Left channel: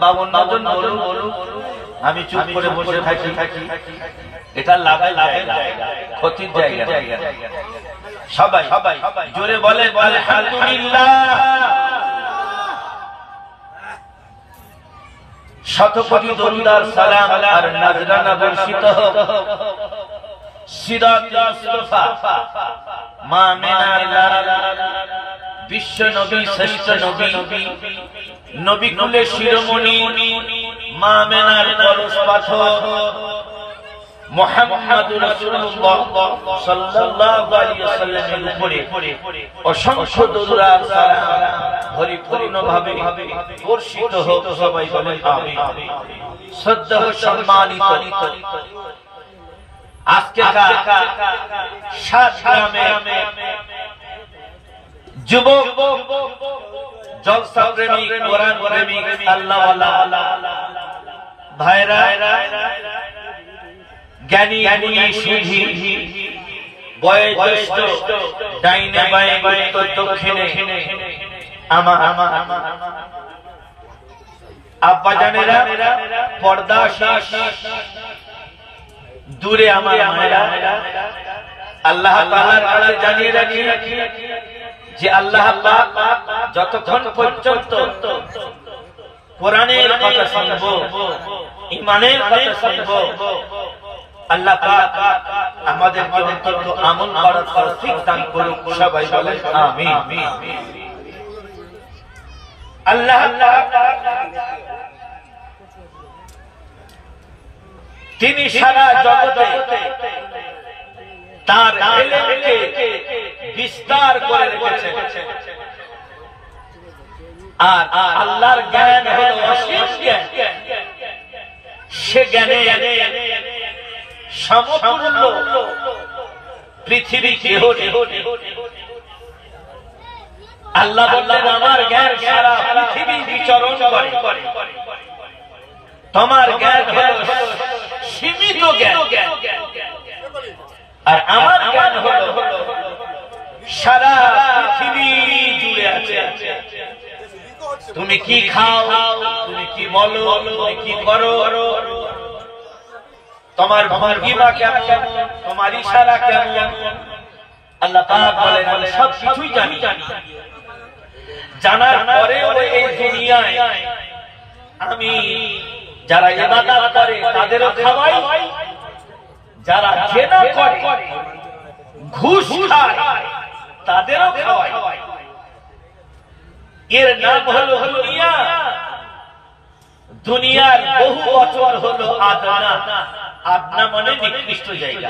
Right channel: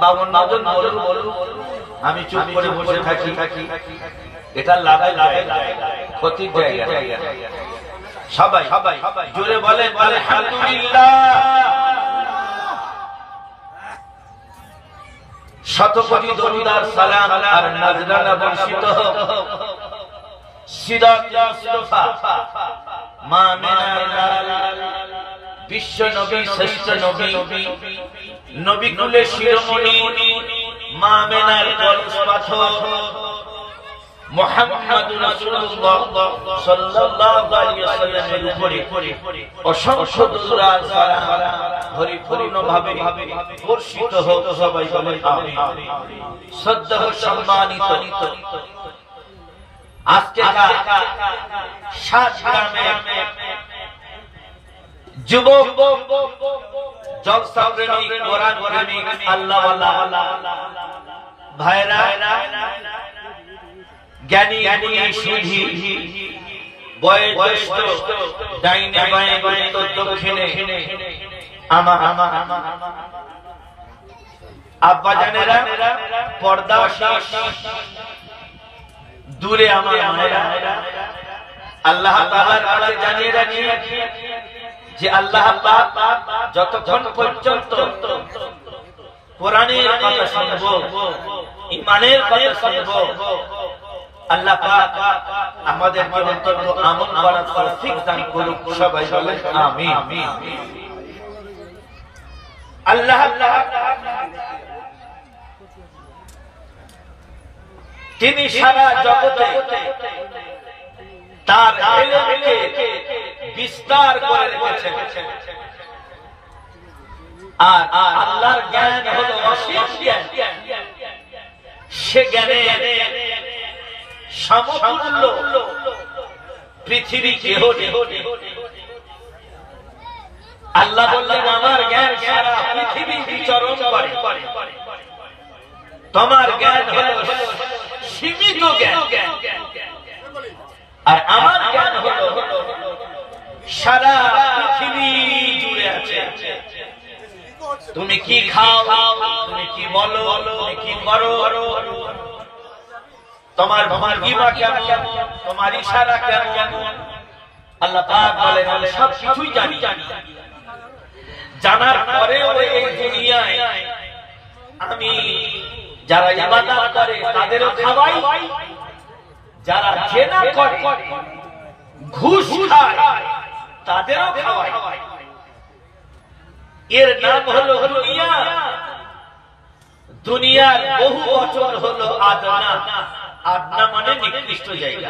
বা অন্যজন বলুন, আমি চুপ করে বসে থাকি, এটা লাভের জায়গা, ক্ষতির জায়গা। সবাই জোরে বলে আলহামদুলিল্লাহ। শত কোটি দরুদ সালাম আর নজরানা বর্ষিত হোক সিরাতুল মুস্তাফা মা আমিনার বিশ্ব নবী, শ্রেষ্ঠ নবী, নবী কুলের শিরোমণি মা আমিনার কলস পাথর মুহাম্মদুর রাসূলুল্লাহ সাল্লাল্লাহু আলাইহি ওয়াসাল্লামের উপরে অসংখ্য দরুদ আর সালাম পরিপূর্ণভাবে বর্ষিত হোক। সবাই বলে আমিন। শ্রদ্ধা সম্মানিত আজকে সাত গ্রামে যুবক, জলসা প্রেমিক, কোরআন প্রেমিক, আল্লাহওয়ালা ভাইরা, জ্ঞানী গুণী সিদ্ধি, বয়োজ্যেষ্ঠ, ডাইনে বাঁয়ে উত্তর দক্ষিণে আমার আব্বাজানেরা, পর্দা দূরে আমার মায়েরা, আল্লাহ তাআলার কাছে জানিয়ে রাখি যে আল্লাহ পাক যতক্ষণ পর্যন্ত কোরআনের কথা শুনব, ঈমানের কথা শুনব, আল্লাহ পাক আমাদেরকে অন্তত আমল করার তৌফিক দান করুক। সবাই বলে আমিন। আল্লাহ তিনি সারা জগতে তার ইলমকে বিস্তার করে রেখেছেন। আর আল্লাহর জ্ঞান হলো অসীম জ্ঞান। সে জ্ঞানে সমতুল্য পৃথিবী কেহ নেই। আল্লাহ বললেন আমার জ্ঞান সারা পৃথিবী বিচরণ করে, তোমার জ্ঞান হলো সীমিত জ্ঞান, আর আমার জ্ঞান হলো সারা পৃথিবী জুড়ে আছে। তুমি কি খাও, তুমি কি বলো, তুমি কি করো, তোমার ভঙ্গিমা কেমন, তোমার ইশারা কেমন, আল্লাহ পাক বলেন আমি সব কিছুই জানি। জানার পরেও এই দুনিয়ায় আমি যারা ইবাদত করে তাদেরও খাওয়াই, যারা জেনা করে, ঘুষ খায়, তাদেরও খাওয়াই। এর নাম হলো দুনিয়া। দুনিয়ার বহু বচন হলো আদনা। আদনা মানে নিকৃষ্ট জায়গা,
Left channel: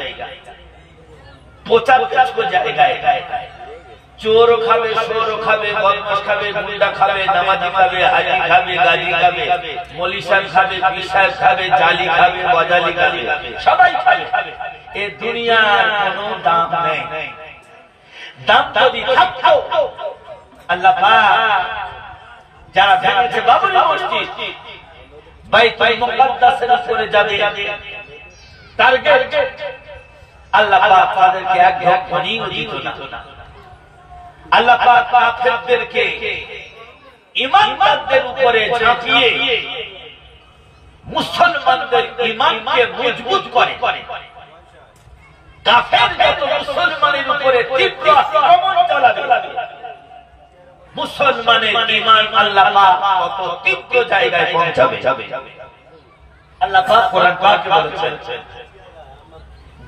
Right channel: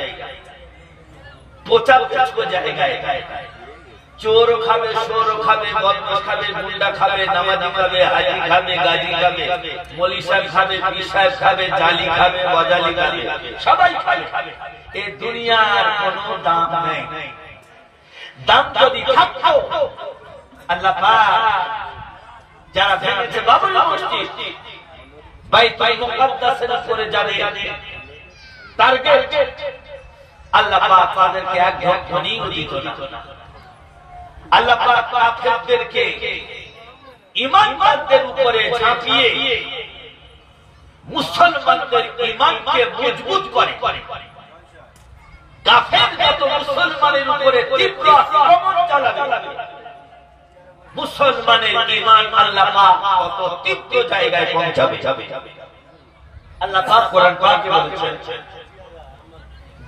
পচা জায়গায়। চোর খাবে, সোর খাবে, বদমাশ খাবে, গুন্ডা খাবে, নামাজি খাবে, হাজি খাবে, গাজী খাবে, মৌলী সাহেব খাবে, পীর সাহেব খাবে, জালি খাবে, বজালি খাবে, সবাই খাবে। এ দুনিয়ার কোনো দাম নেই। দাম যদি থাকতো আল্লাহ পাক যারা ভেঙেছে বাবরি মসজিদ, বাইতুল মুকাদ্দাসের উপরে যাবে টার্গেট, আল্লাহ পাক তাদেরকে এক ধ্বনিও দিত না। আল্লাহ পাক কাফেরদেরকে ঈমানদারদের উপরে ঝাঁপিয়ে মুসলমানদের ঈমানকে মজবুত করে। কাফের যত মুসলমানের উপরে তীব্র আক্রমণ চালাবে, মুসলমানের ঈমান আল্লাহ পাক কত তীব্র জায়গায় পৌঁছাবে। আল্লাহ পাক কোরআন পাকে বলেছেন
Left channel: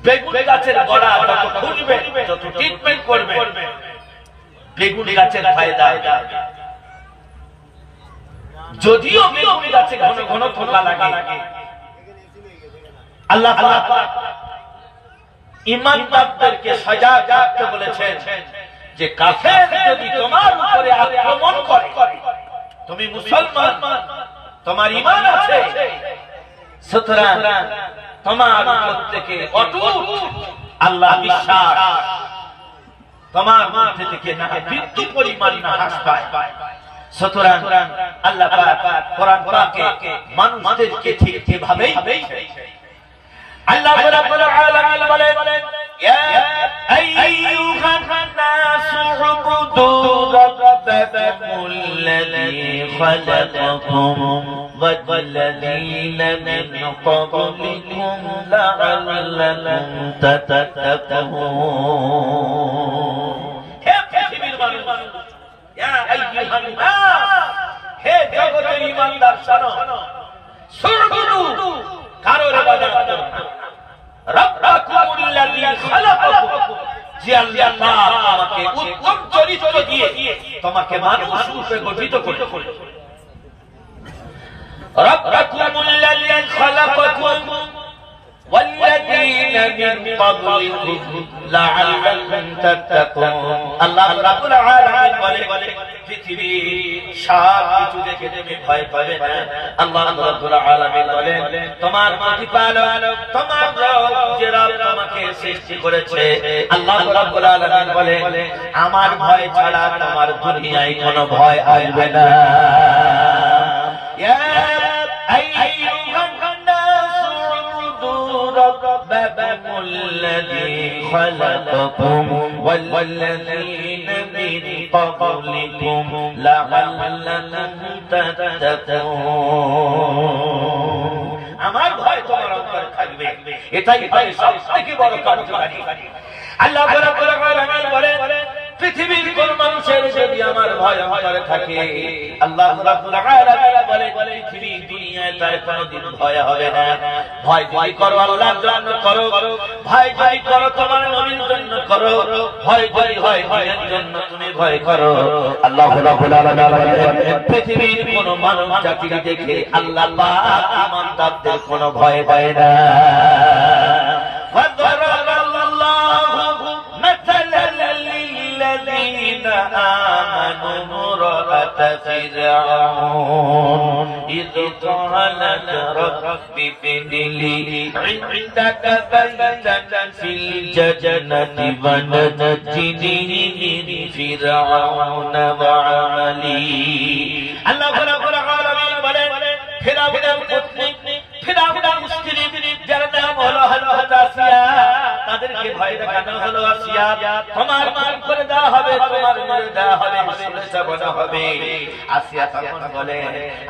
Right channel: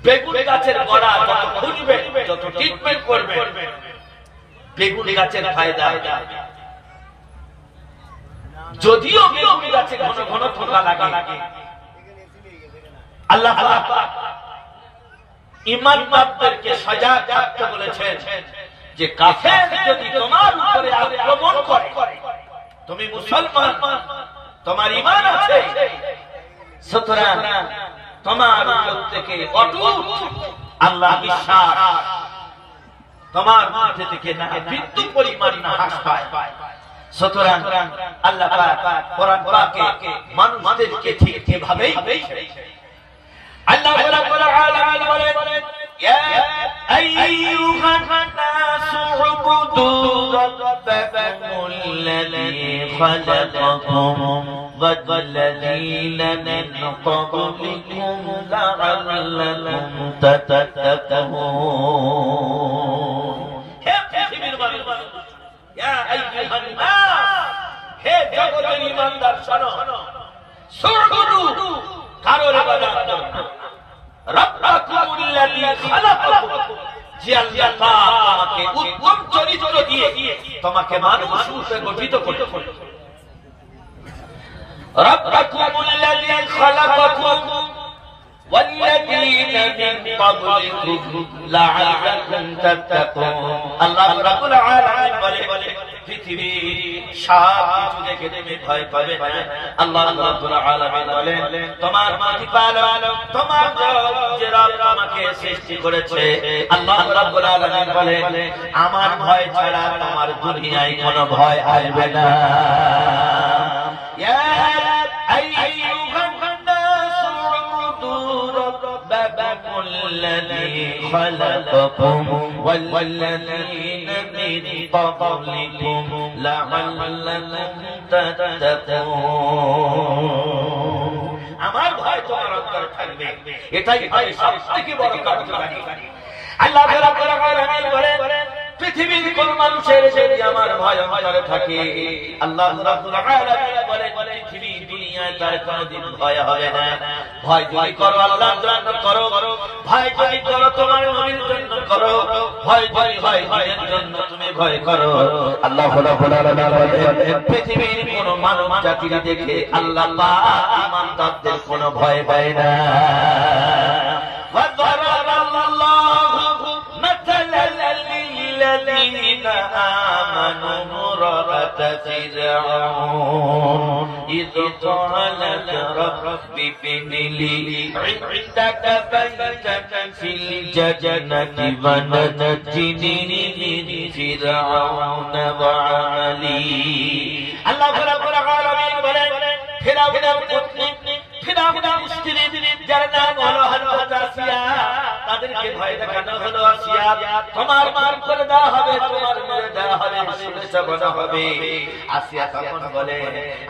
বেগুন গাছের গোড়া যত খুঁজবে, যত ট্রিটমেন্ট করবে, বেগুন গাছের ফায়দা। যদিও বেগুন গাছে ঘন ঘন পোকা লাগে, আল্লাহ পাক ঈমানদারদেরকে সজাগ থাকতে বলেছেন যে কাফের যদি তোমার উপরে আক্রমণ করে, তুমি মুসলমান, তোমার ঈমান আছে, সুতরাং তোমার থেকে অটুট আল্লাহ বিশ্বাস তোমার মধ্যে থেকে না বিন্দু পরিমাণ না হ্রাস পায়। সুতরাং আল্লাহ পাক কোরআন পাকে মানুষদেরকে ঠিক এভাবেই আল্লাহ রাব্বুল আলামিন বলেন ইয়া আইয়ুহান নাসু উবুদু ربكم الذي خلقكم والذين من قبلكم لعلكم تتقون হে পৃথিবীর মানুষ ইয়া আইয়ুহান নাস হে জগতের ঈমানদার শোনো সুবুদু কারোর ইবাদত করো না রাব্বাকুমুল্লাযী খালাকাকুম যে আল্লাহ তোমাকে উত্তম চরিত্র দিয়ে তোমাকে মানুষ রূপে গঠিত করেছে রাব্বাকুমুল্লাযী খালাকাকুম والذين من قبلكم لعلكم تتقون আল্লাহ রাব্বুল আলামিন বলে পৃথিবী সব কিছু দেখে তুমি ভয় পাবে না আল্লাহ রাব্বুল আলামিন বলেন তোমার প্রতিপালক তোমার যে রব তোমাকে সৃষ্টি করেছে আল্লাহ রাব্বুল আলামিন বলেন আমার ভয় ছাড়া তোমার দুনিয়ায় কোনো ভয় আসবে না ইয়া আইয়ুহান ربكم الذي خلقكم والذين من قبلكم لعلكم تتقون আমার ভয় তোমার অন্তরে থাকবে এটাই হয় সবথেকে বড় কার্যকারী আল্লাহ রাব্বুল আলামিন বলেন পৃথিবীর কোন মানুষের যদি আমার ভয় অন্তরে থাকে আল্লাহ রাব্বুল আলামিন বলে পৃথিবী দুনিয়ায় তার কোনদিন ভয় হবে না ভয় যদি করো আল্লাহর জন্য করো ভয় যদি করো তোমার নবীর জন্য করো ভয় যদি হয় দিনের জন্য তুমি ভয় করো আল্লাহ রাব্বুল আলামিন বলেন পৃথিবীর কোন মানব জাতি দেখে আল্লাহ পাক ঈমানদারদের কোনো ভয় পায় না الذين آمنوا امرأة فرعون إذ قالت رب ابن لي عندك بيتا في الجنة ونجني من فرعون وعمله الله رب العالمين বলেন ফিরাউনের পুত্র ফিরাউনের স্ত্রী যার নাম হলো হযরত আসিয়া তাদেরকে ভয় দেখানো হলো আসিয়া তোমার মান করে দেওয়া হবে তোমার মেরে দেওয়া হবে শুলে চাপানো হবে আসিয়া তখন বলে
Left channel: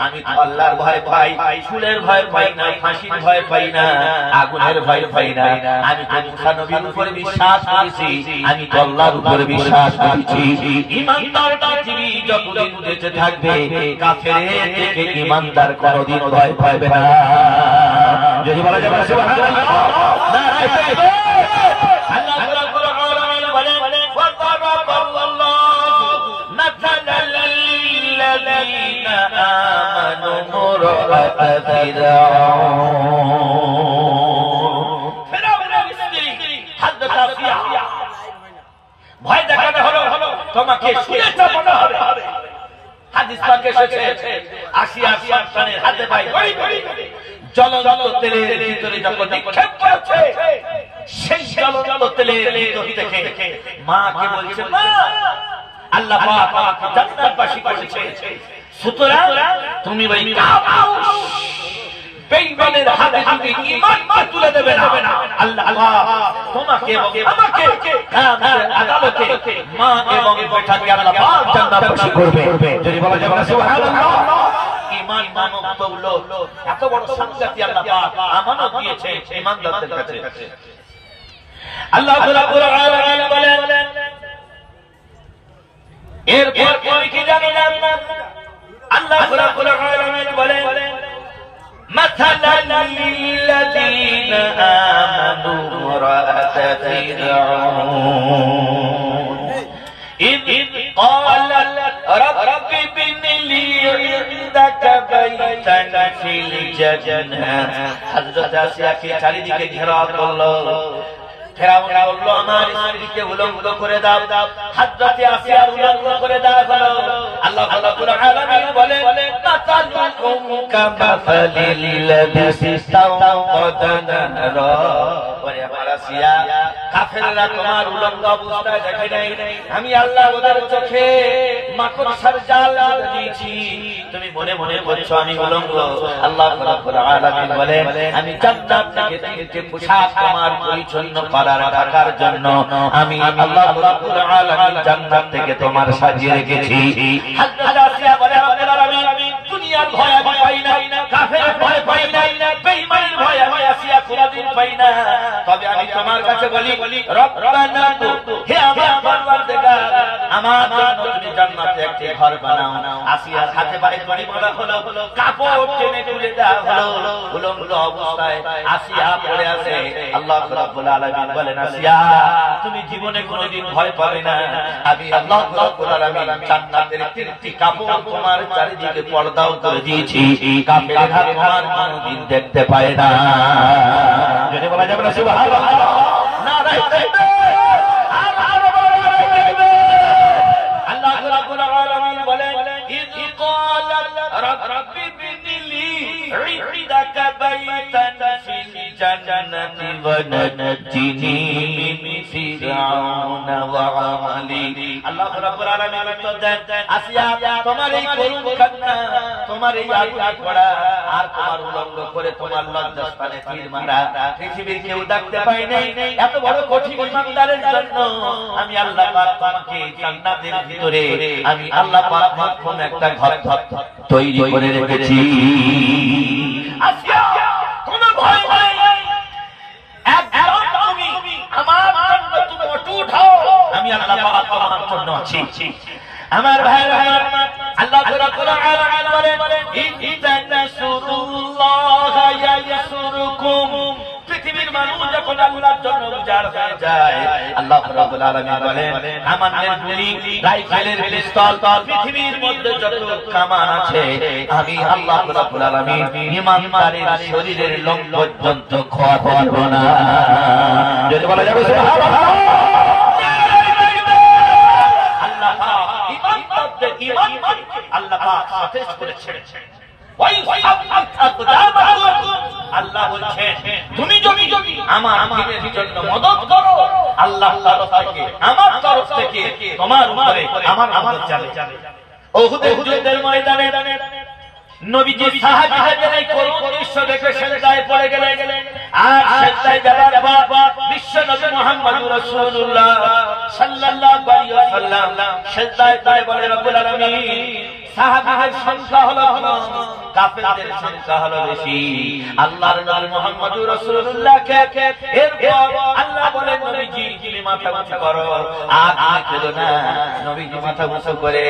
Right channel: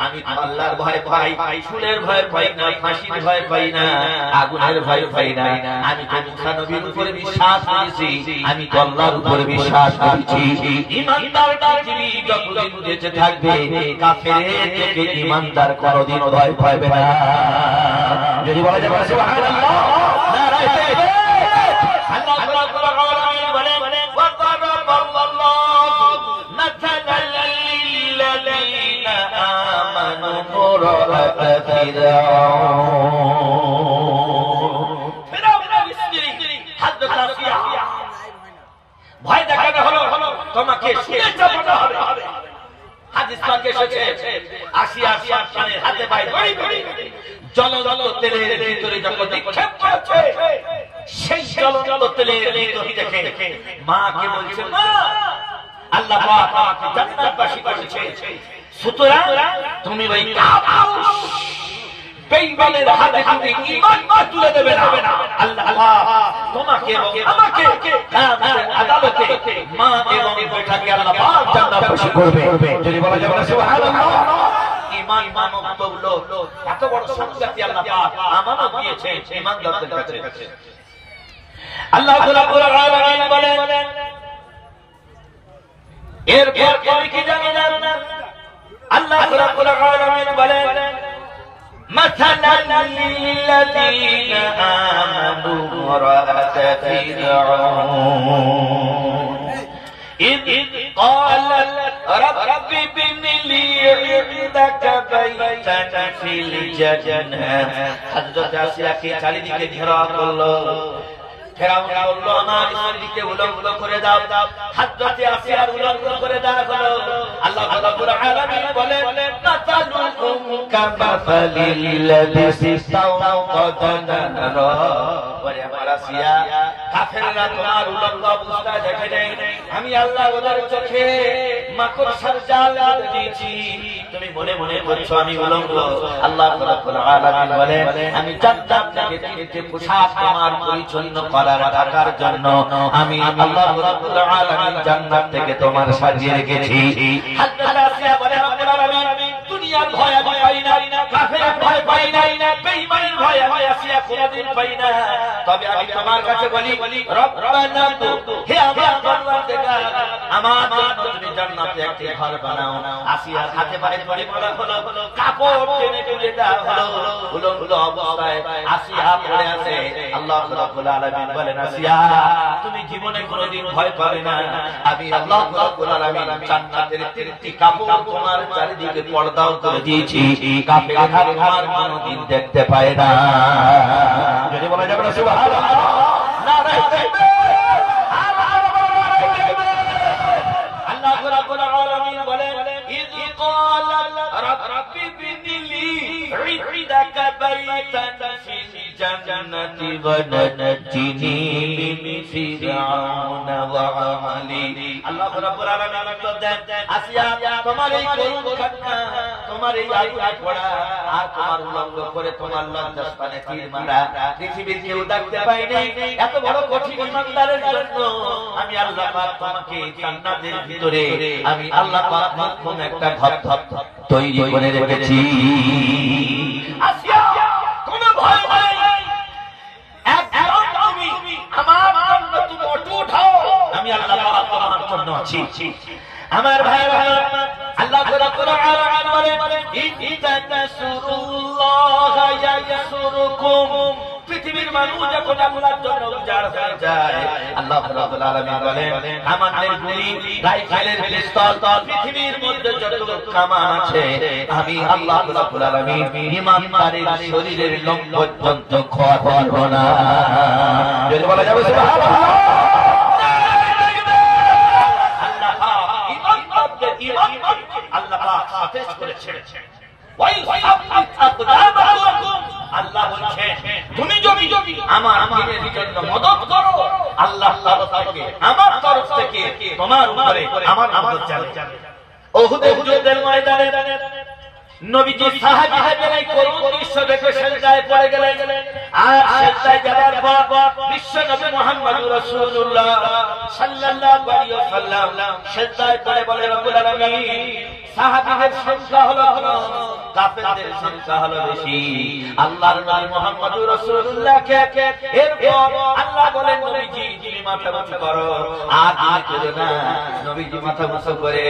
আমি তো আল্লাহর ভয় পাই শুলের ভয় পাই না ফাঁসির ভয় পাই না আগুনের ভয় পাই না আমি তো মুসা নবীর উপরে বিশ্বাস করেছি আমি তো আল্লাহর উপরে বিশ্বাস করেছি ঈমানদার পৃথিবী যতদিন বেঁচে থাকবে কাফেরের থেকে ঈমানদার কোনদিন ভয় পাবে না যদি বলা যাবে সুবহানাল্লাহ নারায়ে তাকবীর আল্লাহ রাব্বুল আলামিন বলেন ওয়াদারাবাল্লাহু মাসালাল লিল্লাযীনা আমানু মুরআতা ফিরাউনের স্ত্রী হযরত আসিয়া ভয় দেখানো হলো তোমাকে শুলে চাপানো হবে হাদিস পাকে এসেছে আসিয়া সন্তানের হাতে পায়ে ধরে জ্বলন্ত তেলের ভিতরে যখন নিক্ষেপ করেছে সেই জ্বলন্ত তেলের ভিতর দেখে মাকে বলছে মা আল্লাহ পাক জান্নাতবাসী করেছে সুতরাং তুমি ওই বেঈমানের হাতে তুমি ঈমানকে তুলে দেবে না আল্লাহ তোমাকে এবং আমাকে কিয়ামতের আদালতে মা এবং বেটাকে আল্লাহ পাক জান্নাতবাসী করবে যদি বলা যাবে না সুবহানাল্লাহ ঈমান মানব দৌলত এত বড় সম্পত্তি আল্লাহ পাক আমানত দিয়েছে ঈমানদারদের কাছে আল্লাহ রাব্বুল আলামিন বলেন এরপর কি জানেন আল্লাহ রাব্বুল আলামিন বলেন مثلا للذين آمنوا امرأة فرعون إذ قالت رب ابن لي عندك بيتا في الجنة حضرت آسিয়া কে চারিদিকে ঘেরাও করলো ফেরাউন বলল আমার স্ত্রীকে উলঙ্গ করে দাও হযরত আসিয়ার উলঙ্গ করে দাও হলো আল্লাহ রাব্বুল আলামিন বলে মাতালুকুম কামাসালিল লাযী ইসতাওকাদা নারা বলে মারাসিয়া কাফেররা তোমার উলঙ্গ অবস্থায় দেখে নাই, আমি আল্লাহ ওদের চোখে মাকড়সার জাল বেঁধে দিয়েছি, তুমি মনে মনে বলছো আমি উলঙ্গ। আল্লাহ রাব্বুল আলামিন বলেন আমি জান্নাত থেকে তিনটে পোশাক তোমার পরিচ্ছন্ন করার ঢাকার জন্য আমি আল্লাহ রাব্বুল আলামিন জান্নাত থেকে তোমার সাজিয়ে রেখেছি। হযরত আসিয়া বলে রব্বুল আলামিন দুনিয়ার ভয় আমি পাই না, কাফেরের ভয় পাই না, বেঈমানের ভয় আমি আসিয়া কোনদিন পাই না। তবে আমি তোমার কাছে বলি রব্বানা হে আমার পরওয়ারদিগার আমার জন্য তুমি জান্নাতে একটি ঘর বানাও। আসিয়ার হাতে পায়ে দড়ি মারা হলো, কাপড় টেনে তুলে দেওয়া হলো, উলঙ্গ অবস্থায় আসিয়া পড়ে আছে। আল্লাহ রাব্বুল আলামিন বলেন আসিয়া তুমি জীবনে কোনদিন ভয় পাবে না, আমি আল্লাহ রাব্বুল আলামিন জান্নাতের তিনটি কাপড় তোমার চারিদিকে পর্দাও করে দিয়েছি, কাফেররা তোমার কোনদিন দেখতে পায় না। যদি বলা যাবে না সুবহানাল্লাহ, নারায়ে তাকবীর। আল্লাহ রাব্বুল আলামিন বলেন ইয ক্বালা রাব্বি বিনিলি ইনদাকা বাইতান ফিল জান্নাতি ওয়া নাজ্জিনি মিন ফিরআউনা ওয়া আমালি। আল্লাহ রাব্বুল আলামিন উত্তর দেন আসিয়া তোমার এই করুণ কান্না, তোমার এই আগুনে পড়া আর তোমার উলঙ্গ করে তোমার লজ্জাস্থানে তীর মারা পৃথিবীর কেউ দেখতে পায় নাই, এত বড় কঠিন ইমানদারের জন্য আমি আল্লাহ পাক তোমাকে জান্নাতের ভিতরে আমি আল্লাহ পাক মাধ্যম একটা ঘর তৈরি করে রেখেছি। আসিয়া কোন ভয় নাই, একদম তুমি আমার জন্য তুমি অটুট হও, আমি আল্লাহ পাক তোমার জন্য আছি। আমার ভাইরা আল্লাহ রাব্বুল আলামিন বলেন ইনতানাসুরুল্লাহ ইয়ানসুরকুম। পৃথিবীর মানুষ যখন আল্লাহর জন্য উজাড় হয়ে যায়, আল্লাহ রাব্বুল আলামিন বলেন কামানের গুলি, রাইফেলের পিস্তল, পৃথিবীর মধ্যে যত কামান আছে আমি আল্লাহ রাব্বুল আলামিন ইমানদারের শরীরের লোম পর্যন্ত খোয়াতে দেব না। যদি বলা যাবে সুবহানাল্লাহ। আল্লাহ পাক সতেজ করে ছেড়েছেন। আল্লাহ বলছেন তুমি যদি আমার দ্বীনের জন্য মদদ করো, আল্লাহ আমার তরফ থেকে তোমার উপরে আমার মদদ যাবে। উহুদের যুদ্ধের ময়দানে নবীজি সাহাবীদের এই করুণ দৃশ্য দেখে সিজদায় পড়ে গেলেন। আর সিজদায় যাওয়ার পর বিশ্ব নবী মুহাম্মদুর রাসূলুল্লাহ সাল্লাল্লাহু আলাইহি ওয়াসাল্লাম সিজদায় পড়ে বলে রব্বুল আলামিন সাহাবীদের সংখ্যা হলো কম, কাফেরদের সংখ্যা হলো বেশি। আল্লাহর নবী মুহাম্মদুর রাসূলুল্লাহকে এরপর আল্লাহ বলেন নবীজি তুমি মাথা উঁচু করো, আর তুলো না। নবীজি মাথা উঁচু করে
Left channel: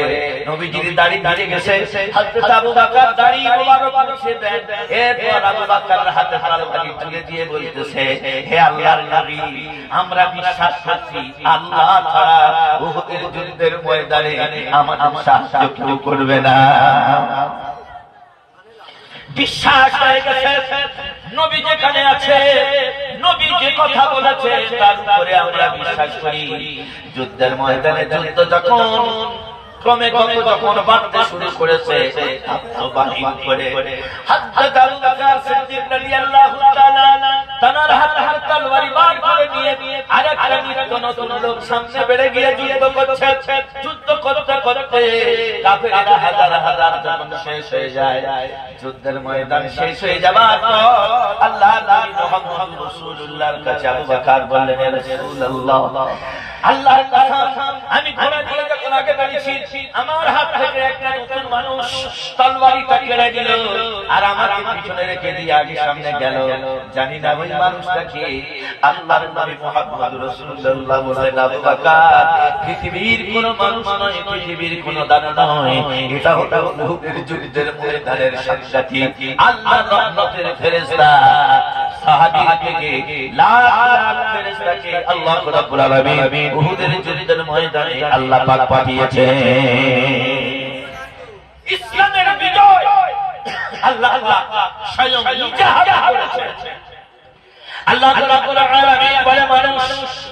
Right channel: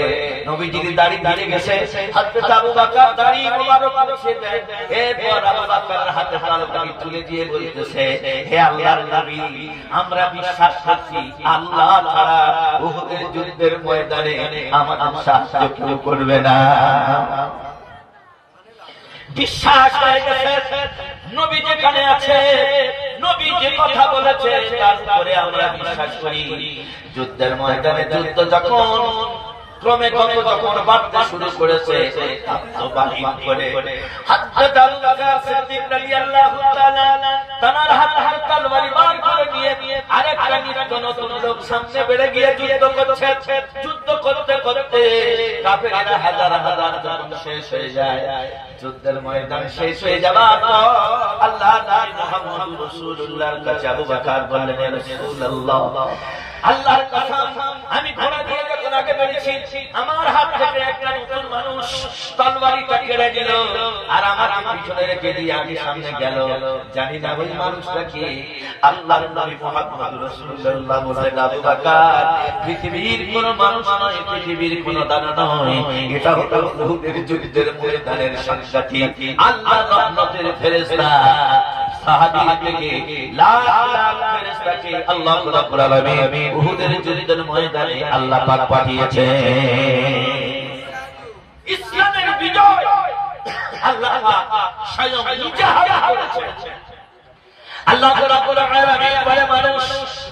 নবীজির দাড়ি দাঁড়িয়ে গেছে, হযরত আবু বকর দাড়ি মোবারক মুছে দেন। এরপর আবু বকরের হাতে তরবারি তুলে দিয়ে বলতেছে হে আল্লাহর নবী আমরা বিশ্বাস করছি আল্লাহ ছাড়া উহুদের যুদ্ধের ময়দানে আমাদের সাহায্য কেউ করবে না। বিশ্বাস হয়ে গেছে নবী যেখানে আছে, নবী যে কথা বলেছে তার উপরে আমরা বিশ্বাস করি। যুদ্ধের ময়দানে যুদ্ধ যখন ক্রমে যখন বাড়তে শুরু করেছে, আত্মবাহীন করে হযরত আবু বকর সিদ্দিক রাদিয়াল্লাহু তাআলা তার হাতে তরবারি বার করে নিয়ে আরেকটা নিত্য নতুন লোক সামনে বেড়ে গিয়ে যুদ্ধ করছে। যুদ্ধ করতে করতে কাফেররা হাজার হাজার যখন শেষ হয়ে যায়, যুদ্ধের ময়দান শেষ হয়ে যাবার পর আল্লাহ নবী মুহাম্মদ রাসূলুল্লাহর কাছে আবু বকর বললেন হে রাসূলুল্লাহ আল্লাহর কসম আমি ঘোড়া দিয়ে যখন আগে বেরিয়েছি আমার হাত থেকে একটা নতুন মানুষ তরবারিটা কেড়ে দিল আর আমার পিছনে রেখে দিয়ে আগে সামনে গেল। জানি না ওই মানুষটা কি। আল্লাহর নবী মুহাম্মদ রাসূলুল্লাহ বলেন আবু বকর পৃথিবীর কোন মানুষ নয়, পৃথিবীর কোন দানব নয়, এটা হলো উহুদের যুদ্ধের ময়দানের সাক্ষী আল্লাহর রহমতের ফেরেশতা। সাহাবী থেকে লাখ লাখ ফেরেশতাকে আল্লাহ রাব্বুল আলামিন উহুদের যুদ্ধের ময়দানে আল্লাহ পাক পাঠিয়েছেন। ইসলামের বিজয় আল্লাহ পাক স্বয়ং নিজে হাতে করেছেন। আল্লাহ রাব্বুল আলামিন বলে মানুষ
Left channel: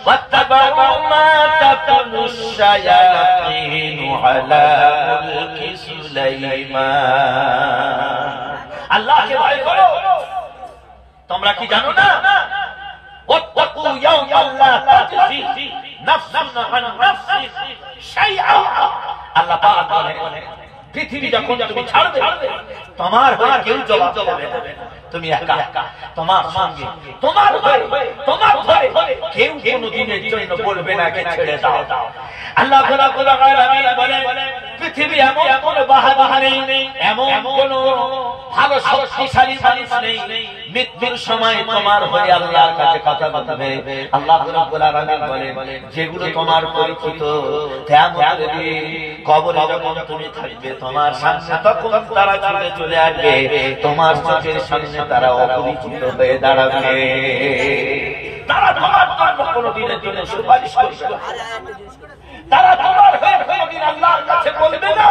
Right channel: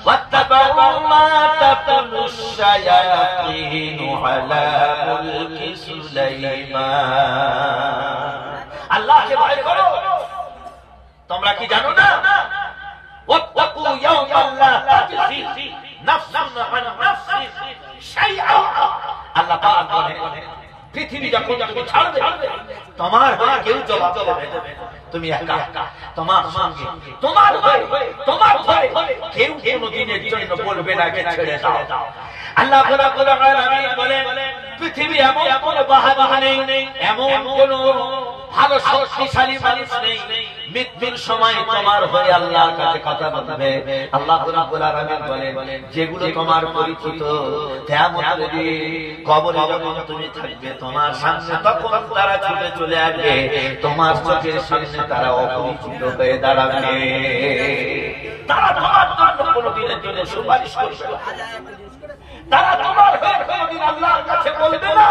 ওয়াত্তাবাউ মা তাতুলুশ শায়াতিন আলা মুলকি সুলাইমান। আল্লাহকে ভয় করো। তোমরা কি জানো না ইয়াওমান লা তাজজি নাফসুন আন নাফসিন শাইআ। আল্লাহ পাক বলে পৃথিবী যখন তুমি ছাড়বে তোমার হয়ে কেউ জবাব দেবে না, তুমি একা তোমার সঙ্গে তোমার তোমার ধরে কেউ কোনদিনের জন্য বলবে না যে ছেড়ে দাও। আল্লাহ রাব্বুল আলামিন বলে পৃথিবী এমন কোন বাহাদুর নেই, এমন কোন ভালো শক্তিশালী মানুষ নেই মৃত্যুর সময় তোমার হয়ে আল্লাহর কাছে কথা বলবে। আল্লাহ রাব্বুল আলামিন বলে যেগুলো তোমার পরিচিত কিয়ামতের দিন কবরে যখন তুমি থাকবে তোমার সামনে তখন তারা ছুটে চলে আসবে, তোমার চোখের সামনে তারা অপরিচিত হয়ে দাঁড়াবে। তারা তোমার জন্য কোনদিনের জন্য সুপারিশ করবে না, তারা তোমার হয়ে কোনদিন আল্লাহর কাছে বলবে না।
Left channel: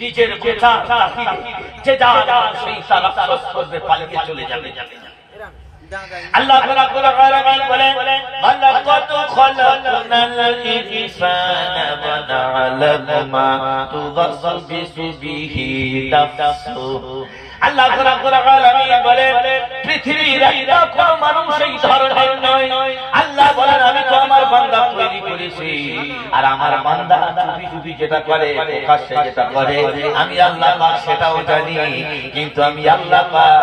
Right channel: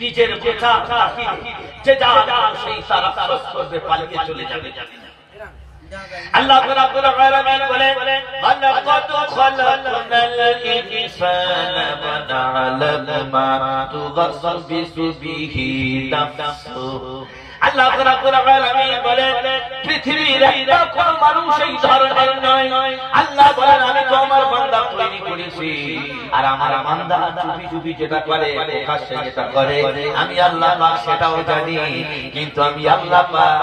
নিজের গোটা যে যা সেই তারা করবে, পালিয়ে চলে যাবে। আল্লাহ রাব্বুল আলামিন বলে ওয়ালাকাদ খালাকনাল ইনসানা ওয়া না'লামু মা তুওয়াসবিসু বিহি নাফসুহু। আল্লাহ রাব্বুল আলামিন বলে পৃথিবীর একটা কোন মানুষ এই ধরনের নয়। আল্লাহ বলেন আমি তো আমার বান্দা তৈরি করেছি, আর আমার বান্দা চুপি চুপি যেটা করে, প্রকাশ্যে যেটা করে, আমি আল্লাহ পাক সেটাও জানি। কিন্তু আমি আল্লাহ পাক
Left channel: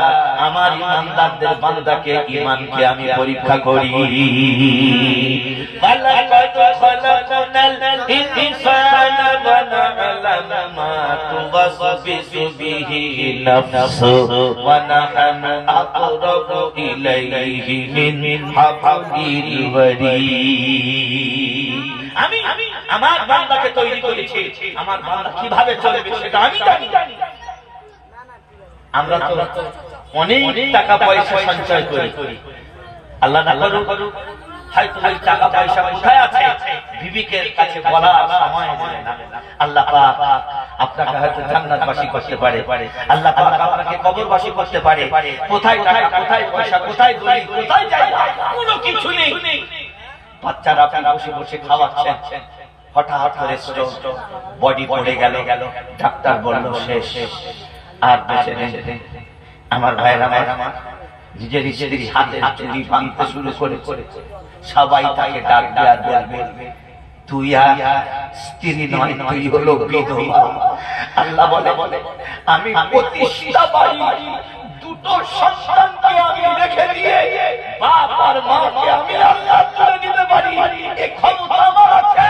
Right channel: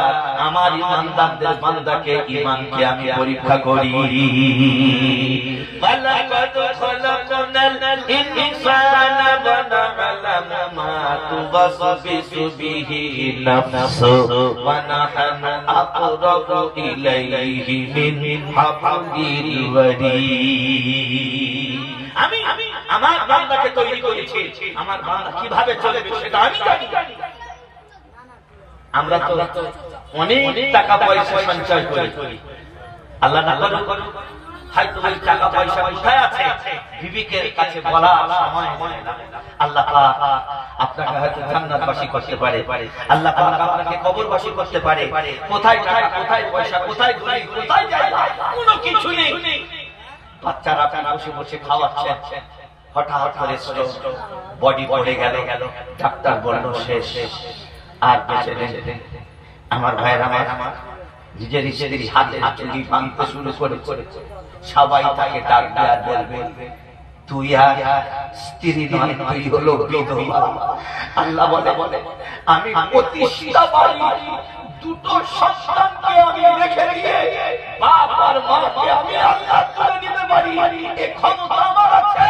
আমার ইমানদারদের বান্দাকে ঈমানকে আমি পরীক্ষা করি। ওয়ালাকাদ খালাকনাল ইনসানা ওয়া না'লামু মা তুওয়াসবিসু বিহি নাফসুহু ওয়া নাহনু আকরাবু ইলাইহি মিন হাবলিল ওয়ারিদ। আমি আমার বান্দাকে তৈরি করেছি, আমার বান্দা কিভাবে চলবে সেটা আমি জানি। আমরা তো অনেক টাকা পয়সা সঞ্চয় করি, আল্লাহ না করুক হয়তো ওই টাকা পয়সা কোথায় আছে বিবিকে কাছে বলা সময় হয় না। আল্লাহ পাক আপনাকে হয়তো জান্নাতবাসী করতে পারে, আল্লাহ পাক আপনাকে কবরবাসী করতে পারে। কোথায় টাকা, কোথায় পয়সা, কোথায় দলিল, কোথায় জায়গা, কোনো কিছু নেই। বাচ্চারা আপনারা বসে বসে খাওয়াচ্ছেন, হঠাৎ করে বডি পড়ে গেল, ডাক্তার বলল শেষ, আর বেঁচে নেই। আমার ভাইয়ের আমার নিজের স্ত্রী হাতে চুরি ভাঙতে শুরু করে সবাই তাকে ডাক দেওয়ার বলবে তুই আর স্ত্রী নয়, তুই হলো বিধবা। আল্লাহ বলে আমি প্রতিষ্ঠা বাড়ি দুটো সন্তানকে আমি রেখে দিয়ে বাপ আর মাকে আমি আল্লাহ তুলে দিতে পারি, এই ক্ষমতা আমার আছে।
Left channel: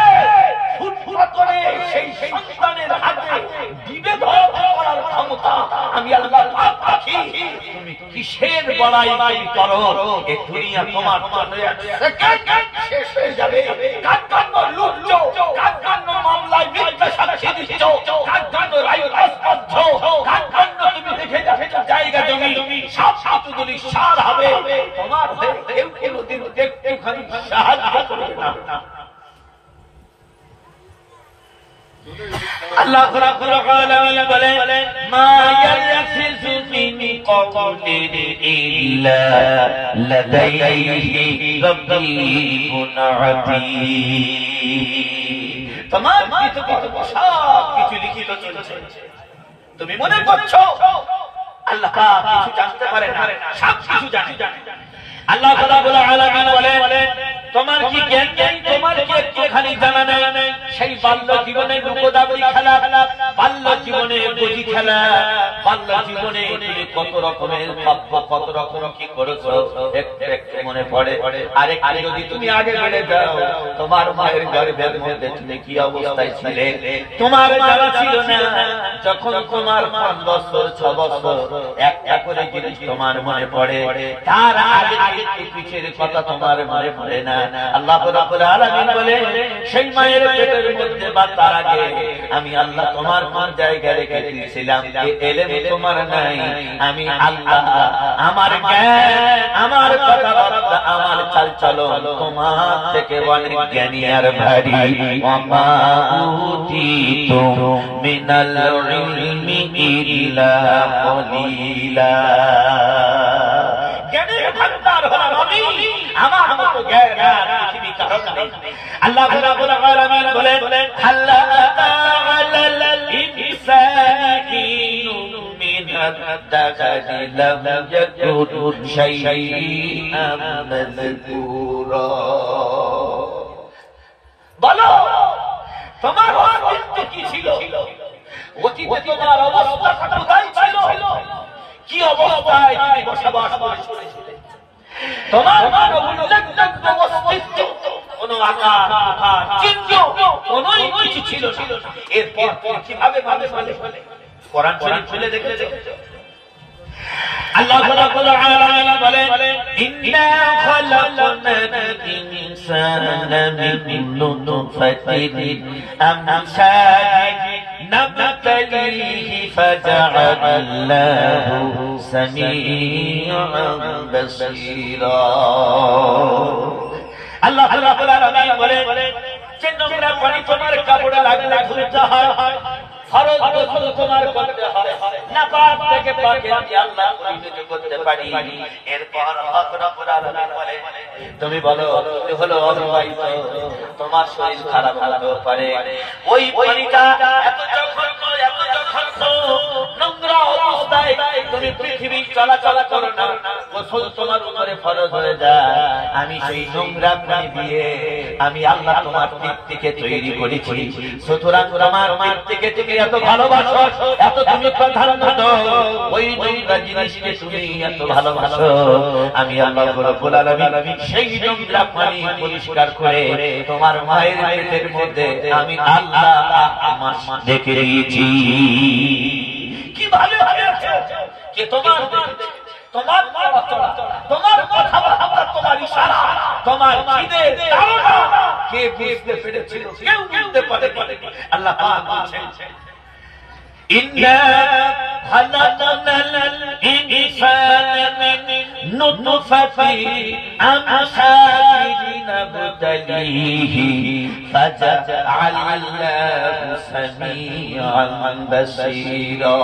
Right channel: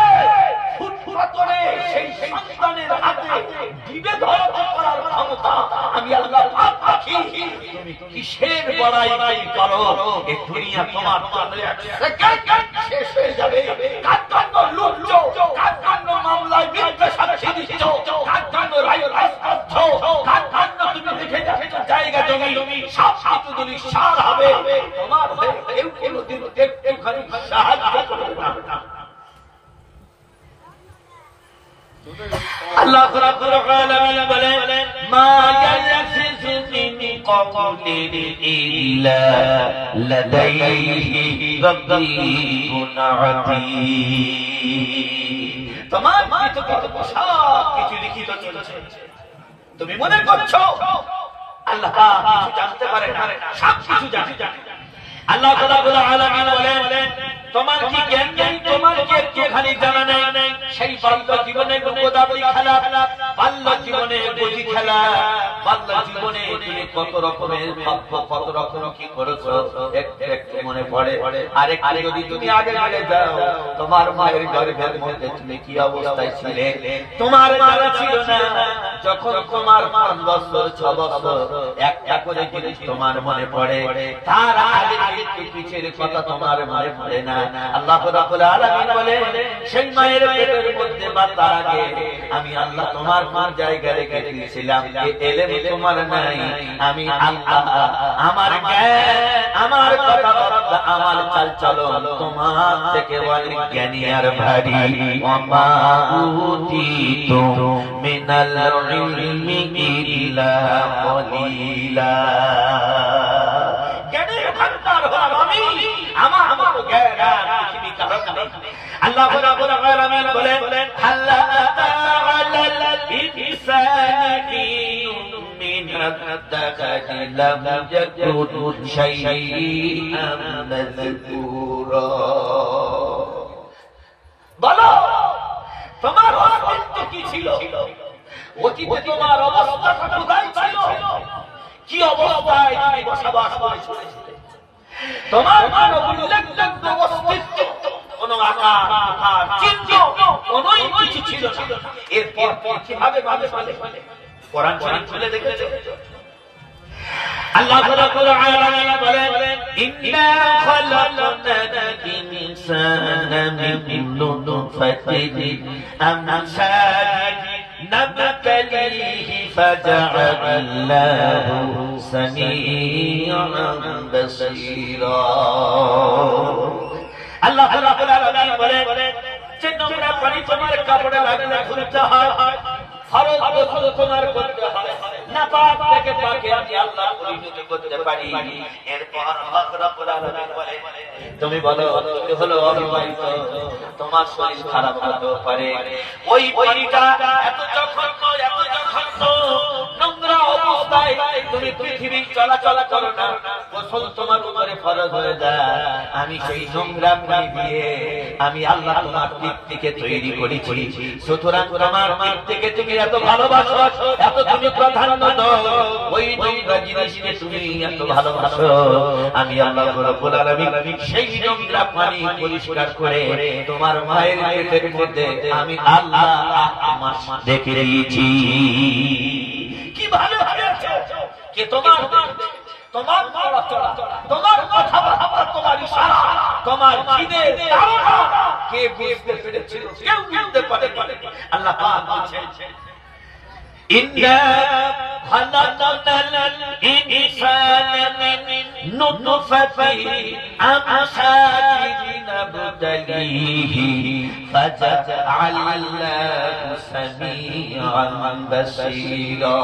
ফুটফুটে সেই সন্তানের হাতে দিবে ধরাতে পারার ক্ষমতা আমি আল্লাহ পাক রাখি। তুমি কিসের বড়াই করো? এই দুনিয়া তোমার শেষ হয়ে যাবে। কাকান্ন লুচ্ছো, কাকান্ন মামলায় মিথ্যা সাক্ষী দিচ্ছ, কাকান্ন রায় রাজপথ, কাকান্ন তুমি দেখে যাচ্ছ জায়গা জমি সব কিছু যদি সার হবে, তোমার কেউ কোনদিন দেখতে খালি সাহায্য করবে না। আল্লাহ রাব্বুল আলামিন বলেন মা ইয়ালফিযু মিন কওলিন ইল্লা লাদাইহি রাব্বুন আতীদ। তোমার সব কিছু লিখিত চলছে, তুমি মনে করছো আল্লাহ কিছু জানতে পারে না, সব কিছু জানে। আল্লাহ রাব্বুল আলামিন বলেন তোমার কি জ্ঞান নেই, তোমার কি একটুখানি জানা নেই? সেই বাল্য জীবনে গোদাবরি খেলা, বাল্য জীবনে বজি খেলা, বাল্য জীবনে তুমি কত রকমের ভাবছো, কত রকম কি করেছো একটু একটু মনে পড়ে। আরেকটু যদি তুমি আগে বেড়ে যাও, তোমার মায়ের গর্ভের মধ্যে তুমি কি অবস্থায় ছিলে তোমার জানা ছিল না। যখন তোমার 5 বছর 6 বছর একটা করে জিনিস তোমার মনে পড়ে, তার আগে পিছের কথা তোমার মনে পড়ে না। আল্লাহ রাব্বুল আলামিন বলে সেই মায়ের পেটের মধ্যে বা তার আগে আমি আল্লাহ তোমার কোন জায়গায় রেখে দিয়েছিলাম, এই ইলম তোমার নাই। আমি আল্লাহ আমার জ্ঞান, আমার কথাবার্তা, আমার চালচলন তোমার থেকে অনেক জ্ঞানী আর ভারী। ওয়ামা উতিতুম মিনাল ইলমি ইল্লা কলিলা। জ্ঞানের ভান্ডার হলাম আমি, আমার মতো জ্ঞান আর পৃথিবী কারো নেই। আল্লাহ রাব্বুল আলামিন বলেন আল্লাহ তাআলাল ইনসানি হিনুম মিনাল الدخل لم يكن شيئا مذكورا বলো তোমার অস্তিত্ব কি ছিল অতীতে তোমার অবস্থাটা কোথায় ছিল কি অবস্থায় তুমি বসবাস করেছিলে তোমার কোনো উল্লেখযোগ্য অস্তিত্ব কোনো আকার চিহ্ন কোনোই কিছু ছিল না এরপর কিভাবে মানুষ বলে কোরআন শরীফ খুলে দেখেছো আল্লাহ রাব্বুল আলামিন বলেন ইন্না খালাকনাল ইনসানা মিন নুতফাতিন আমশাজিন নাবতালিহি ফাজআলনাহু সামিআন বাসীরা আল্লাহ রাব্বুল আলামিন বলেন যে নোংরা পানি তোমার কাপড়ে লাগলে ধুতে হয় ফরজ গোসল তোমার করতে হয় নাপাক থেকে পাকে আমি আল্লাহ পরিণত করতে পারি এরপর হক রব্বুল আলামিন বলে তুমি বলো তুমি হলো অবিবাহিত তোমার শরীর খারাপ হতে পারে ওই পানিটা এত জঘন্য নোংরা অবস্থায় তুমি পৃথিবী চলাচল করো না গোসল তোমার উপরে ফরজ হয়ে যায় আমি সেই নোংরা পানি দিয়ে আমি আল্লাহ তোমার পিঠটিকে তৈরি করেছি সুতরাং তোমার মার থেকে তুমি এত ভালোবাসো এত তুমি প্রাধান্য দাও ওই নোংরা জিনিসকে তুমি এত ভালোবাসো আমি আল্লাহ রাব্বুল আলামিন সেই নোংরা পানি পরিষ্কার করে তোমার মায়ের পেটের মধ্যে আমি আল্লাহ আমার দেখে দিয়েছি কিভাবে কে তোমার তোমার তোমার কথাবার্তা তোমার ইশারা তোমার খিদে ধারণা কে বুঝতে পেরেছিল কেউ বুঝতে পারে আল্লাহ পাক বলেন ইন্না খালাকনাল ইনসানা মিন নুতফাতিন আমশাজিন নাবতালিহি ফাজআলনাহু সামিআন বাসীরা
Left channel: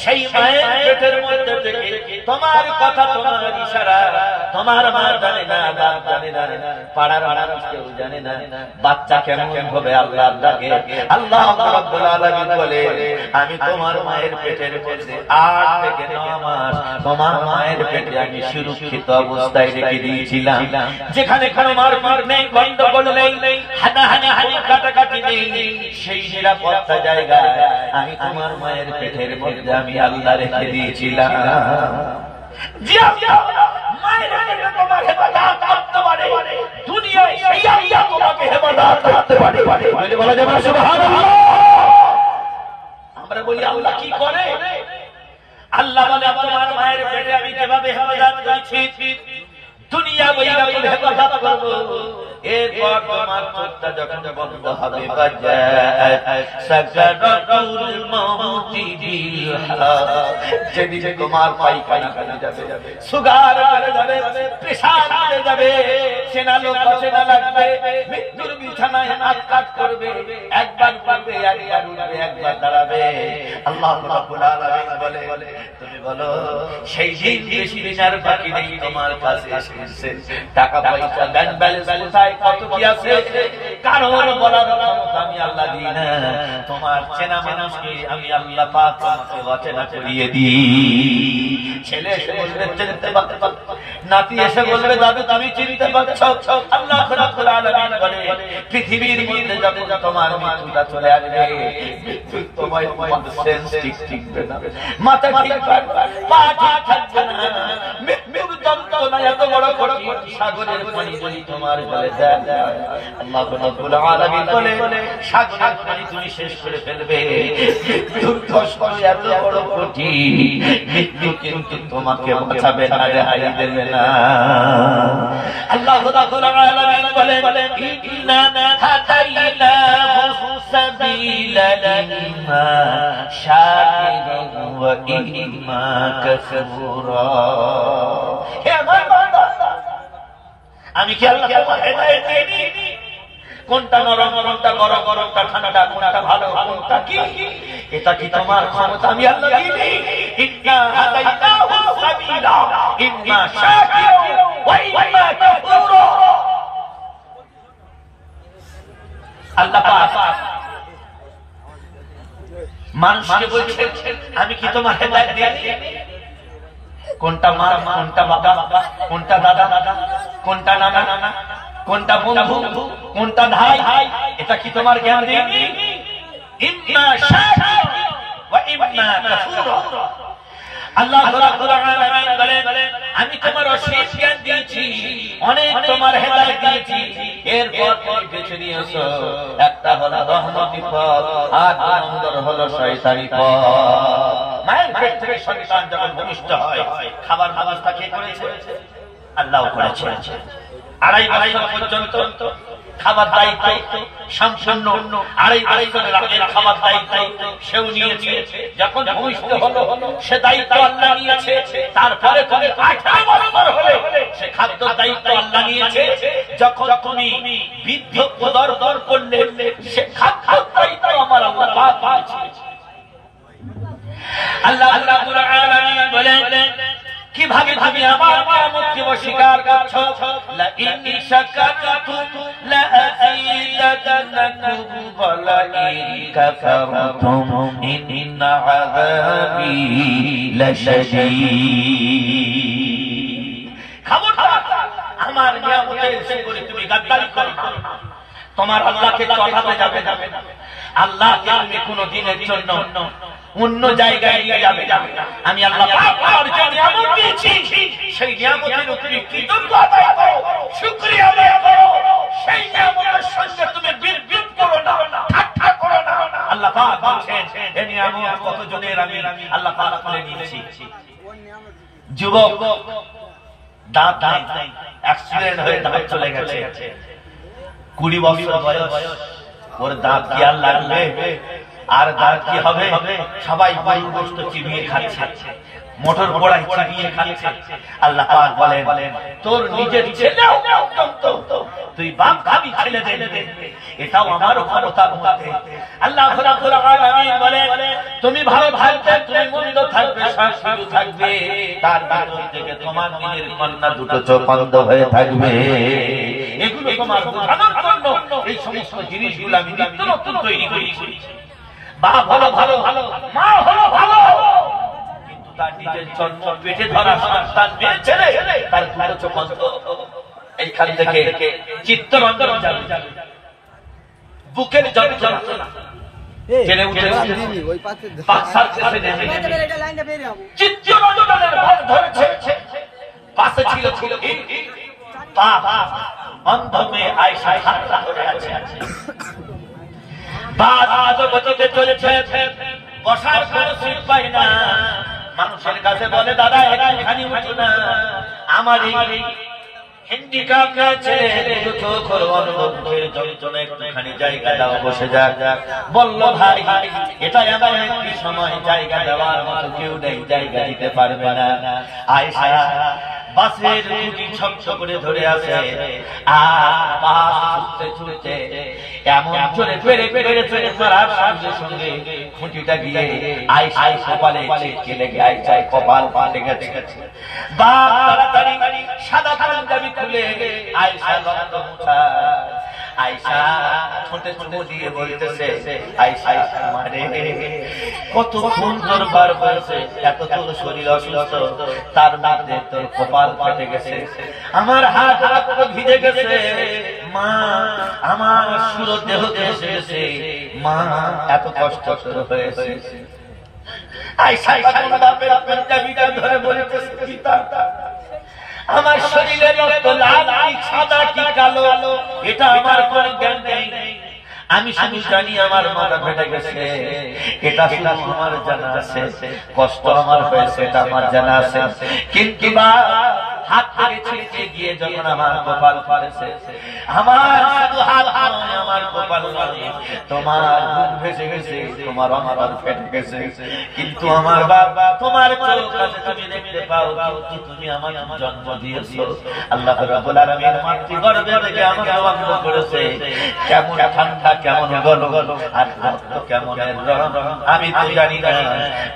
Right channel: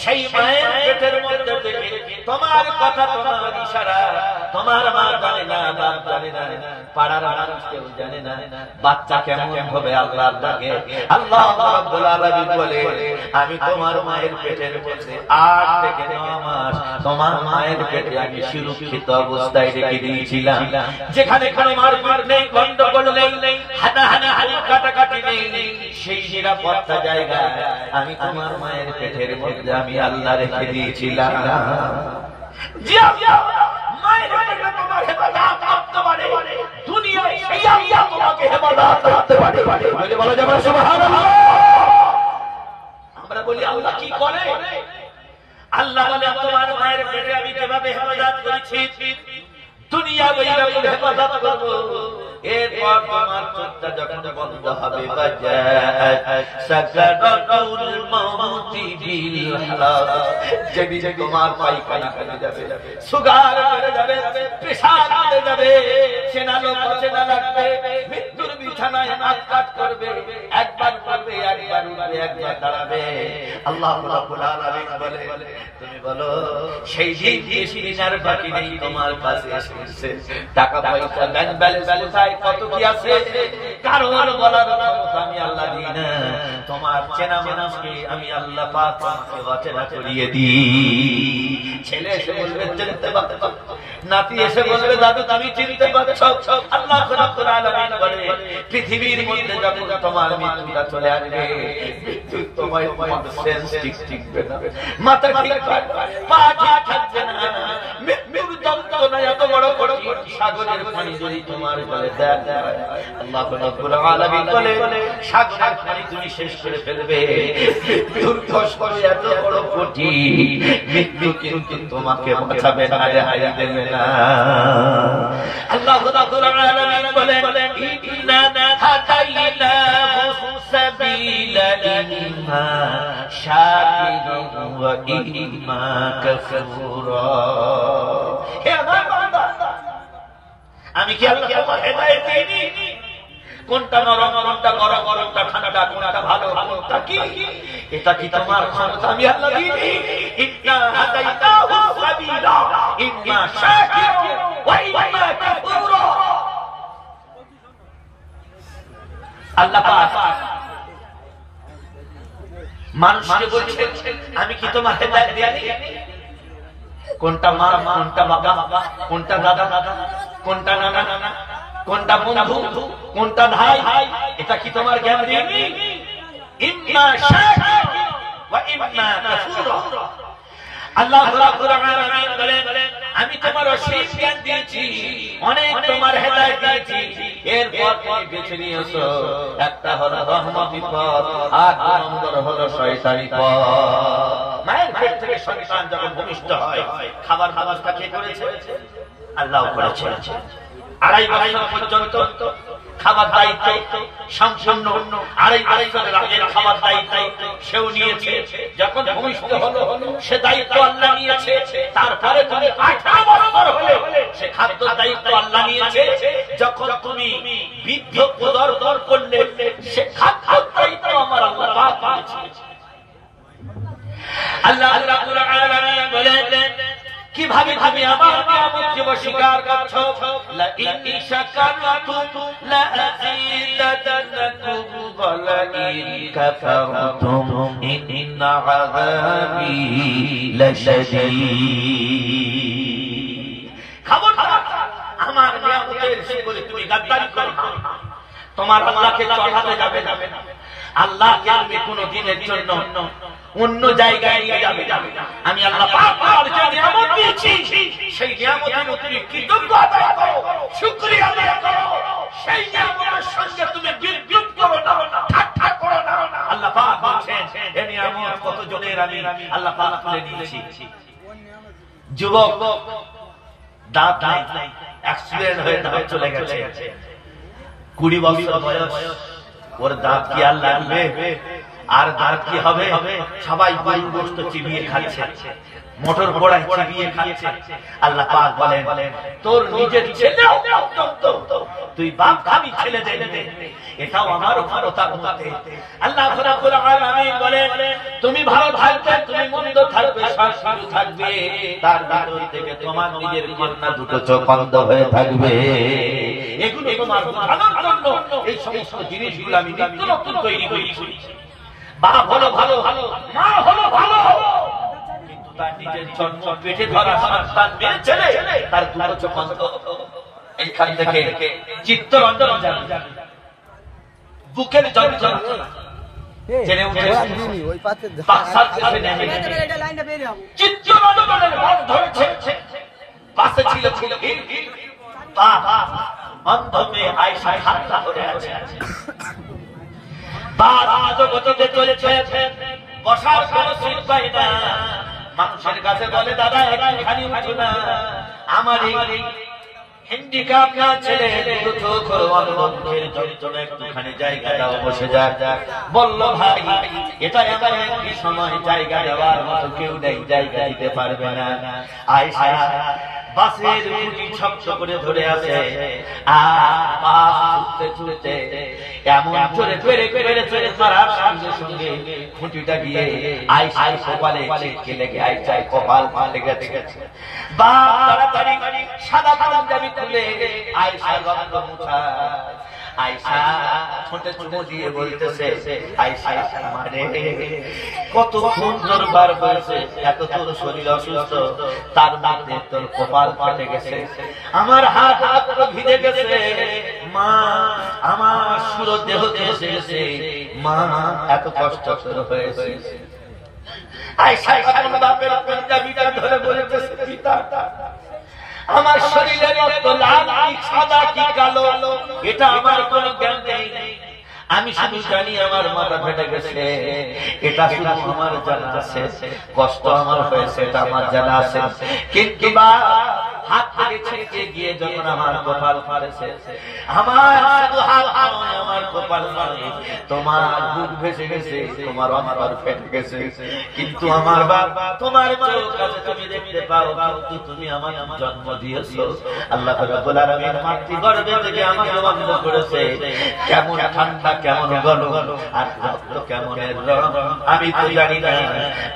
সেই মায়ের পেটের মধ্যে থেকে তোমার কথা তোমার ইশারা তোমার মা জানে না বাপ জানে না পাড়ার মানুষ কেউ জানে না বাচ্চা কেমন হবে আল্লাহ ডাকে আল্লাহ রাব্বুল আলামিন বলে আমি তোমার মায়ের পেটের মধ্যে 8 থেকে 9 মাস তোমার মায়ের পেটে আমি সুরক্ষিত অবস্থায় রেখে দিয়েছিলাম যেখানে কোনো মারপিট নেই গন্ডগোল নেই হানাহানি কাটাকাটি নেই সেই নিরাপত্তা জায়গায় আমি তোমার মায়ের পেটের মধ্যে আমি আল্লাহ রেখে দিয়েছিলাম মায়ের পেটে তোমার হেফাজত করতে পারে দুনিয়ায় সেই আল্লাহ তোমাকে হেফাজত করতে পারে বলা যাবে না সুবহানাল্লাহ আমরা বলি আল্লাহ কি করে আল্লাহ বলে তোমার মায়ের পেটে আমি যেভাবে হেফাজত করেছি দুনিয়া বইরা বলে হেফাজত করব এরপর তোমার চোখটা যখন বন্ধ হবে সাকারাতুল মাউতি বিল হালাল যেদিকে তোমার পায়খানা করে যাবে সুগার করে যাবে পেশাব করে যাবে সেনা লোক সেনা লাগবে মৃত্যুর বিছানায় আটকাট করবে একবার পারবে একবার উঠবে একবার দাঁড়াবে আল্লাহ রাব্বুল আলামিন বলে তুমি বলো সেই বেশি দিনার বাকি নেই তোমার কাছে এসেছে টাকা পয়সা ব্যাংক ব্যালেন্স কোথায় কত কি আছে কারোর বলার ক্ষমতা আমি আল্লাহ দিই না তোমার চেনা মানুষকে আমি আল্লাহ পাক তোমাকে অচেনা করিয়ে দিই ছেলে এসে বলবে চিনতে পারছো নাতি এসে বলবে দাদু তুমি চিনতে পারছো আল্লাহ রাব্বুল আলামিন বলে পৃথিবীর মধ্যে যখন তোমার মৃত্যুটা চলে আসবে তোমার সেন্স ঠিকবে না মাথা ঠিক থাকবে পা ঠিক থাকবে না মৃত্যুর যন্ত্রণা এত বড় কঠিন সাগরের পানি যদি তোমার গলে দেয় আল্লাহ রাব্বুল আলামিন বলে সাগরের পানি তুমি শেষ করে ফেলবে দুর্দশ করে এত বড় কঠিন মৃত্যু কিন্তু তোমাকে বাঁচাবে না রেহাই দেবে না আল্লাহ রাব্বুল আলামিন বলে ইন্না হাদাইনাহু সাবিলা ইম্মা শাকিরা ওয়া ইম্মা কাফুরা হে আমার বান্দা আমি কি আল্লাহ তোমাকে হেদায়েত দেইনি কোনটা নরম কোনটা গরম কোনটা ঠান্ডা কোনটা ভালো কোনটা কি এটা কি তোমার ক্ষমতা আমি আল্লাহ দিইনি ইন্না হাদাইনাহু সাবিলা ইম্মা শাকিরা ওয়া ইম্মা কাফুরা আল্লাহ পাক মানুষকে বলছে আমি কি তোমার হেদায়েত দিইনি? কোনটা মা, কোনটা বাবা, কোনটা দাদা, কোনটা নানা, কোনটা বন্ধু, কোনটা ভাই, এটা কি তোমার জ্ঞান দিইনি? ইম্মা শাকিরা ওয়া ইম্মা কাফুরা। আল্লাহ রাব্বুল আলামিন বলেন আমি তোমার অসীম জ্ঞান দিয়েছি, অনেক তোমার হেদায়েত দিয়েছি, এরপর তুমি বেছে নিয়েছো একটা হলো রহমতি পথ আর অন্যটা হলো শয়তানি পথ। মায়ের পেট থেকে সন্তান যখন ভূমিষ্ঠ হয় খাবার ব্যবস্থা কে করেছে? আল্লাহ করেছে। 2.5 বছর পর্যন্ত খাবার দায়িত্ব সম্পূর্ণ 2.5 বছরের আগের খাবার দায়িত্ব সেও নিয়েছে। যখন ভূমিষ্ঠ হলো সে দায়িত্ব আল্লাহ নিয়েছে। তারপরে তুমি 18 বছর হলে সে খাদ্য দায়িত্ব আল্লাহ নিয়েছে। যখন তুমি বৃদ্ধ পদার্পণ করলে সে খাদ্য দায়িত্ব আমার আল্লাহ পাক দিয়েছে। আল্লাহ রাব্বুল আলামিন বলেন কিভাবে তুমি আমার নিয়ামতকে অস্বীকার করছো? লা ইন শাকারতুম লা আযীদান্নাকুম ওয়া লা ইন কাফারতুম ইন্না আযাবি লাশাদীদ। খবরদার আমার নিয়ামতের উপরে তুমি গাদ্দারি করো না, তোমার আল্লাহকে চড়াতে যাবে না। আল্লাহকে তুমি কোনো দিনের জন্য অন্য জায়গায় নিয়ে যাবে না। আমি আল্লাহ পাক তোমার যে নিয়ামত দিয়েছি সেই নিয়ামতের তুমি কৃতজ্ঞ আদায় করো, শুকরিয়া আদায় করো। সেই নিয়ামতের সঙ্গে তুমি বিদ্রুপ করো না, ঠাট্টা করো না। আল্লাহ পাক বলেন এই নিয়ামত কত জনের আমি আল্লাহ পাক তুলে দিয়েছি। যুবক দাঁত নাই, অ্যাক্সিডেন্ট হয়ে দাঁত চলে গেছে, 20 বছর বয়স, ওর দাঁত কি আর লাগবে? আর দাঁত কি হবে? সবাই গরুর গোশত চিবিয়ে খাচ্ছে, মোটর পোড়ায় চিবিয়ে খাচ্ছে। আল্লাহ পাক বলেন তোর নিজের ছেলেও পর্যন্ত তুই বাপ আমি ছেলে দে, এটাও আমার ক্ষমতার মধ্যে। আল্লাহ রাব্বুল আলামিন বলেন তুমি ভালো থাকবে, তুমি মন্দ থাকবে, শান্তি থাকবে, তার ভিতর থেকে তোমার নিজের কন্যা দুটো চোখ অন্ধ হয়ে থাকবে। এগুলো তোমার বোঝানোর জন্য এই সমস্ত জিনিসগুলো আমি নিত্য নতুন তৈরি করেছি। বাপ হলো ভালো, মা হলো ভালো, কিন্তু তার নিজের জন্ম পেটে ধরা সন্তান মেয়ে ছেলে তার দুটো চোখ অন্ধ। এইখান থেকে চিত্তরঞ্জন যাবে, বুকের যন্ত্রণা জেনে উঠেছে, বাক্সার কাছে নেমে চিত্তরঞ্জনের মন ধরেছে। পাশে ছিল বাবা, অন্ধ মেয়ে আয়েশা খাড়া হয়ে আছে। বসার কোন সিট পাই না, মানুষের কাছে বলে দাদা এখানে উঠো না, আমার এই হ্যান্ডিক্যাপ ছেলে একটুখানি জায়গা দাও, বসে যাক। বলল ভাই এটা এমন একটি সময় জায়গা দেওয়ার মতো কেউ নেই, জায়গা দিতে পারবে না। আয়েশা বাসের খুঁটি ছপছ করে ধরে আছে, আর বাস ছুটতে এমন জোরে মারার সঙ্গে সঙ্গে খুঁটিটা গিয়ে আয়েশার কপালে লেগে আয়েশার কপাল ফাটে গেছে। বাপ তাড়াতাড়ি সাদা পাঞ্জাবি খুলে আয়েশার রক্ত মুছায়। আয়েশা ছোটে ছোট দিয়ে বলতেছে আয়েশা মানে কত সুন্দর বার বলছে, এত তোর শরীর অসুস্থ, তার মধ্যে তোর কপাল ফাটে গেছে, আমার হাত ভিজে গেছে, মা আমার সুর দেহ এসে গেছে, মা এত কষ্ট হয়েছে। আয়েশা বাপের পাঞ্জাবিটা ধরে বলতেছে পিতা আমার শরীরের রক্ত লাল কি সাদা কি কালো এটা আমার কোনো জ্ঞান নেই, আমি শুধু জানি আমার মাথা ফেটে গেছে, এটা শুধু আমার জানা আছে, কষ্ট আমার হয়েছে এটা আমার জানা আছে, কিন্তু হাত থেকে ছিটকে গিয়ে যখন আমার কপাল ফাটেছে, আমার শুধু হাত নয় আমার কপাল নয়, তোমার বুক ভেসে গেছে, তোমার অন্তর ফেটে গেছে, কিন্তু আমার বাবা তোমার চোখ আছে তুমি দেখতে পাও, কিন্তু তুমি আমার জন্ম দিয়েছো। আল্লাহ রাব্বুল আলামিন মাতৃগর্ভে থেকে আমাকে বন্ধ করেছে, কেমন ঠান্ডা কেমন গরম আর রক্ত কেমন রং আমি তো জানি না।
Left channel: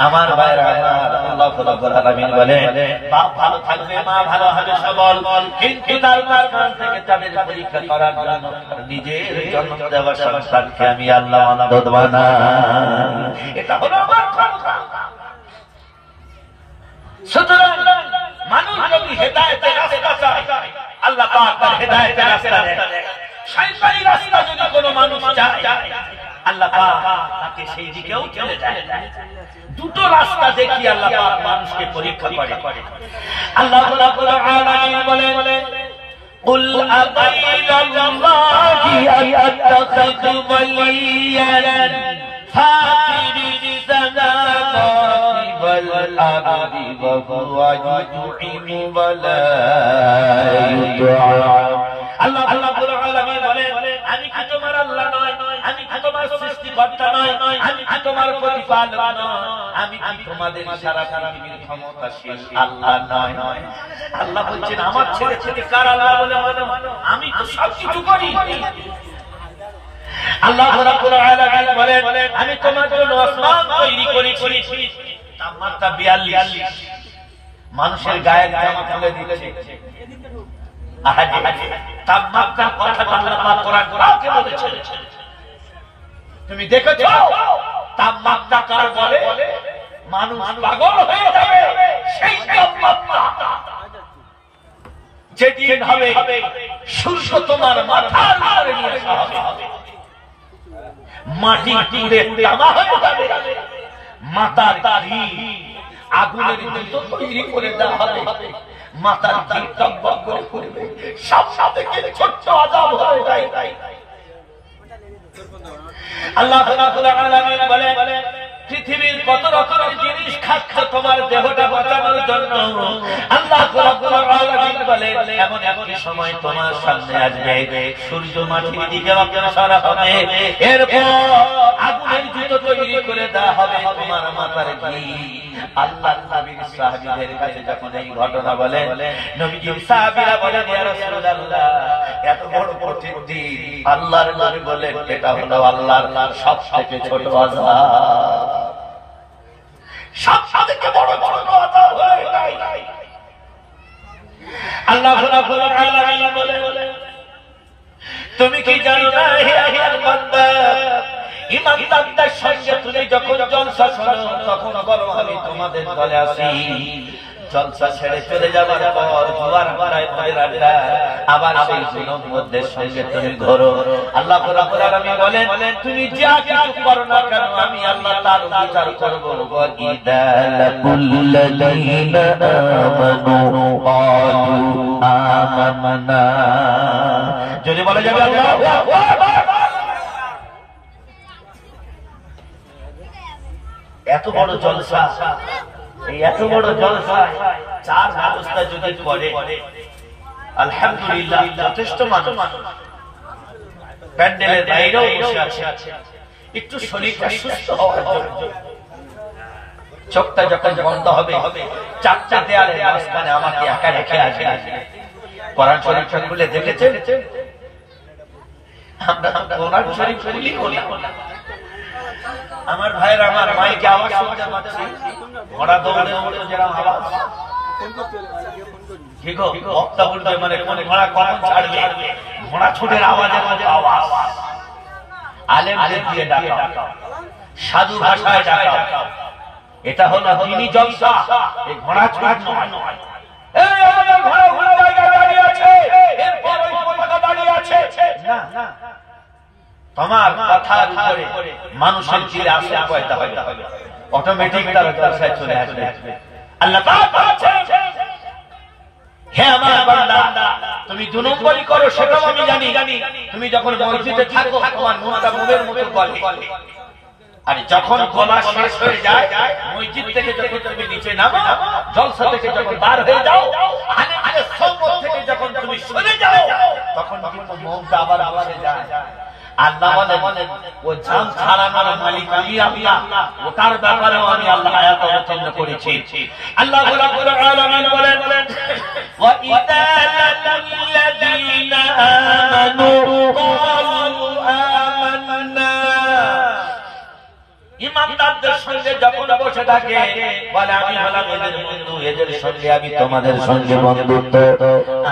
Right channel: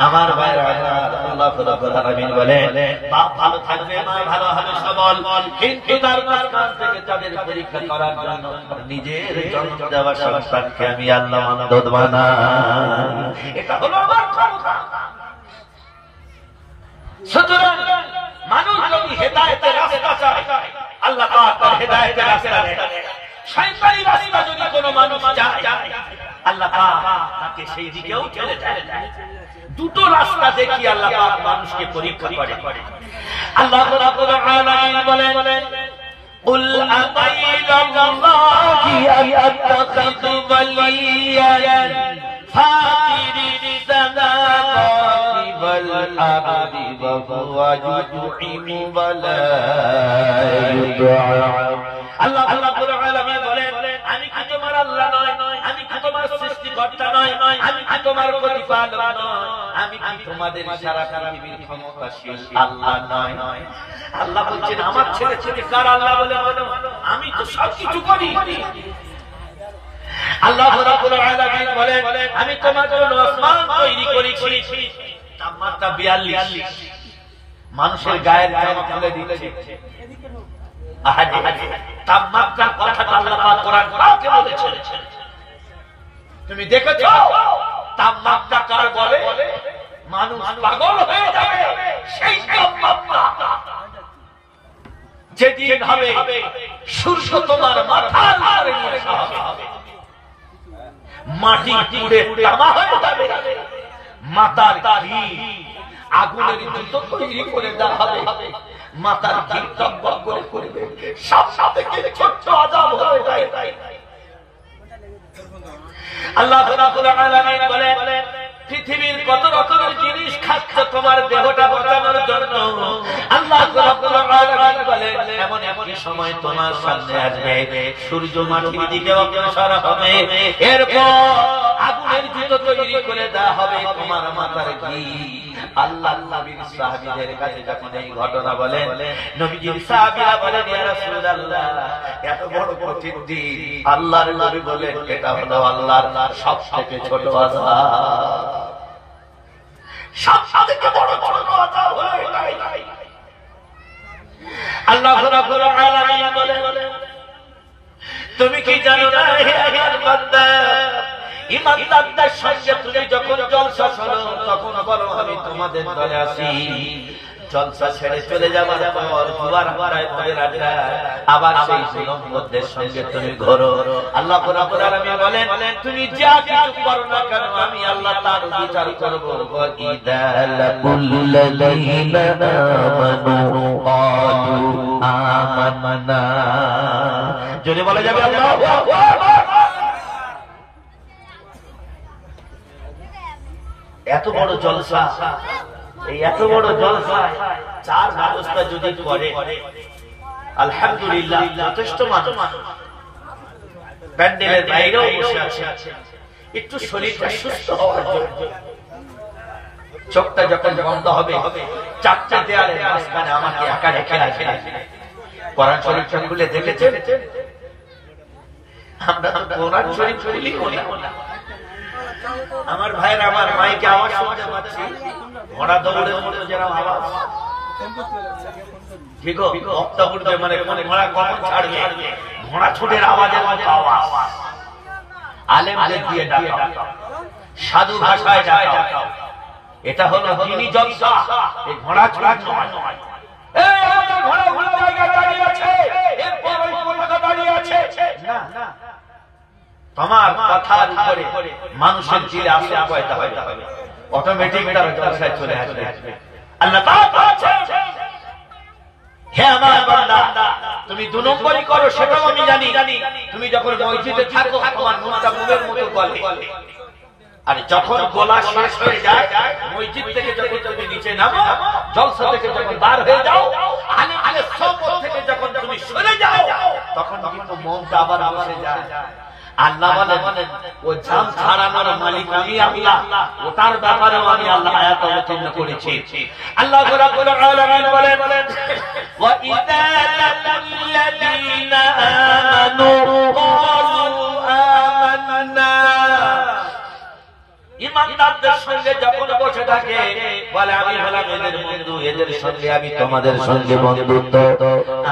আমার ভাইরা আল্লাহ রাব্বুল আলামিন বলেন বাপ ভালো থাকবে, মা ভালো হবে সবল, কিন্তু তার আসমান থেকে তাদের পরীক্ষা করার জন্য নিজের জন্ম দেওয়া সন্তানকে আমি আল্লাহ মানদত বানাই। এটা হলো আমার ক্ষমতা। সুতরাং মানুষ যদি হেদায়েতের রাস্তা চায়, আল্লাহ পাক তার হেদায়েতের রাস্তা দেয়। শয়তানি রাস্তা যদি কোনো মানুষ চায়, আল্লাহ পাক তাকে সেই দিকেও ঠেলে দেয়। দুটো রাস্তা দেখি আল্লাহ পাক মানুষকে পরীক্ষা করে। আল্লাহ রাব্বুল আলামিন বলেন কুল আগাইরাল্লাহি আত্তাখিযু ওয়ালিয়ান ফাতিরিস সামাওয়াতি ওয়াল আরদি ওয়া হুয়া ইউতঈমু ওয়া লা ইউতআম। আল্লাহ রাব্বুল আলামিন বলেন আমি কি তোমার আল্লাহ নয়? আমি কি তোমার সৃষ্টিকর্তা নয়? আমি কি তোমার প্রতিপালক নয়? আমি কি তোমাদের সারা পৃথিবীর ক্ষমতাশীল আল্লাহ নয়? আল্লাহ বলছেন আমার ছেলে ছেলে কার আল্লাহ বলে মনে হয়? আমি তো সবকিছু করি। আল্লাহ রাব্বুল আলামিন বলেন আমি তোমার জন্য আসমান তৈরি করেছি, তাপমাত্রা 42, মানুষের গায়ের জামা খুলে দিয়েছে। তাপমাত্রা কথাটা আল্লাহ পাক কোরআন কাকে বলেছেন? তুমি দেখেছো তাপমাত্রা কার বলে? মানুষ পাগল হয়ে যাবে সেই তাপমাত্রা যেদিন হবে সূর্য তোমার মাথার উপরে নিয়ে আসা হবে, মাটি পুড়ে তামা হয়ে যাবে, মাথার ঘি আগুনের মতো তৈরি করে দেওয়া হবে, মাথার ঘি টকবক করে করবে, সব থেকে ছোট্ট আযাব হয়ে যায়। আল্লাহ রাব্বুল আলামিন বলে পৃথিবীর কত রকমের জিনিস খাচ্ছে তোমার দেহটা বাঁচানোর জন্য। আল্লাহ রাব্বুল আলামিন বলে এমন একটি সময় তোমার সামনে আসবে সূর্য মাটির দিকে অগ্রসর হবে, এরপর আগুনের জুতো তৈরি করে দেওয়া হবে তোমার মাথার ঘি। আল্লাহ নবীর সাহাবীদের কাছে যখন এই ঘটনা বলে, নবীজির সাহাবীরা বলেন ইয়া রাসূলুল্লাহ এত বড় কঠিন দিন। আল্লাহর নবী বলেন এটা হলো আল্লাহর সবথেকে ছোট আযাব, সবথেকে বড় আযাব হয়ে যায়। আল্লাহ রাব্বুল আলামিন বলে তুমি কি জানো না হে আল্লাহর বান্দা, ইমানদারদের সঙ্গে তুমি যখন জলসা শোনো তখন বলো আমি তোমাদের দলে আছি। জলসা ছেড়ে চলে যাবার পর জুয়ার বাড়ায় পড়ে আড্ডা, আবার সেই যুবকদের সঙ্গে তুমি ঘোরো। আল্লাহ রাব্বুল আলামিন বলেন তুমি যা কিছু করো না কেন আমি আল্লাহ তার বিচার করব। ওয়াইদা লাকুল্লাযীনা আমানু ক্বালু আমান্না, যদি বলা যাবে আল্লাহু আকবার। এত বড় জলসা, এই এত বড় জলসা চার ব্যবস্থা যদি করে আলহামদুলিল্লাহ যথেষ্ট মানুষ প্যান্ডেলের বাইরেও বসে আছে একটু শরীরটা সুস্থ হওয়ার জন্য। চোখটা যখন বন্ধ হবে চারটা দেয়ালের মাঝখানে আমাকে একা রেখে আসে, কোরআন শরীফটা খুলে দেখেছেন? আমরা কোরআন শরীফ খুলি না। আমার ভাইয়ের আমার মাইকে আওয়াজ শুনতে পাচ্ছি, ঘোড়া দৌড়ে দৌড়ে যেরকম আওয়াজ, ঠিক বক্তা উঠবে মানে ঘোড়া কখন ছাড়বে, ঘোড়া ছুটের আওয়াজের মাঝে আওয়াজ। আলেমদের দিয়ে ডাকাও, সাধু ভাষায় ডাকাও, এটা হলো দ্বীনি জলসা। এই ঘোড়া ছুট নয়। এই আমাদের ঘোড়া ঘোড়া জায়গায় দাঁড়িয়ে আছে, এরপর ওই পতাকা দাঁড়িয়ে আছে না, তোমার কথার উপরে মানুষের দিলে আসা পয়দা হবে, অটোমেটিক তারা জলসায় চলে আসবে। আল্লাহ পাক বলেছেন হে আমার বান্দা তুমি 2 নম্বরই করো সেটাও আমি জানি। তুমি যখন মসজিদে থাকো তোমার মনটা মোমের মতো বলে, আর যখন গলা শেষ হয়ে যায় মসজিদ থেকে যখন তুমি নিচে নামো, জলসা থেকে যখন বার হয়ে যাও, আলেমের সম্পদ থেকে যখন তুমি সরে যাও, তখন কিন্তু মনটা আবার বসে যায়। আল্লাহ বলেন ও জাম ছাড়ানোর মালিক আমি আল্লাহ, ওটার ব্যাপারেও আমি আল্লাহ আয়াত অবতীর্ণ করেছি। আল্লাহ রাব্বুল আলামিন বলেন ওয়া ইযা লাকুল্লাযীনা আমানু ক্বালু আমান্না, ইমানদারদের সঙ্গে যখন বসে থাকে বলে আমি হলাম এদের বন্ধু, এদের সঙ্গে আমি তোমাদের সঙ্গে বন্ধুত্ব,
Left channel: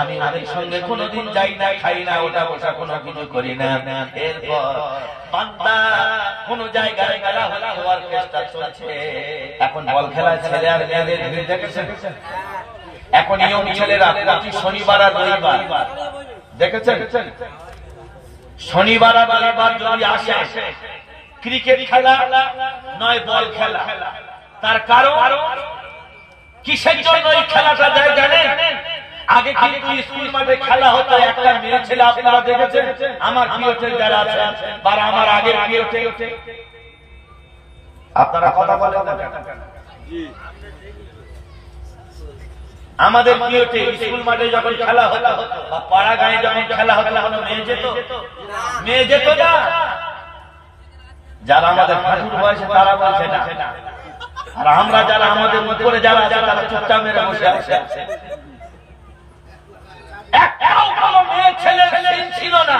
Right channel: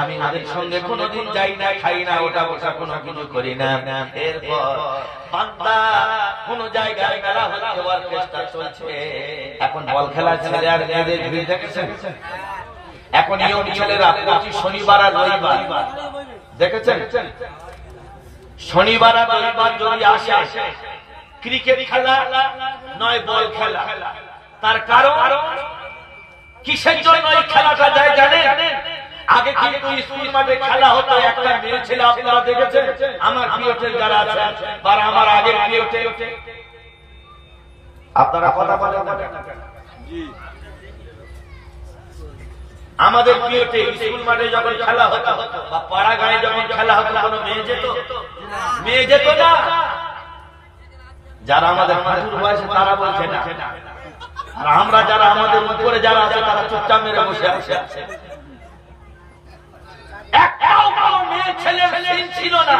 আমি এদের সঙ্গে কোনোদিন যাই না, খাই না, ওটা বসা কোনো কিছু করি না। এরপর বান্দা কোন জায়গায় মেলা হলে অর্কেস্ট্রা চলছে, এখন বল খেলা ছেলে আর মেয়েদের ভিড় দেখেছেন? এখন ইয়ং ছেলেরা প্রতি শনিবার আর রবিবার দেখেছেন, শনিবার আর রবিবার যদি আসে ক্রিকেট খেলা নয় বল খেলা। তার কারণ কিসের জন্য এই খেলাটা যায় জানেন? আগে কিন্তু স্কুল মাঠে খেলা হতো, একটা মেয়ে ছেলে আপনারা দেখেছেন আমার পিওতে যারা আছেন বা আমার আগে পিওতে, আপনারা কথা বলেন না কেন? আমাদের পিওতে স্কুল মাঠে যখন খেলা হতো বা পাড়া গায়ে যখন খেলা হতো কোনো মেয়ে যেত? মেয়ে যেত না। যারা আমাদের হাঁটুর বয়সে তারা বলছে না, আর আমরা যারা আমাদের উপরে যারা আছে তারা চুপচাপ মেরে বসে আছে। একটাও কোনো মেয়ে ছেলে ছিল না।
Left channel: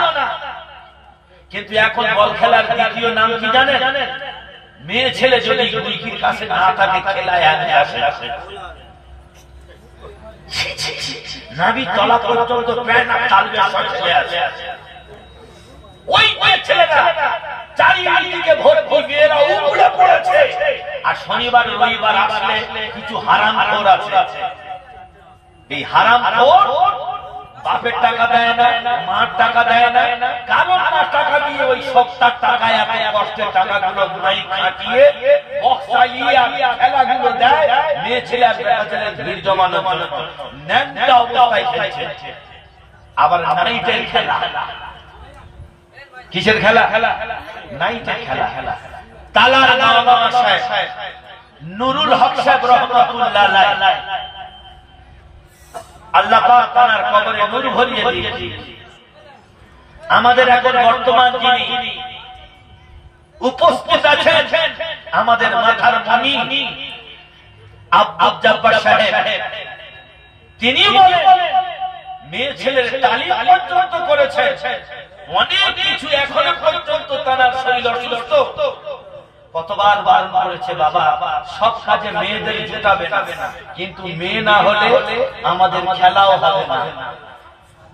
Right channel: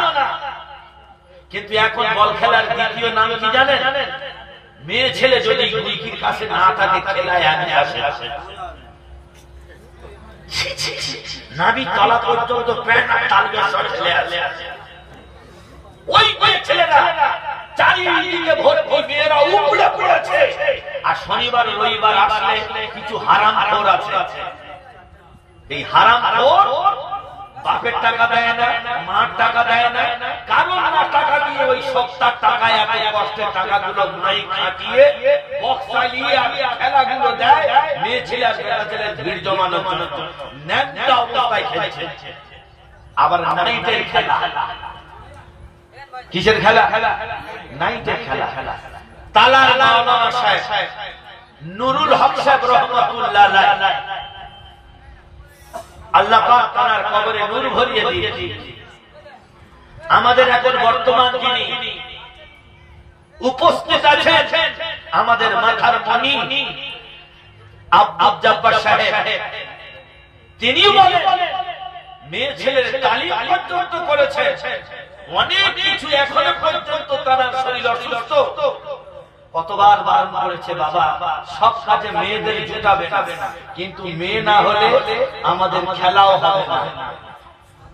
কিন্তু এখন বল খেলার দ্বিতীয় নাম কি জানেন? মেয়ে ছেলে যদি উইকির কাছে না থাকে খেলায় আসে, নাভি তলা পর্যন্ত প্যান্ট আর তালবের সব ছেলে আছে। ওই ছেলেরা চারিদিকে ভর্তি মেয়েরা উমড়ে পড়েছে। আর শনিবার রবিবার আসলে কিছু হারামখোর আছে। এই হারামখোর বাপের টাকা দেয় না, মার টাকা দেয় না, কারণ না টাকা দিয়ে ওই সপ্তাহ টাকায় এত কষ্টের টাকাগুলো নাই খাটিয়ে বক্স চালিয়ে খেলাগুলো দেয় মেয়ে ছেলে আর বেটা ছেলে ভিড় জমানোর জন্য। ন্যাংটা অবস্থায় খেলছে। আবার নাইটের খেলা। কিসের খেলা? নাইটের খেলা। তালার মাওলানা সাহেব নুরুল হক সাহেব রহমাতুল্লাহ আলাইহি, আল্লাহ পাক তার কবরে নূর ভরিয়ে দিয়েছে। আমাদের এখন বর্তমান যিনি উপস্থিত আছেন আমাদের মাথার মনি আব্দুল জব্বার সাহেব, তিনি বলেন মেয়ে ছেলের তালিম পর্যন্ত করেছে, অনেক কিছু এখনো পর্যন্ত তার শরীর অসুস্থ। কতবার বারণ করেছে বাবা সব কাজে মেয়েদের জুটাবে না, কিন্তু মেয়ে না হলে আমাদের খেলাও হবে না।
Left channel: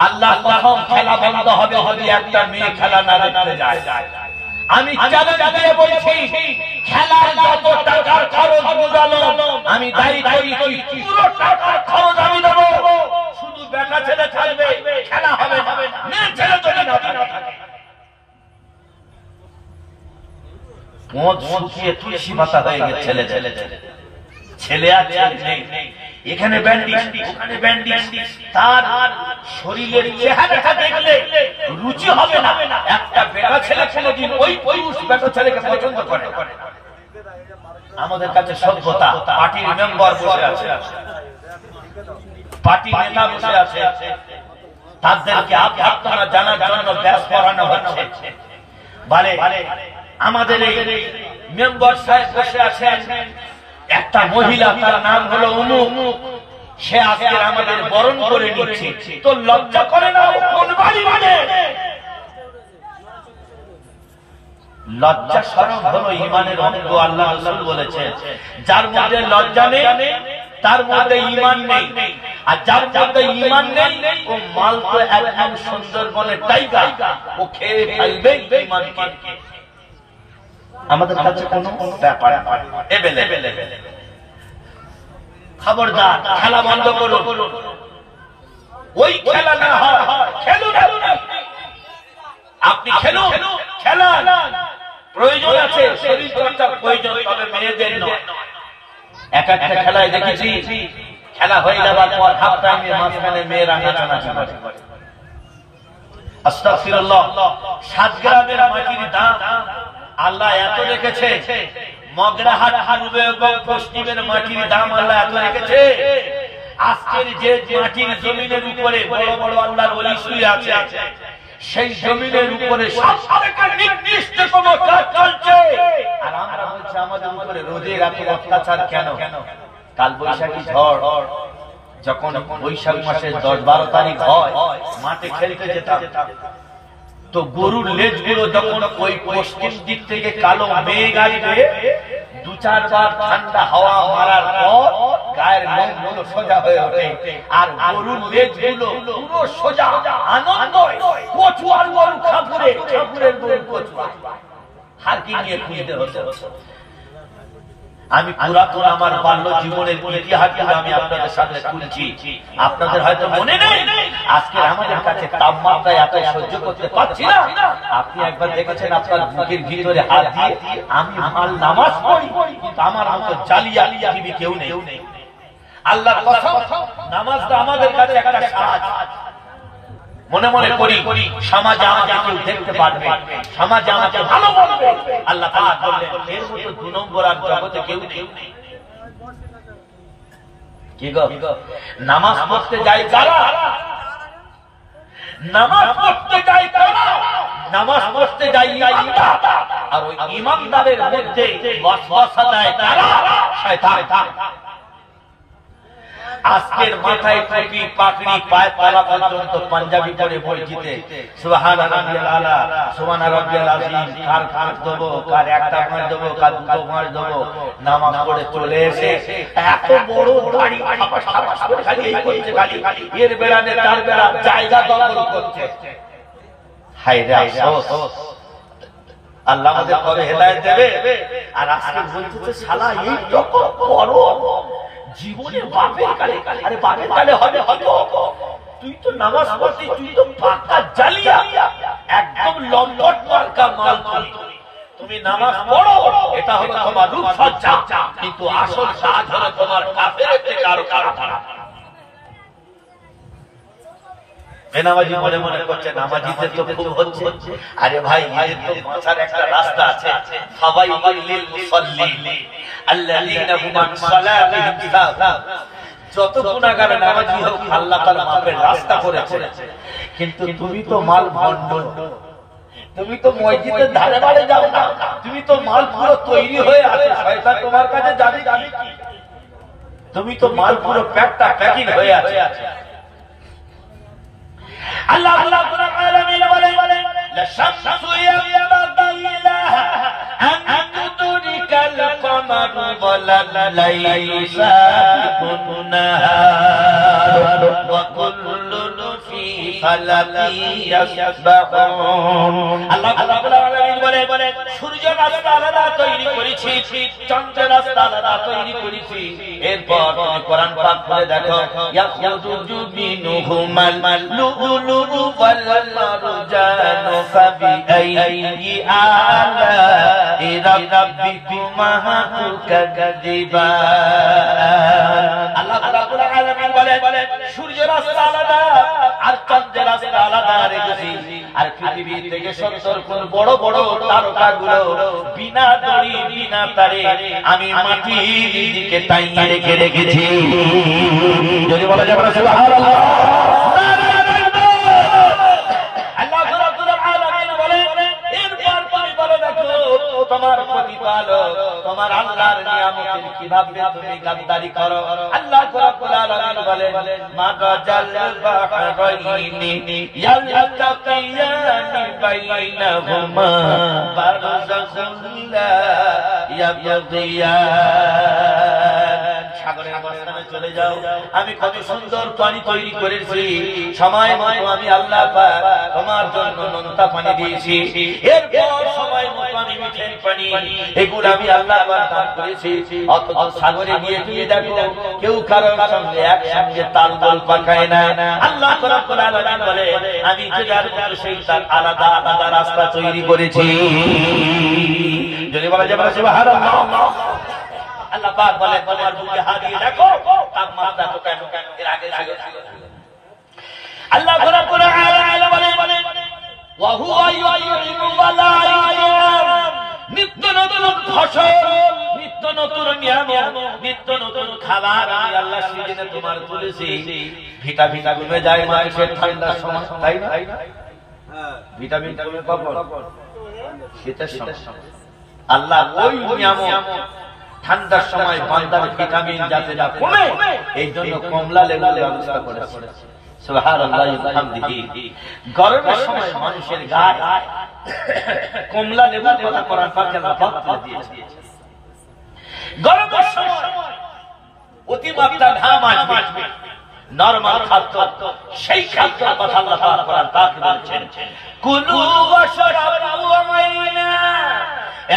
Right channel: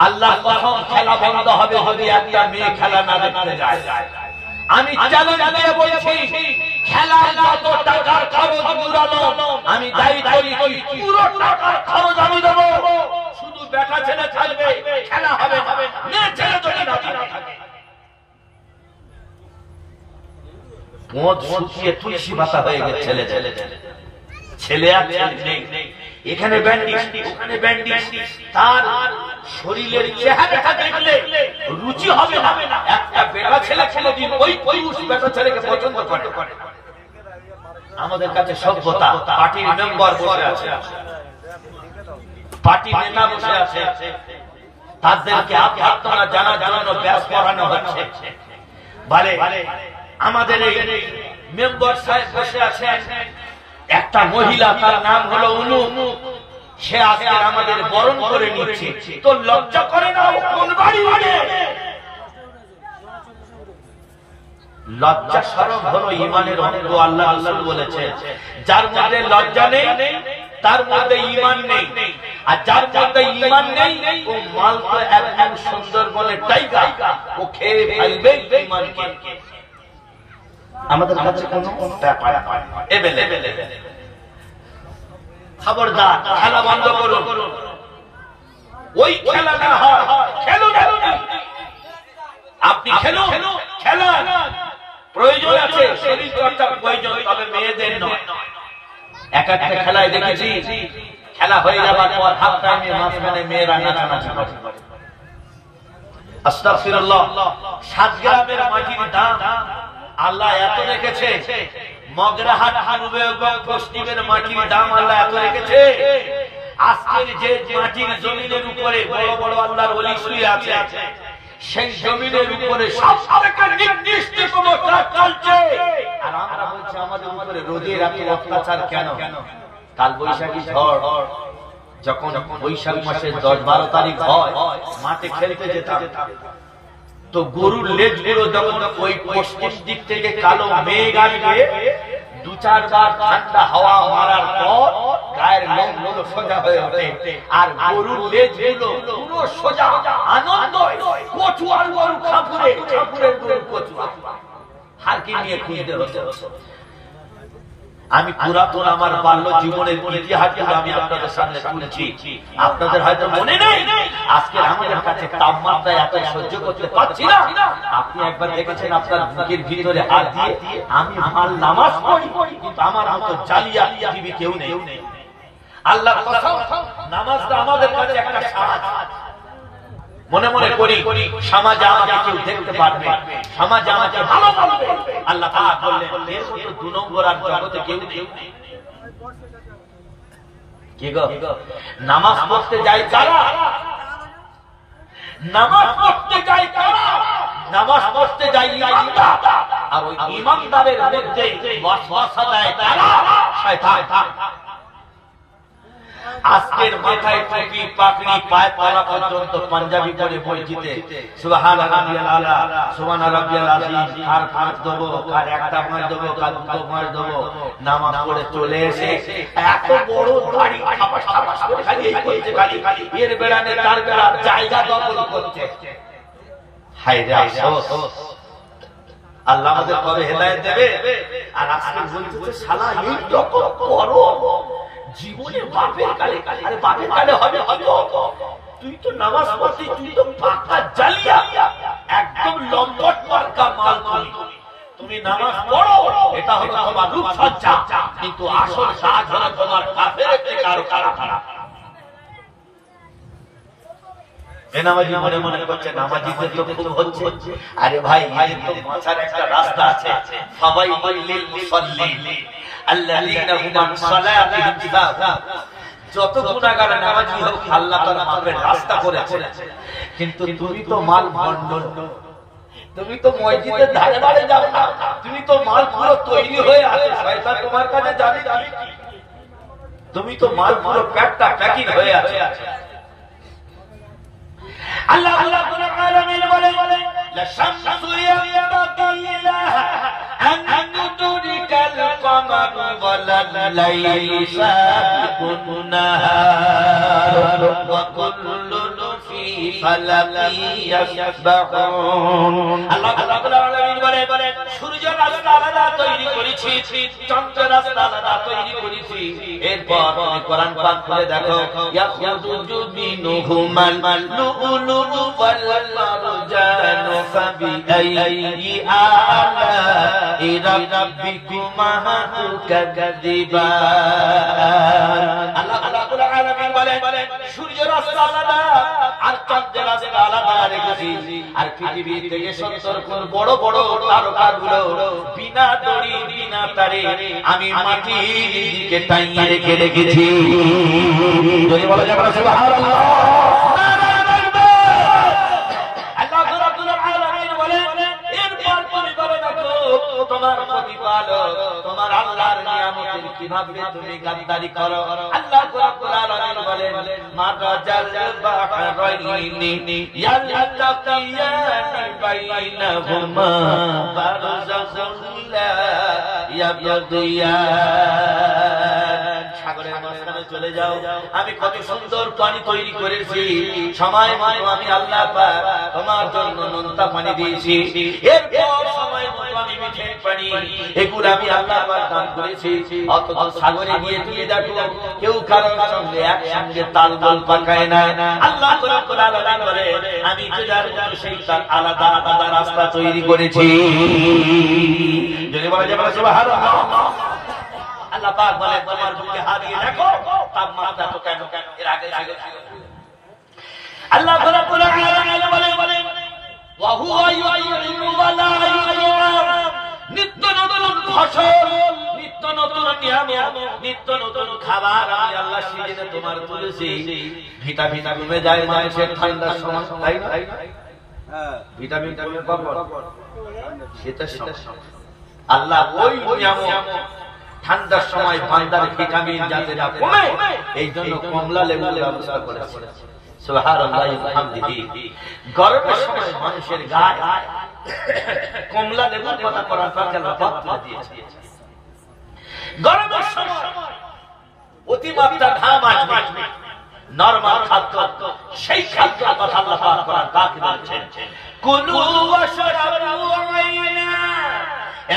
আল্লাহ কখন খেলা বন্ধ হবে যদি একটা মেয়ে খেলা না দেখতে যায়। আমি চ্যালেঞ্জ দিয়ে বলছি খেলার যত টাকার খরচ উড়ালো আমি দায়ী করি, পুরো টাকার খরচ আমি দেবো, শুধু বেটা ছেলে থাকবে, খেলা হবে না। মেয়ে ছেলে যদি না থাকে মদ শুকিয়ে তুলসী পাতা হয়ে গেছে ছেলে আর নেই। এখানে ব্যান্ডিজ ওখানে ব্যান্ডিজ, তার শরীরের চেহারাটা দেখলে রুচি হবে না। একটা বেটা ছেলে ছেলে দিন ওই বেটা ছেলেকে পছন্দ করে। আমাদের কাছে সভ্যতা, পার্টির মেম্বার বসে আছে, পার্টি নেতা বসে আছে, তাদেরকে আভ্যর্থনা জানার জন্য ব্যাস করানো হচ্ছে। বলে আমাদের এই মেম্বার সাহেব বসে আছেন, একটা মহিলা তার নাম হলো অনু, সে আজকে আমাদের বরণ করে নিচ্ছে। তো লজ্জা করে না? কোন বাড়ি মানে লজ্জা শরম হলো ইমানের অঙ্গ। আল্লাহ আল্লাহ বলেছে যার মধ্যে লজ্জা নেই তার মধ্যে ঈমান নেই, আর যার মধ্যে ঈমান নেই ও মাল তো একদম সুন্দরবনের টাইগার, ও খেয়ে ফেলবে ঈমানকে। আমাদের কাছে কোনো ব্যাপার খবরদার খেলা বন্ধ করুন। ওই খেলা না হয় খেলুন, আপনি খেলুন, খেলা প্রয়োজন আছে, শরীর চর্চার প্রয়োজন, তবে মেয়েদের নয়। এক একটা খেলায় দেখেছি খেলা হয়ে যাবার পর হাফ টাইমে মাঝখানে মেয়েরা নাচানাচি করে। আস্তাগফিরুল্লাহ। 7 গ্রামের মাটির দাম আল্লাহ এত রেখেছে, মগরাহাট পূর্ব এবং পশ্চিমের মাটির দাম আল্লাহ এত রেখেছে। আজকের যে মাটির জমিনের উপরে বড় বড় আল্লাহর ওলি শুয়ে আছে, সেই জমিনের উপরে সবথেকে নির্দিষ্টতম কাজ চলছে। আর আমরা বলছি আমাদের উপরে রোদের এত অত্যাচার কেন? কাল বৈশাখী ঝড় যখন বৈশাখ মাসের 10-12 তারিখ হয়, মাঠে খেলতে যেতাম, তো গরুর লেজগুলো যখন ওই পশ্চিম দিক থেকে কালো মেঘ আসবে, 2-4 বার ঠান্ডা হাওয়া মারার পর গায়ের লোমগুলো সোজা হয়ে ওঠে, আর গরুর লেজগুলো পুরো সোজা। আনন্দ কচুয়ার গরু খাপুরে, খাপুরের গরু কচুয়া, হারকি নিয়ে খুঁজতে হচ্ছে। আমি পুরাতন আমার বাল্য জীবনের ইতিহাসগুলো আমি আপনাদের সামনে তুলছি। আপনাদের হয়তো মনে নেই, আজকে আমাদের কাছে তাপমাত্রা এত সহ্য করতে পারছি না। আপনি একবার দেখেছেন আপনার বুকের ভিতরে হাত দিয়ে আমি ভাল নামাজ পড়ি, কিন্তু আমার মতো জালিয়া পৃথিবী কেউ নেই। আল্লাহ নামাজটা আমাদের কাছে একটা সাহায্য। মনে মনে করি সমাজে আমাকে কেউ দেখতে পারবে, সমাজে আমাকে ভালো বলবে। আল্লাহ পাক বললেন এর মতো 2 নম্বর আর জগতে কেউ নেই। কি গো, নামাজ পড়তে যাই কারা? নামাজ পড়তে যাই কারা? নামাজ পড়তে যাই ইমানদার, আর ওই ইমানদারের মধ্যে ওয়াসওয়াসা দেয় কারা? শয়তান। আজকের মাথায় টুপি পাগড়ি পায়ে তলা পর্যন্ত পাঞ্জাবি পরে পরিচিতে সুবহান রাব্বিয়াল আলা, সুবহান রাব্বিয়াল আযীম, কার 5 দেবো, কার 1টা 5 দেবো, কার 2টো 5 দেবো, নামাজ পড়ে চলে এসে এত বড় দাড়ি খাপাস খাপাস করে খালি এই করতে, খালি এর বেড়ানে তার বেড়া জায়গা দখল করতে। হায় রে আফসোস, আল্লাহ আমাদের কবে হেদায়েত দেবে? আর আজকে বলছে শালা এই রকম করো জীবনের বাপের কালে। আরে বাপের কালে হবে হয়তো, তুই তো নামাজ পড়তে, তুই তো পাকা জালিয়া, একদম লম্পট পাকা মাল। তুমি নামাজ পড়ো, এটা হলো তোমার রূপসজ্জা, কিন্তু আসল সাজ হলো তোমার কাফেরের থেকে আরো খারাপ। বেনামাজি মনে মনে করছে নামাজিদের তো খুব হচ্ছে। আরে ভাই, এর তো বাঁচার একটা রাস্তা আছে। ফাওয়াইলুল লিল মুসাল্লিন আল্লাযীনা হুম আন সালাতিহিম সাহুন। যত গুনাহগার নামাজি হোক, আল্লাহ তার মাফের রাস্তা করেছে। কিন্তু তুমি তো মাল ভন্ডন, তুমি তো মসজিদের ধারে ধারে যাও না, তুমি তো মাল পুরো তৈরি হয়ে আছে, শয়তান তোমার কাছে যাবে। তুমি তো মাল পুরো প্যাকিং হয়ে আছে। আল্লাহ রাব্বুল আলামিন বলেন লা শামসু ইয়ামবাগি লাহা আন তুদরিকাল কমার ওয়ালা লাইসা কুন্নাহার ওয়া কুল্লুন ফি ফালাকি ইয়াসবাহুন। আল্লাহ রাব্বুল আলামিন বলেন সূর্য রাস্তা আলাদা তৈরি করেছি, চন্দ্র রাস্তা আলাদা তৈরি করেছি। এরপর তুমি কোরআন পাক খুলে দেখো, ইয়াখুযু মিনহুমাল লুলু ওয়াল মারজানু ফাবিআইয়ি আলা'i রাব্বিকুমা তুকাযিবান। আল্লাহ রাব্বুল আলামিন বলেন সূর্য রাস্তা আলাদা আর চন্দ্র রাস্তা আলাদা রেখেছি, আর পৃথিবী থেকে 70 গুণ বড় বড় তারকাগুলো বিনা দড়ি বিনা তারে আমি মাটির দিকে টাইয়ে রেখেছি। যদি বলা যাবে না সুবহানাল্লাহ। আল্লাহ রাব্বুল আলামিন বলেন এরপর পরে দেখো তোমার প্রতিপালক তোমার আল্লাহর নিয়ামতের কিভাবে তুমি গাদ্দারি করো। আল্লাহ রাব্বুল আলামিন বলেন মাগাজাল বাহরাইনি ইয়ালতাকিয়ানি বাইনাহুমা বারযাখুন লা ইয়াবগিয়ান। সাগরের মাঝখানে চলে যাও, আমি কত সুন্দর পানি তৈরি করেছি, সময় মতো আমি আল্লাহ পাক তোমার জন্য নোনতা পানি দিয়েছি। এরপর সময় মতো আমি মিঠের পানি, এগুলো আমি আল্লাহ পাক দান করেছি। অথচ সাগরে গিয়ে তুমি দেখো কেউ কারোর সঙ্গে একসঙ্গে তালদোল পাকায় না। আল্লাহ রাব্বুল আলামিন বলে আমি যার মতো সেই তার আলাদা আলাদা রাস্তা তৈরি করেছি। যদি বলা যাবে সুবহানাল্লাহ। আল্লাহ পাক বলে তোমার বুকে হাত দিয়ে দেখো তাপমাত্রা তো কেন এর আগে ছিল। আল্লাহ রাব্বুল আলামিন বলেন ওয়া হুয়া ইউতিরু ওয়ালা ইয়াম। নিত্য নতুন ফসল, নিত্য নতুন নিয়ামত, নিত্য নতুন খাবার আমি আল্লাহ সিজনে তোমার তুলেছি। ভিটামিন কমে যায় মানুষের ঠান্ডার সময়, তাই না? হ্যাঁ, ভিটামিন কমে কখন? শীতের সময়। আল্লাহ ওই নিয়ামত ঠান্ডার সময় বান্দার ভিটামিন যাতে কমে, এই জন্য কমলা লেবুর ব্যবস্থা করেছে। সুবহানাল্লাহি ওয়া বিহামদিহি। গরমের সময় মানুষের গায়ে কমলা লেবুর কথা কোরআন পাক আল্লাহ পাক তুলে দিয়েছে। গরমের সময় অতিমাত্রা ঘাম আসবে, নরমাল খাদ্য, সেই খাদ্যের কথা আল্লাহ পাক কোরআন পাক বলছেন, কুলু ওয়াশরাবু মাইনা,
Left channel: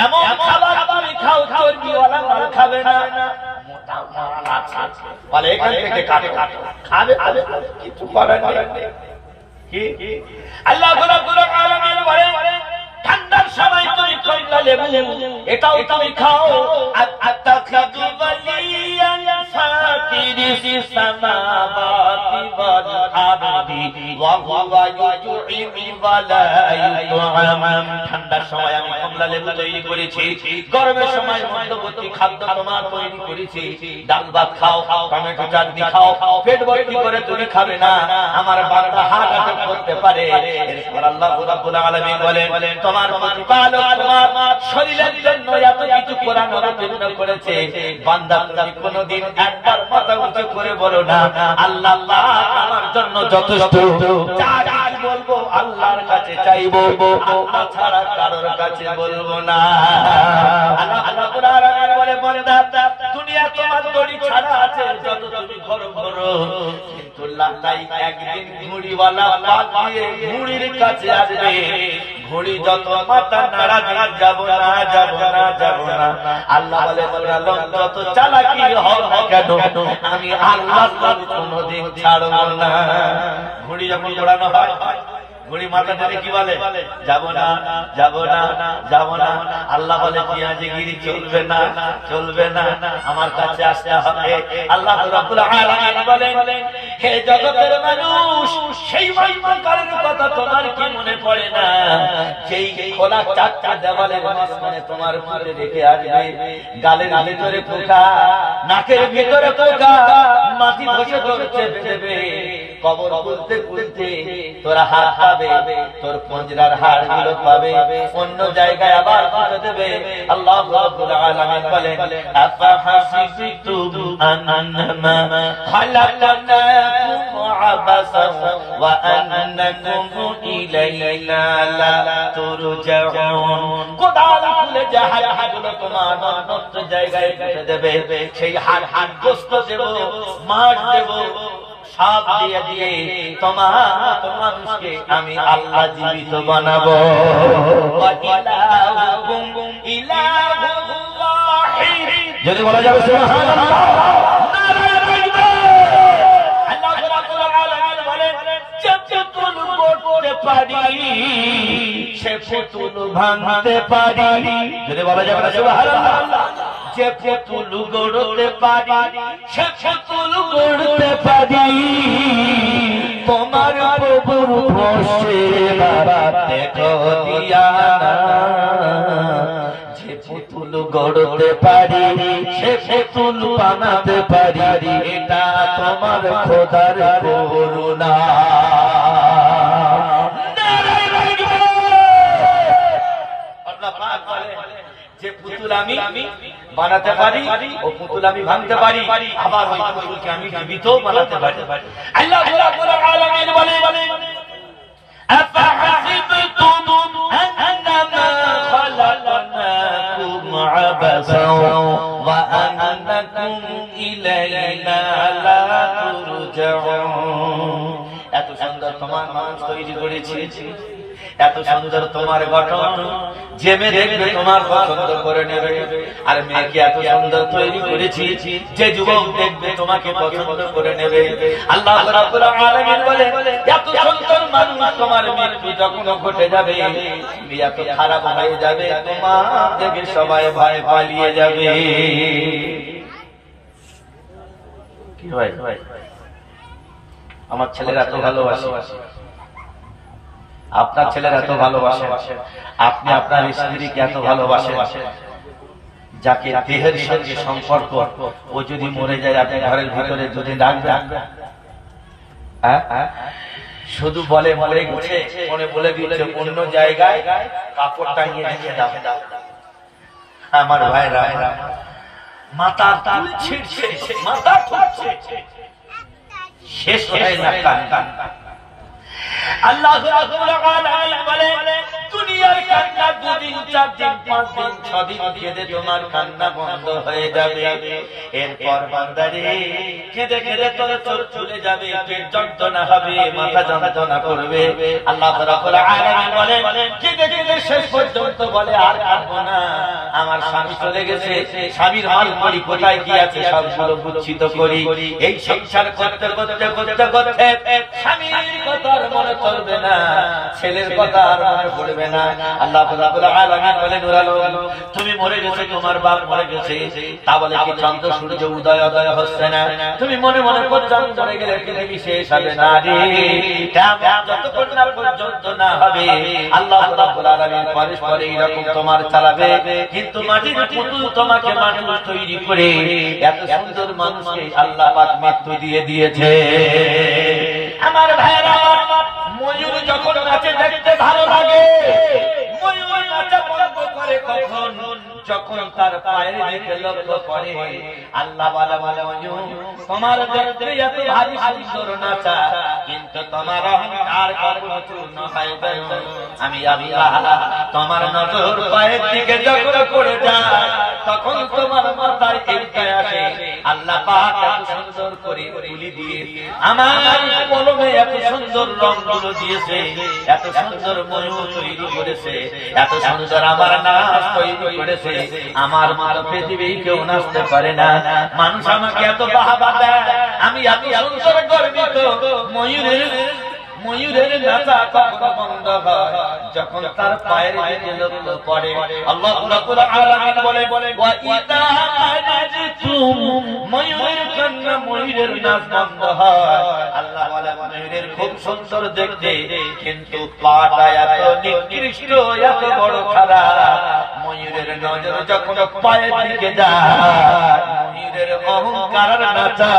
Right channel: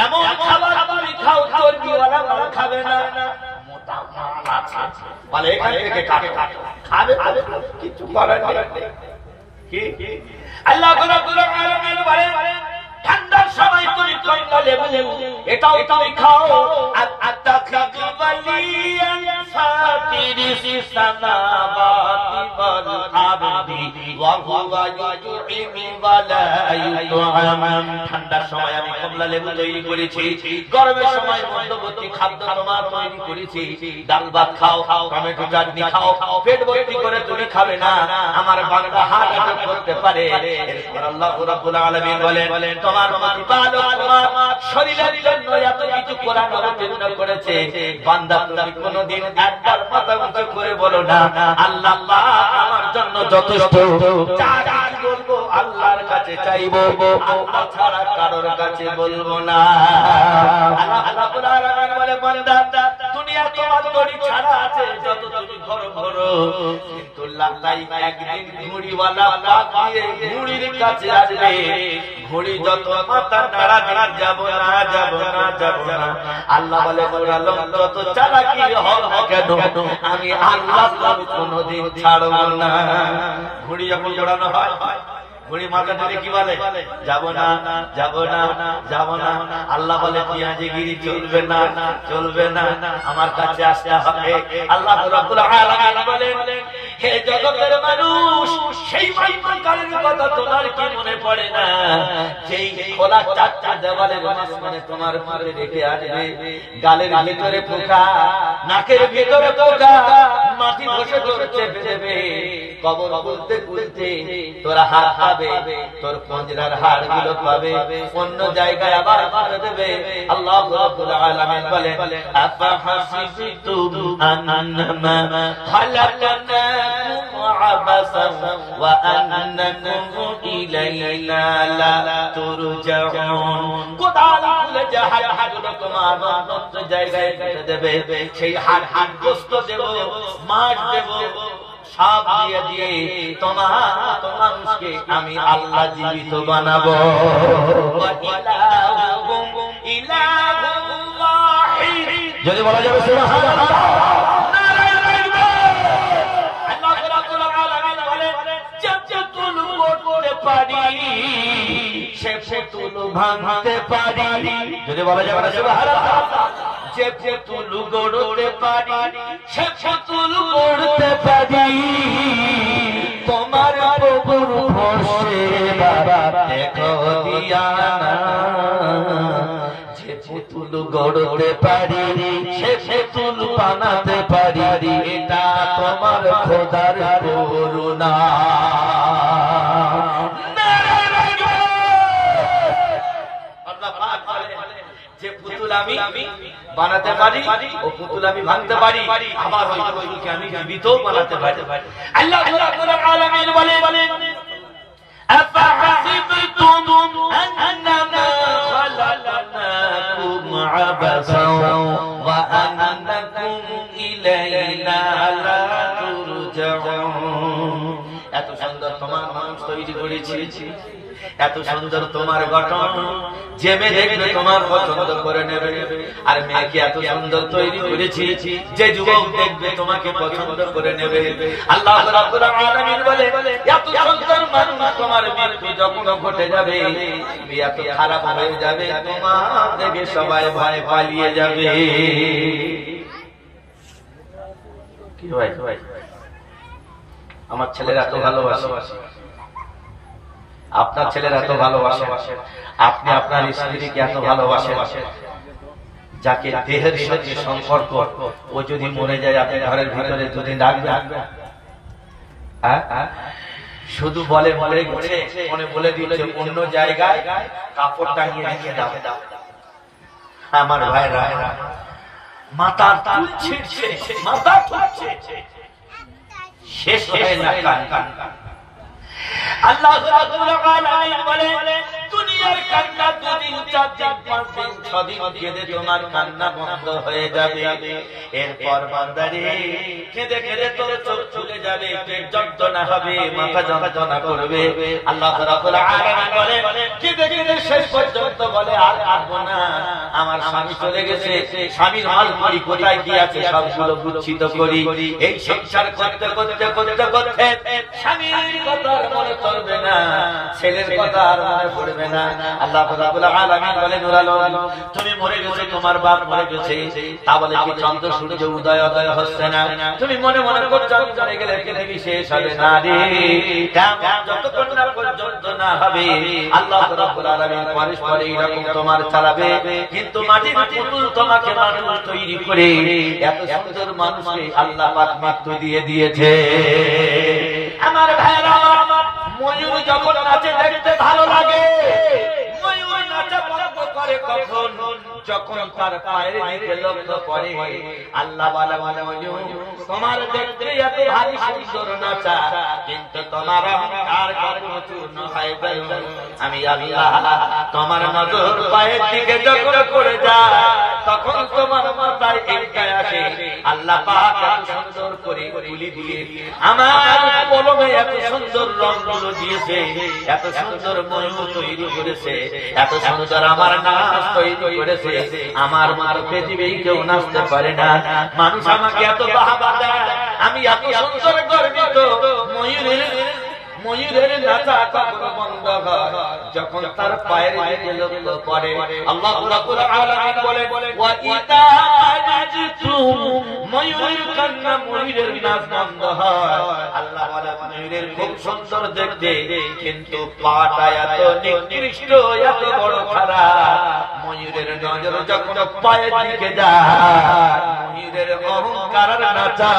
এমন খাবার তুমি খাও চর্বিওয়ালা মাল খাবে না, মোটা মাল আছে বলে এখান থেকে কাটে খাবে কিছু করার নেই। কি আল্লাহ রাব্বুল আলামিন বলেন, ঠান্ডার সময় তুমি কমলা লেবু এটাও তুমি খাও, আত্তাকিদু ওয়ালিয়ান ফাতিরিস সামাওয়াতি ওয়াল আরদি ওয়া হুয়া ইউতি'মু ওয়া লা ইউত'আম। ঠান্ডার সময় আমি কমলা লেবু তৈরি করেছি, গরমের সময় মধ্যবর্তী খাদ্য তোমার তৈরি করেছি। ডাল ভাত খাও, টমেটো চাটনি খাও, পেট ভর্তি করে তুমি খাবে না, আমার বান্দা হার্ট অ্যাটাক করতে পারে। এরপর আল্লাহ রাব্বুল আলামিন বলেন, তোমার প্রতিপালক তোমার শরীরের জন্য এত কিছু কোরআন অবতীর্ণ করেছে, বান্দা তুমি কোনদিন একবার মাথা উঁচু করে বলো না আল্লাহ আমার জন্য যথেষ্ট, যা বলবো আল্লাহর কাছে চাইবো, আল্লাহ ছাড়া কারোর কাছে বলবো না। আল্লাহ রাব্বুল আলামিন বলে, বান্দা দুনিয়া তোমার দড়ি ছাড়া আছে, যত তুমি ঘর ঘর, কিন্তু লালাই একদিন ঘুড়িওয়ালা পাক দিয়ে ঘুড়ির কাছে আসবে, ঘুড়ি যত মাথা নাড়া দিয়ে যাব না যাব না যাব না। আল্লাহ বলে, ওরালম যত চালাকি হোক না কেন আমি আল্লাহ কোনদিন ছাড়বো না। ঘুড়ি যখন ওড়ানো হয়, ঘুড়ি মাথা ধরে কি বলে, যাব না যাব না যাব না। আল্লাহ বলে, পেঁয়াজিগিরি চলবে না চলবে না, আমার কাছে আসতে হবে। আল্লাহ রাব্বুল আলামিন বলেন, হে জগতের মানুষ, সেই মহিমাকারের কথা তোমার কি মনে পড়ে না, যেই খোলা চারটা দেওয়ালের মাঝখানে তোমার মুখে রেখে আসবে, গালের ভিতরে পোকা, নাকের ভিতরে পোকা, মাটি ধসে ধরতে দেবে, কবর খুলতে খুলতে তোরা হাত পাবে, তোর পঞ্জরার হাড় গুলো পাবে, অন্য জায়গায় আবার পাবে দেবে। আল্লাহ রাব্বুল আলামিন বলেন, আফা হাসিবতুম আন্নামা খালাকনাকুম আবাসান ওয়া আন্নাকুম ইলাইনা লা তুরজাউন। কোদাল খুলে যে হাড়গুলো তোমার অন্য জায়গায় দেবে, সেই হাড় গোশত দেব, মাছ দেব, সব দিয়ে দিয়ে মানুষকে আমি আল্লাহ জীবিত বানাবো। যদি বলা যাবে সে পুতুল ভাঙতে পারি, যদি বলা যাবে যে পুতুল গড়তে পারি, সে পুতুল গড়তে পারি, তোমার প্রভুর ভরসে দেখো দিয়া, যে পুতুল গড়তে পারি সে পুতুল বানাতে পারি, এটা তোমার খোদার করুণা। যে পুতুল আমি বানাতে পারি, ও পুতুল আমি ভাঙতে পারি, আবার ওই পুতুলকে আমি জীবিত বানাতে পারি। আল্লাহ রাব্বুল আলামিন বলেন, আফাহাসিবতুম আন্নামা খালাকনাকুম আবাসান ওয়া আন্নাকুম ইলাইনা লা তুরজাউন। এত সুন্দর তোমার মানুষ তৈরি করেছি, এত সুন্দর তোমার গঠন, যে মেয়ে দেখবে তোমার পছন্দ করে নেবে। আর মেয়েকে এত সুন্দর তৈরি করেছি, যে যুবক দেখবে তোমাকে পছন্দ করে নেবে। আল্লাহ রাব্বুল আলামিন বলে, এত সুন্দর মানুষ তোমার মৃত্যু যখন ঘটে যাবে, তুমি এত খারাপ হয়ে যাবে, তোমার দেখে সবাই ভয় পালিয়ে যাবে। কি ভাই, আমার ছেলেরা এত ভালোবাসে, আপনার ছেলেরা এত ভালোবাসে, আপনি আপনার স্ত্রীকে এত ভালোবাসেন, যাকে দেহের সঙ্গে সম্পর্ক, ও যদি মরে যায় আপনি ঘরের ভিতরে যদি ডাকবেন, শুধু বলে মরে গেছে, মনে বলে দিয়েছে অন্য জায়গায় কাপড় টাঙিয়ে রেখে দাও। আমার ভাইরা, মাথা তুলছে, মাথা তুলছে, শেষ হয় না কান। আল্লাহ রাব্বুল আলামিন বলে দুনিয়ার কান্না 2 দিন 4 দিন 5 দিন 6 দিন কেঁদে তোমার কান্না বন্ধ হয়ে যাবে। এরপর বান্দারে কেঁদে কেঁদে তোর চোখ ফুলে যাবে, পেট যন্ত্রণা হবে, মাথা যন্ত্রণা করবে। আল্লাহ রাব্বুল আলামিন বলে কেঁদে কেঁদে শেষ পর্যন্ত বলে আর কাঁদবো না, আমার স্বামী চলে গেছে, স্বামীর মাল করি কোথায় কি আছে সবগুলো গুচ্ছিত করি। এই সংসার করতে করতে করতে করতে স্বামীর কথা মনে পড়বে না, ছেলের কথা আর মনে পড়বে না। আল্লাহ রাব্বুল আলামিন বলে নূর আলম তুমি মরে গেছে, তোমার বাপ মরে গেছে, তা বলে কি চন্দ্র সূর্য উদয় উদয় হচ্ছে না? তুমি মনে মনে করছো চলে গেলে পৃথিবী শেষ হবে না রে, কিয়ামত যতক্ষণ না পর্যন্ত না হবে আল্লাহ রাব্বুল আলামিন পরে পরে এরকম তোমার চালাবে। কিন্তু মাটির পুতুল তোমাকে মানুষ তৈরি করে এত সুন্দর মানুষকে আল্লাহ পাক মৃত্যু দিয়ে দিয়েছে। আমার ভাইরা, ময়ূর যখন নাচে দেখতে ভালো লাগে। ময়ূর নাচা বন্ধ করে কখন? যখন তার পায়ের দিকে লক্ষ্য করে। আল্লাহ বলে ময়ূর তোমার দেখতে এত ভারী সুন্দর নাচা, কিন্তু তোমার অহংকার কখনো চূর্ণ হয় না। আমি আল্লাহ তোমার নজর পায়ের দিকে যখন করে যায় তখন তোমার মাথায় এইটা আসে। আল্লাহ পাক এত সুন্দর করে তুলি দিয়ে আমার কলমে এত সুন্দর রংগুলো দিয়েছে, এত সুন্দর ময়ূর তৈরি করেছে, এত সুন্দর আমার নাচ তৈরি করেছে। আমার মতো পৃথিবী কেউ নাচতে পারে না। মানুষ আমাকে এত বাহবা দেয়, আমি এত সুন্দর গর্বিত। ময়ূরের নাচা কখন বন্ধ হয়? যখন তার পায়ের দিকে লক্ষ্য পড়ে। আল্লাহ রাব্বুল আলামিন বলে ওয়া ইদা নাজতুম, ময়ূরের কান্না ময়ূরের নাচ বন্ধ হয়। আল্লাহ বলে ময়ূরের খুব সুন্দর দেখতে, কিন্তু পাটা এত নিকৃষ্ট, এত বড় খারাপ। ময়ূরের নজর যখন পায়ের দিকে যায় ময়ূরের অহংকার নাচা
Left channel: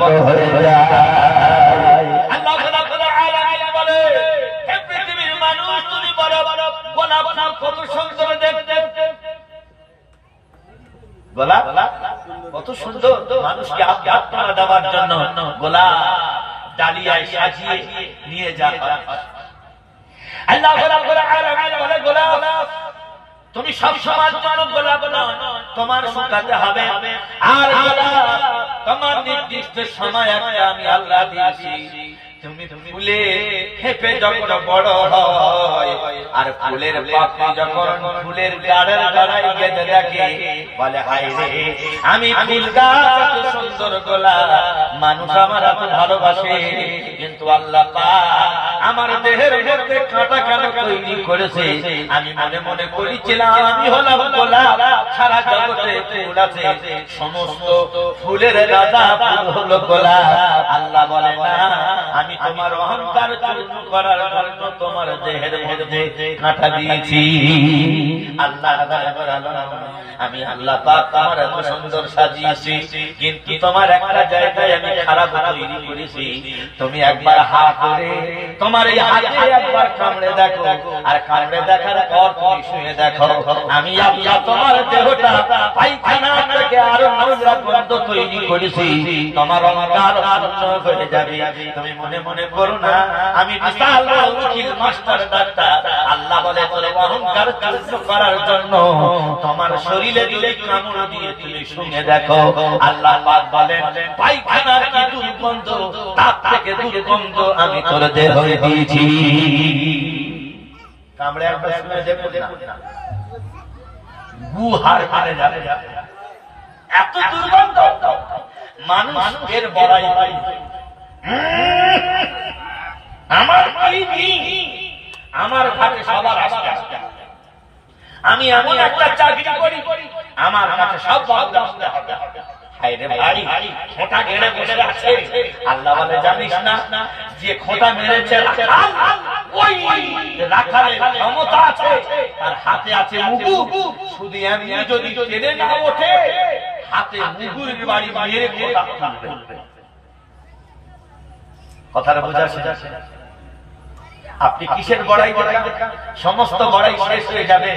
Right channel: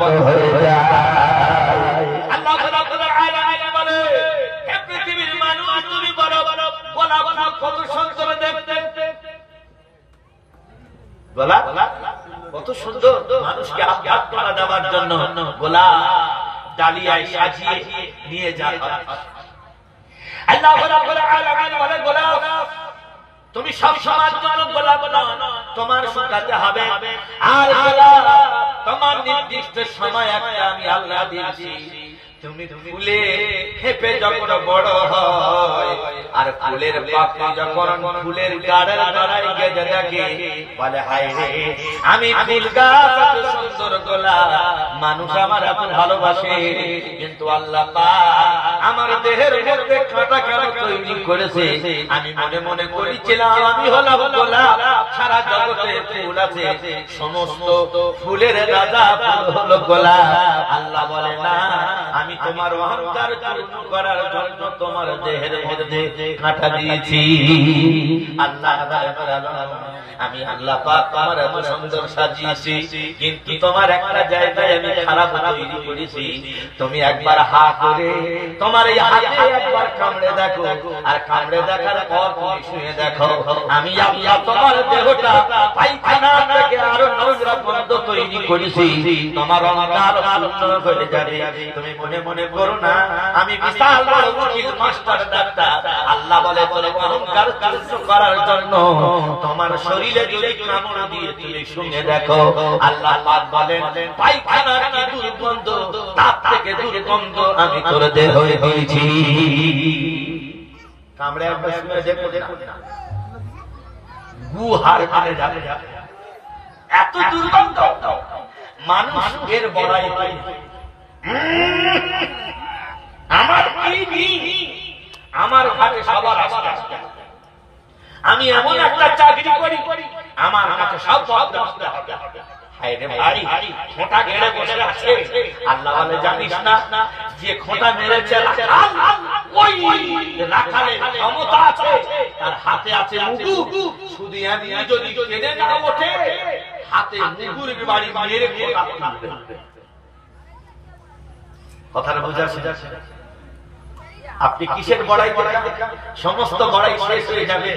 বন্ধ হয়ে যায়। আল্লাহ রাব্বুল আলামিন বলে হে পৃথিবীর মানুষ তুমি বলো গোলাপ ফুল কত সুন্দর দেখতে। গোলাপ কত সুন্দর, মানুষকে আপ্যায়ন দেওয়ার জন্য গোলাপ ডালিয়ায় সাজিয়ে নিয়ে যায়। আল্লাহ রাব্বুল আলামিন বলে গোলাপ তুমি সব সময় জন্য গোলাপ না, তোমার শুকাতে হবে। আর গোলাপ তোমার নির্দিষ্ট সময় একটা আমি আল্লাহ দিয়েছি। তুমি ফুলে ফেঁপে যখন বড় হয় আর ফুলের পাপড়ি যখন ফুলের গাড়ের গাড়ায় গেঁথে থাকে, বলে হায় রে আমি ফুল গাছ এত সুন্দর গোলাপ, মানুষ আমার এত ভালোবাসে, কিন্তু আল্লাহ পাক আমার দেহের মধ্যে কাঁটা কেন তৈরি করেছে? আমি মনে মনে করেছিলাম আমি হলাম গোলাপ, সারা জগতে ফুল আছে, সমস্ত ফুলের রাজা ফুল হলো গোলাপ। আল্লাহ বলে না, আমি তোমার অহংকার চূর্ণ করার জন্য তোমার দেহের মধ্যে কাঁটা দিয়েছি। আল্লাহ আমি আল্লাহ পাক তোমার এত সুন্দর সাজিয়েছি, কিন্তু তোমার একটা জায়গায় আমি খারাপ তৈরি করেছি। তুমি একবার হা করে তোমার এই হাতে একবার কামড়ে দেখো, আর কামড়ে দেখার পর তুমি শুয়ে দেখো আমি আল্লাহ তোমার দেহটা পায়খানা থেকে আরো নোংরা গন্ধ তৈরি করেছি। তোমার অহংকার পূর্ণ হয়ে যাবে। তুমি মনে মনে করো না আমি বিশাল বড় উকিল মাস্টার ডাক্তার। আল্লাহ বলে তোর অহংকার চূর্ণ করার জন্য তোমার শরীরে দিলে কামড় দিয়ে তুমি শুনে দেখো। আল্লাহ পাক বলেন পায়খানার কি দুর্গন্ধ, তার থেকে দুর্গন্ধ আমি তোর দেহ দিয়েছি। কামড়ে একবার শুনে দেখো, গু হার মানে যাবে, এত দুর্গন্ধ। মানুষ এর বড়াই পাই আমার আমার ঘাটে সবার আসতে, আমি এমন একটা চাকরি করি আমার কাছে সব আসতে হবে। খোঁটা গেড়ে বসে আছে। আল্লাহ বলে জানিস না যে খোঁটা মেরেছে ওই রাখালের ক্ষমতা আছে, তার হাতে আছে মুগুর। শুধু এমনি যদি টেনে না ওঠে হাতে মুগুরের বাড়ি মেরে খোঁটা তুলবে। কথাটা বোঝাচ্ছে? আপনি কিসের বড়াই দেখান? সমস্ত বড়াই শেষ হয়ে যাবে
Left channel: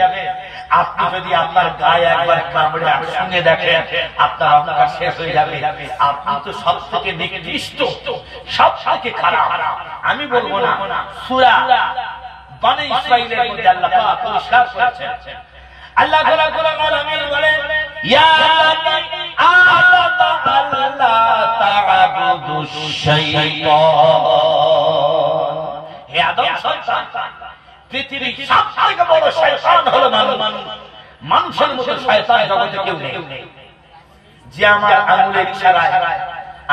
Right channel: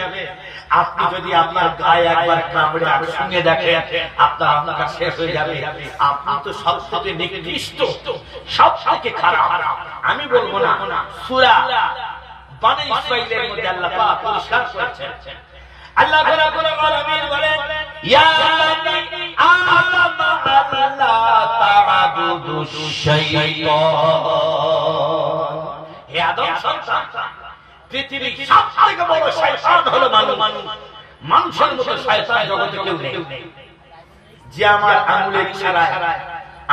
আপনি যদি আপনার গায়ে একবার কামড়ে শুনে দেখেন, আপনার অহংকার শেষ হয়ে যাবে। আপনি তো সব থেকে নিকৃষ্ট, সব থেকে খারাপ। আমি বলবো না, সূরা বনী ইসরাঈলের মধ্যে আল্লাহ পাক পরিষ্কার করেছেন। আল্লাহ রাব্বুল আলামিন বলেন, ইয়া বানি আদম আল্লা তা'বুদুশ শাইতান। হে আদম সন্তান, পৃথিবীর সবথেকে বড় শয়তান হলো মানুষ। মানুষের মতো শয়তান জগতে কেউ নেই। যে আমার আঙুলের ইশারায়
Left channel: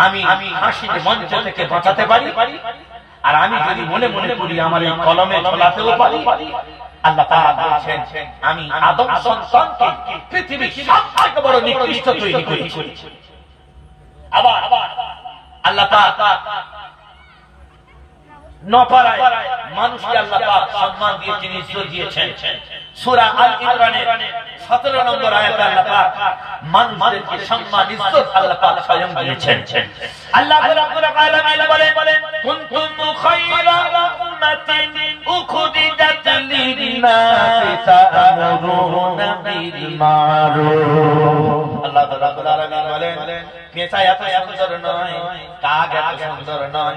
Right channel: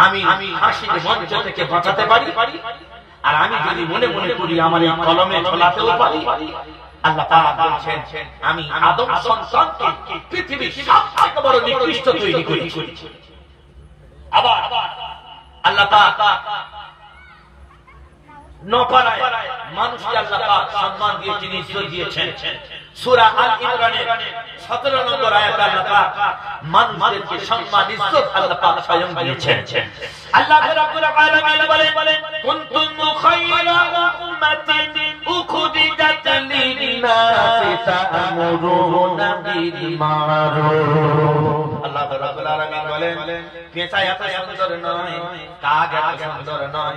আমি হাসির মঞ্চ থেকে বাঁচাতে পারি, আর আমি যদি মনে মনে করি আমার এই কলমে ঝোলাতেও পারি। আল্লাহ পাক বলেছেন, আমি আদম সন্তানকে পৃথিবীর সবথেকে বড় নিকৃষ্ট তৈরি করেছি। আবার আল্লাহ পাক নপাড়ায় মানুষকে আল্লাহ পাক সম্মান দিয়েছেন, ইজ্জত দিয়েছেন। সূরা আল ইমরানের 17 নম্বর আয়াতে আল্লাহ পাক মানুষদেরকে সম্মান ইজ্জত আল্লাহ পাক স্বয়ং দিয়েছেন। আল্লাহ রাব্বুল আলামিন বলেন, কুনতুম খায়রা উম্মাতিন উখরিজাত লিন-নাসি তা'মুরুনা বিল মারুফ। আল্লাহ রাব্বুল আলামিন বলেন, পেঁচা এত সুন্দর নয়, কাক এত সুন্দর নয়,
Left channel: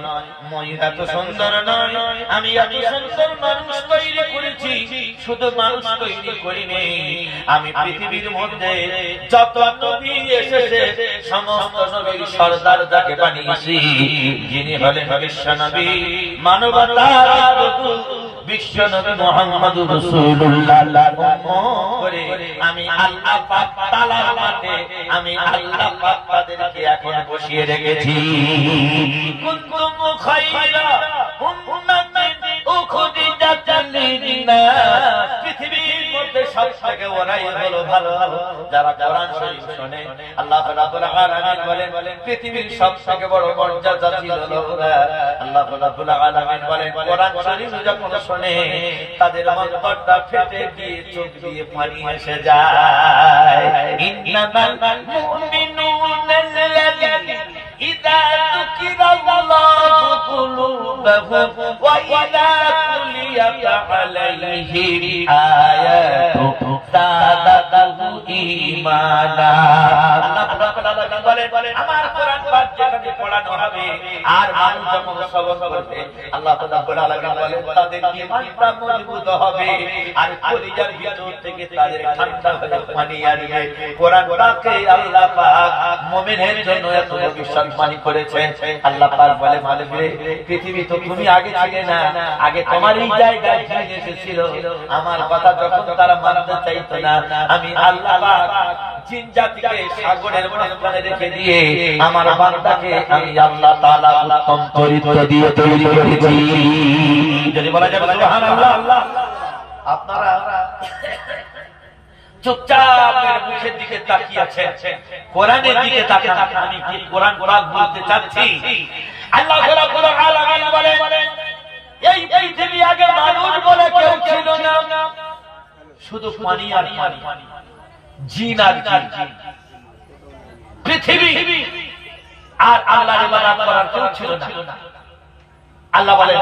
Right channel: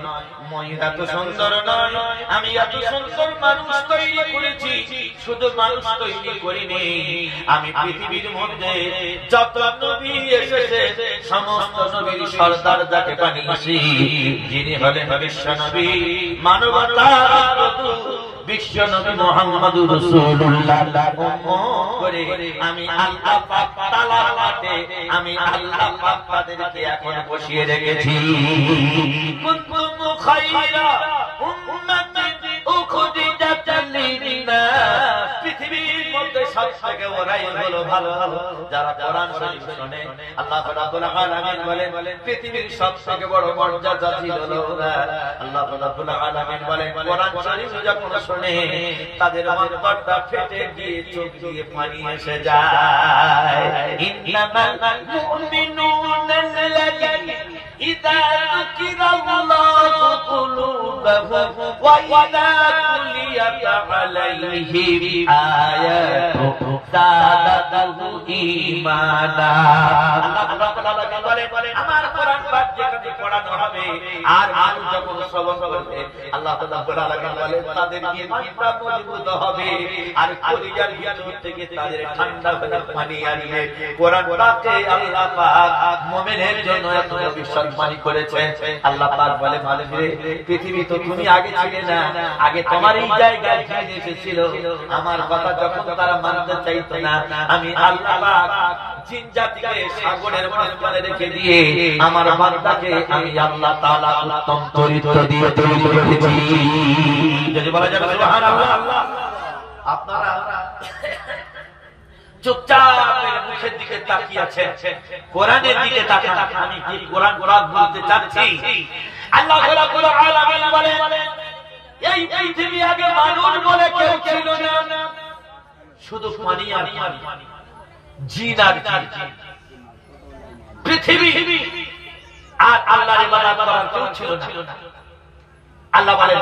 ময়ূর এত সুন্দর নয়, আমি এত সুন্দর মানুষ তৈরি করেছি। শুধু মানুষ তৈরি করিনি, আমি পৃথিবীর মধ্যে যত নবী এসেছে সমস্ত নবীর সরদার যাকে বানিয়েছি, যিনি হলেন বিশ্ব নবী, মানবতার বিশ্ব নবী মুহাম্মদুর রাসূলুল্লাহ করে আমি আল্লাহ পাক তাআলার মাঠে আমি আল্লাহ পাক তাদেরকে এখন বসিয়ে রেখেছি। কুনতুম খায়রা উম্মাতিন উখরিজাত লিন-নাস। পৃথিবীর মধ্যে সবথেকে ওরাই হলো ভালো যারা কোরআন শরীফ শোনে। আল্লাহ রাব্বুল আলামিন বলেন, পৃথিবীর সবথেকে বড় মর্যাদাশীল হলো ওরা। আল্লাহ রাব্বুল আলামিন বলেন, কোরআন শরীফ যখন শোনে তাদের অন্তরটা ফেটে গিয়ে চোখ দিয়ে পানি এসে যায়। ইন্নামাল মুমিনুনা আল্লাযীনা ইযা যুকিরাল্লাহু কুলুবুহুম ওয়া ইযা তুলিয়াত আলাইহিম আয়াতুহু যাদাতুহু ঈমানা। আল্লাহ রাব্বুল আলামিন বলেন, আমার কোরআন পাক যেখানে পড়ানো হবে আর মানুষ যখন শ্রবণ করবে, আল্লাহ রাব্বুল আলামিন বলেন তাদের ঈমানটা মজবুত হবে আর কলিজার ভিতর থেকে তাদের ঠান্ডা হয়ে পানি আসবে। কোরআন পাকে আল্লাহ পাক মুমিনের জন্য এত ভবিষ্যৎবাণী করেছে। আল্লাহ পাক বলে, মানবরে পৃথিবী তো তুমি আগে ছিলে না, আগে তোমার এই জায়গায় জিন এসেছিল, আমার কথা যখন তারা মানতে চাইতো না, আমি আল্লাহ পাক জিন জাতিকে সাগরের মাঝখানে রেখে দিয়ে আমার বান্দাকে আমি আল্লাহ তাআলা উত্তম চরিত্র দিয়ে তৈরি করেছি। যদি বলা যায় সুবহানাল্লাহ। আপনারা চুপচাপ মুখের দিকে তাকিয়ে আছেন, কোরআনের দিকে তাকান। আমি কি কোরআন বলতে চাচ্ছি? আল্লাহ রাব্বুল আলামিন বলেন, এই পৃথিবী আগে মানুষ বলে কেউ ছিল না, শুধু পানি আর পানি, জিন আর জিন। পৃথিবী আর আল্লাহর ইবাদত করার কেউ ছিল না। আল্লাহ বলেন,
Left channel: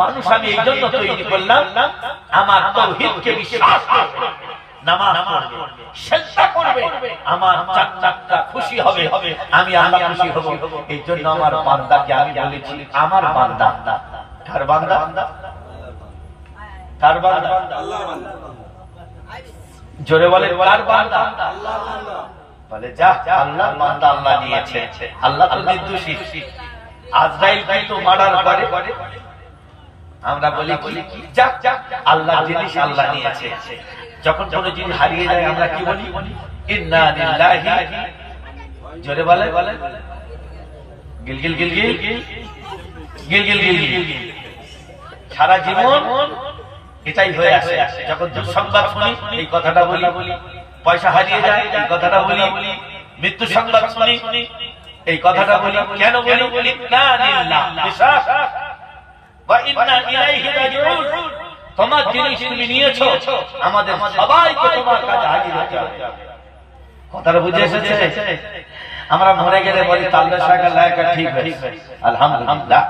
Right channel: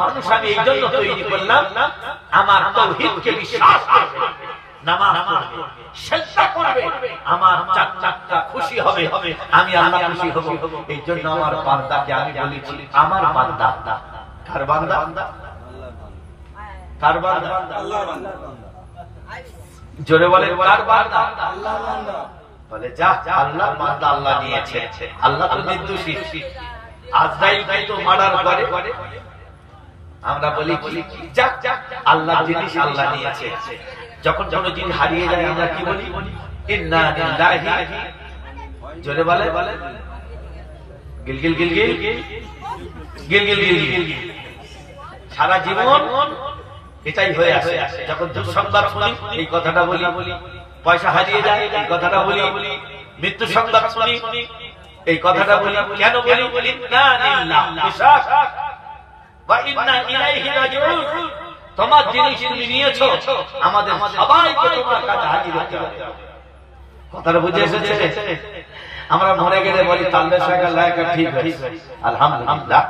মানুষ আমি এই জন্য তৈরি করলাম আমার তাওহীদকে বিশ্বাস করবে, নামাজ পড়বে, সিজদা করবে, আমার চাকটা খুশি হবে, আমি আল্লাহ খুশি হব। এই জন্য আমার বান্দাকে আমি বলেছি আমার বান্দা। কার বান্দা? কার বান্দা? আল্লাহর বান্দা। জোরে বলে, কার বান্দা? আল্লাহর বান্দা। বলে, যা আল্লাহর বান্দা আল্লাহ নিয়েছে, আল্লাহ তো নির্দোষী। আজরাইল কিন্তু মার্ডার করে, আমরা বলি কি যাক আল্লাহ জিনিস আল্লাহ নিয়েছে। যখন কোন জিনিস হারিয়ে যায় আমরা কি বলি? ইন্না লিল্লাহি। জোরে বলে, গিল গিল গিল গিল গিল গিল গিল গিল। সারা জীবন এটাই হয়ে আসে। যখন দুঃসংবাদ শুনি এই কথাটা বলি, পয়সা হারিয়ে যায় এই কথাটা বলি, মৃত্যু সংবাদ শুনি এই কথাটা বলি। কেন বলি? না লিল্লাহ বিশ্বাস ওয়া ইন্না ইলাইহি রাজিউন। তোমার জিনিস তুমি নিয়েছো, আমাদের সবাইকে তোমার কাছে হাজির হতে হবে। কথাটা বুঝে এসেছে? আমরা মরে গেলে বলি তাল্লা শাকা লায়কা ঠিক আছে, আলহামদুলিল্লাহ।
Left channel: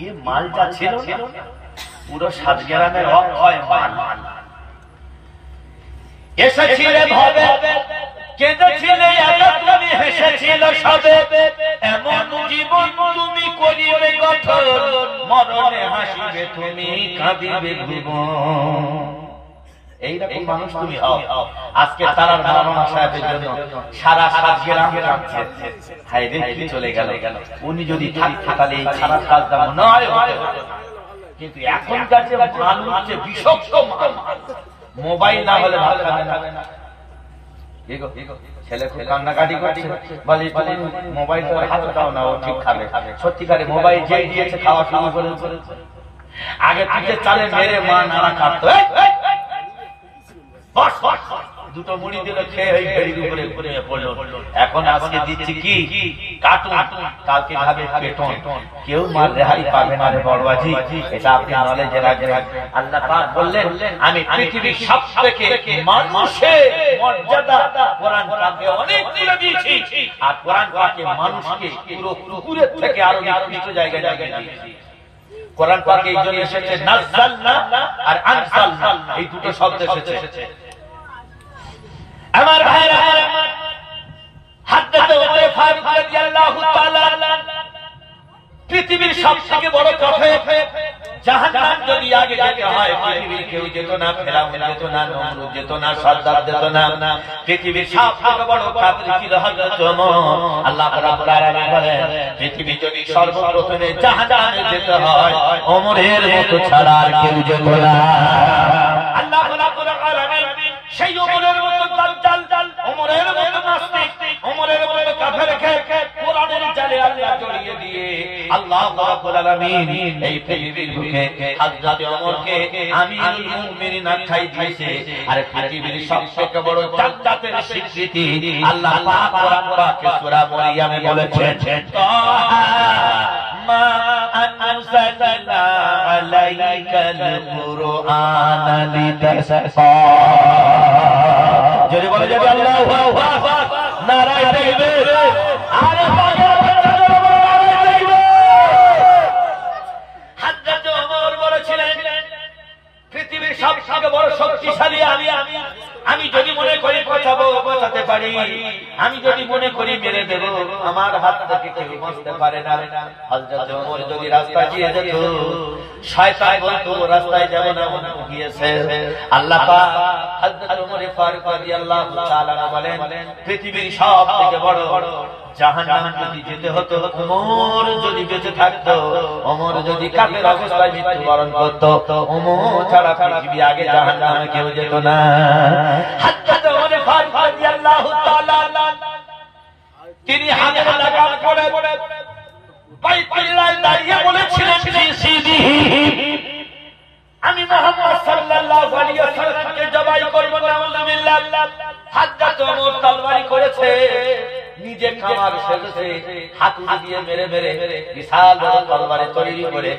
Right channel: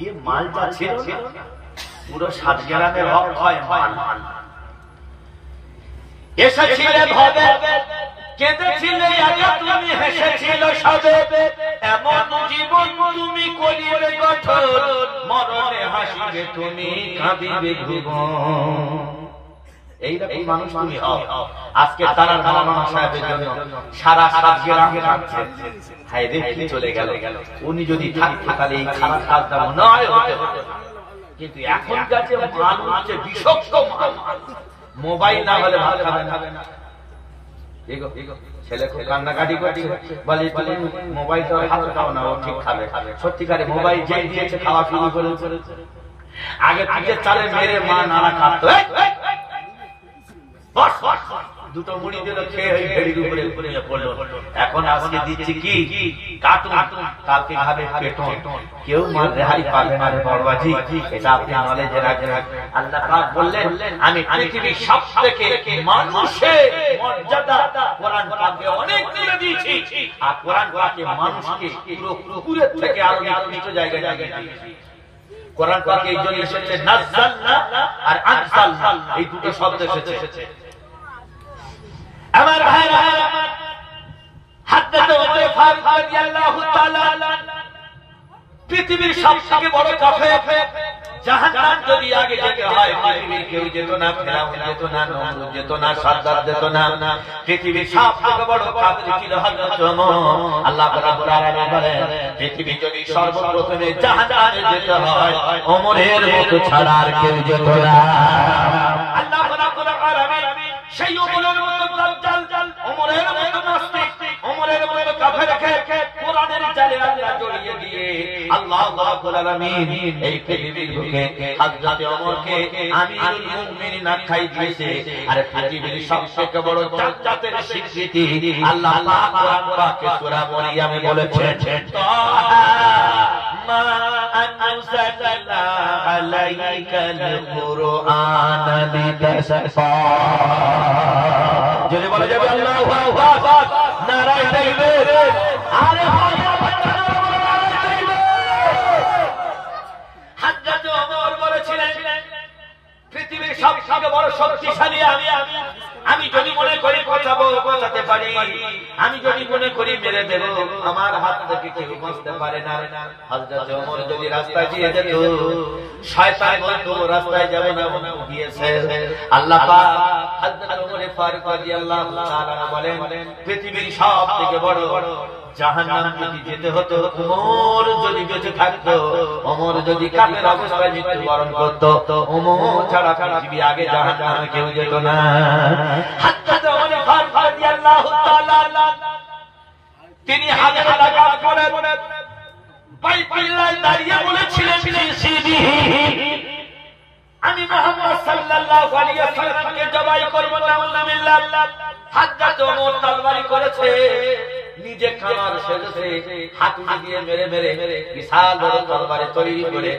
ये माल যা ছিল পুরো 7 গ্রামের অক্ষয় মান। এসেছিলে ভবে কেঁদেছিলে একা তুমি, হেসেছিল সবে, এমন জীবন তুমি করিবে গঠন, মরণে হাসিবে তুমি কাঁদিবে ভুবন। এইরকম মানুষ তুমি হও। আজকে তারা মাওলানা সাহেবের জন্য সারা 7 গ্রাম কাঁদছে, হায় রে কি চলে গেল। উনি যদি থাকলে এই খারাপ কাজটা মনে হয় হতো, কিন্তু এখনকার যে মানুষ হচ্ছে বিষক্ত মোবাইল না হলে ভালো খাবে না। ছেলে খুব কান্নাকাটি করছে, বলে তুমি মোবাইল তো হাতে দাও না, ও ঠিক খাবে। সত্যিকারে মোবাইল যে দিয়েছে খাওয়া শুরু করেছে। আগে থেকে চালে মেরে মা নানা কাঁদতো, দুটো মুড়ি দিল খেয়ে ওই ঘেড়ির উপরে ঘুমিয়ে পড়লো। এখন আজকে দিচ্ছি কি কার্টুন, কালকে খাবে পেটন। কেউ মার রেহাই পাবে না রে বড়বাজি, এটা আপনি নলেজে রাখবেন। আল্লাহ পাক বললেন আমি পৃথিবীর সবথেকে মানুষের মর্যাদা কোরআন পাকে অনেক দিয়ে দিয়েছি, আর কোরআন পাকে মানুষকে পুরো কুকুরের থেকে আরো নিকৃষ্ট জায়গায় দিয়েছি। কোরআন পাকে এই জন্য এসেছে নাযালনা আর আনসালনা, এই দুটো শব্দ এসেছে। আমার ভাইরা, হযরত ওমর ফারুক রাদিয়াল্লাহু তাআলা পৃথিবীর সবথেকে বড় কাফের। জাহান্নাম যদি আগে যেতে হয়, পৃথিবীর কেউ যেত না, ফেরাউন যেত না, নমরুদ যেত না, সাদ্দাত যেত না। পৃথিবীর সবথেকে বড় কাফের ছিল হযরত ওমর। আল্লাহ রাব্বুল আলামিন বলেন পৃথিবী যদি সর্বপ্রথমে জাহান্নামে যেতে হয়, ওমরের মতো ছাড়া আর কেউ যেত না। আল্লাহ রাব্বুল আলামিন সেই ওমরের মতো দাজ্জাল, ওমরের মতো নাস্তিক, ওমরের মতো কাফেরকে কোরআনের জালে আল্লাহ জড়িয়ে দিয়ে আল্লাহ রাব্বুল আলামিন এই পৃথিবীর বুকে হযরত ওমরকে আমিরুল মুমিনিন আখ্যাই দিয়েছে। আর পৃথিবীর সবথেকে বড় জান্নাতের স্বীকৃতি আল্লাহ পাক কোরআন পাকে সূরা মরিয়মে বলেছেন, মা আনজালনা আলাইকাল কুরআনা লিতাশকা। যদি বলে যাবে আল্লাহু আকবার, নারায়ে তাকবীর। আরে হযরত ওমর বলেছিলেন পৃথিবীর সবথেকে বড় শক্তিশালী আমি যদি মনে করি বাঁচাতে পারি, আমি যদি মনে করি মেরে দেব, আমার হাত থেকে কেউ বাঁচতে পারে না। হযরত ওমর যদি রাস্তায় গিয়ে যেত, শয়তান বলতো রাস্তায় যাব না, গিয়েছে। আল্লাহ পাক হযরত ওমর ফারুক রাদিয়াল্লাহু তাআলা বলেন পৃথিবীর সবথেকে বড় জাহান্নাম যদি যেতে হতো, ওমর যদি বেঁচে থাকতো, ওমর যদি কাফের অবস্থায় মৃত্যুবরণ করতো, ওমর ছাড়া পৃথিবী আগে জাহান্নামে কেউ যেত না। হযরত ওমর ফারুক রাদিয়াল্লাহু তাআলা তিনি হাতে লাগাম পরে বাইতুল্লাহ দাঁড়িয়ে বলেছিলেন, আমি মুহাম্মদ সাল্লাল্লাহু আলাইহি ওয়াসাল্লামকে জবাই করব না। আলহামদুলিল্লাহ। হযরত ওমর তরবারি করেছে, নিজে খামার সেজেছে, হাতুড়ি দিয়ে মেরে বিশাল বড় তরবারি তৈরি করে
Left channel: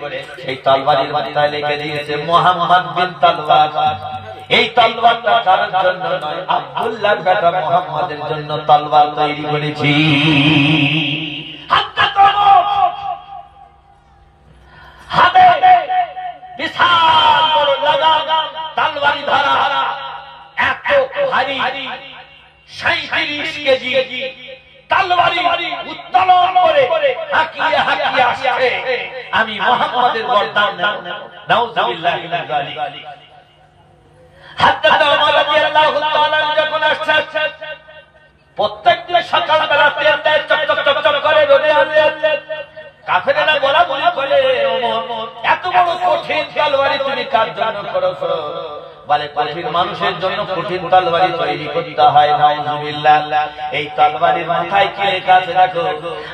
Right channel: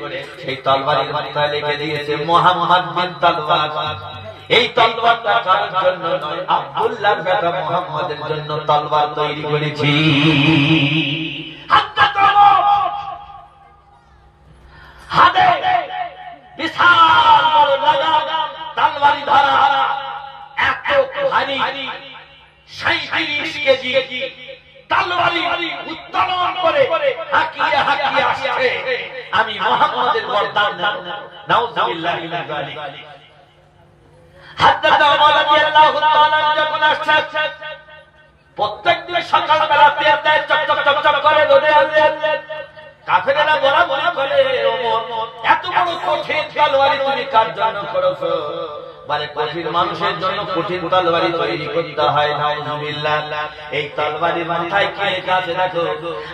সেই তরবারির মাথায় লিখে দিয়েছে মুহাম্মদ বিন তলওয়ার। এই তলওয়ারটা কারোর জন্য নয়, আব্দুল্লাহর বেটা মুহাম্মদের জন্য তলওয়ার তৈরি করেছি। হযরত ওমর হাতে বিশাল বড় লাগাম তলবারি ধরা, এত ভারী 37 কেজি তলবারি উত্তোলন করে হাকিয়ে আসছে। আমি মুহাম্মদের গর্দান নাউযুবিল্লাহি মিন যালিক। হযরত ওমর রাদিয়াল্লাহু তাআলা যখন আসছে, প্রত্যেকদিন সকালবেলা তেল দেয়, চকচক করে রোদে কাফেরেরা বলা বলে, ওমর এত বড় কঠিন তরবারি তুমি কার জন্য করেছো? বলে কঠিন মানুষের জন্য কঠিন তরবারি তৈরি করতে হয়। নাউযুবিল্লাহ। এই তরবারির মাথায় কি লেখা আছে দেখো,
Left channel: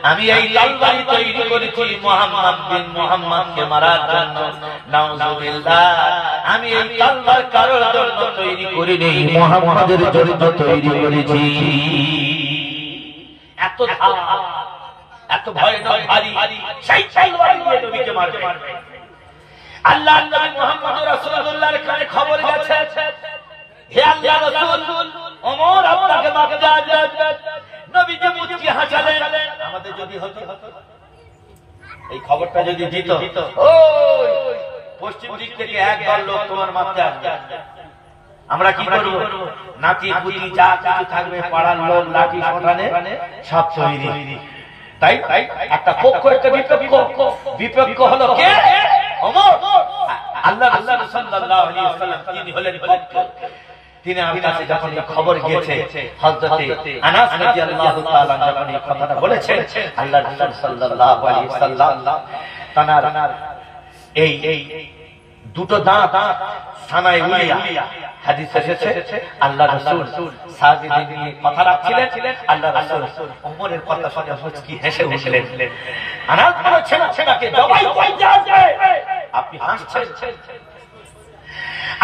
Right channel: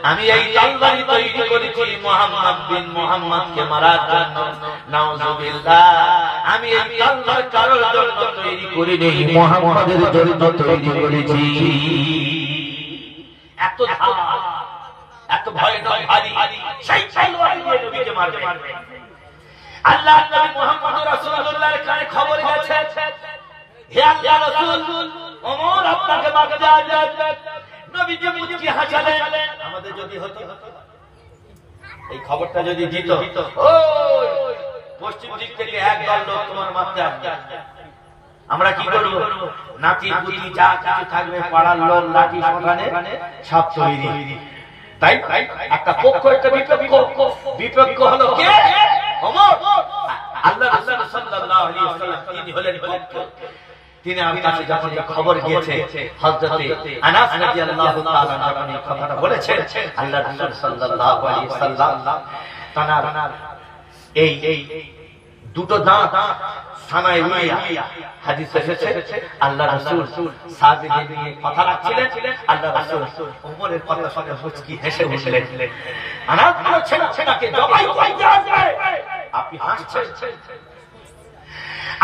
আমি এই তরবারি তৈরি করেছি মুহাম্মদ বিন মুহাম্মদকে মারার জন্য। নাউযুবিল্লাহ। আমি এই তরবারি কারোর জন্য তৈরি করিনি, মুহাম্মদের জন্য তৈরি করেছি। এত এত ভয়ানক ভারী সেই তরবারি দিয়ে নবীকে মারবে। আল্লাহর নবী মুহাম্মদ রাসূলুল্লাহর কানে খবর গেছে, হে আল্লাহর রাসূল, ওমর আপনাকে মারতে যাচ্ছে। নবীজি মুচকি হাসলেন। আমাদের যদি হতো, এই খবরটা যদি দিত, ওই পশ্চিম দিক থেকে একদল লোক তোমার মারতে আসবে। আমরা কি করব? নাতি পুতি যা কিছু থাকবে পাড়ার লোক লাঠি শোটানে সব তৈরি। তাই একটা পক্ষ একটা বিপক্ষ হলো কে? ওমর। আল্লাহ রাসূল সাল্লাল্লাহু আলাইহি ওয়াসাল্লাম তিনি হলেন পক্ষ। তিনি আমার কাছে যখন খবর গিয়েছে, হযরতে আনাস রাদিয়াল্লাহু তাআলা যখন এই কথাটা বলেছেন, আল্লাহ রাসূল সাল্লাল্লাহু আলাইহি ওয়াসাল্লাম তানার এই দুটো দাঁত সানায় উলিয়া হাদিস এসেছে, আল্লাহ রাসূল সাহাবীদের নিয়ে কথা রাখছিলেন, আল্লাহ রাসূল ওমরের কথা শুনে মুচকি হেসে উঠলেন। আনাস বলেছেন, আপনাকে জবাই করতে আসবে, আপনি হাসছেন।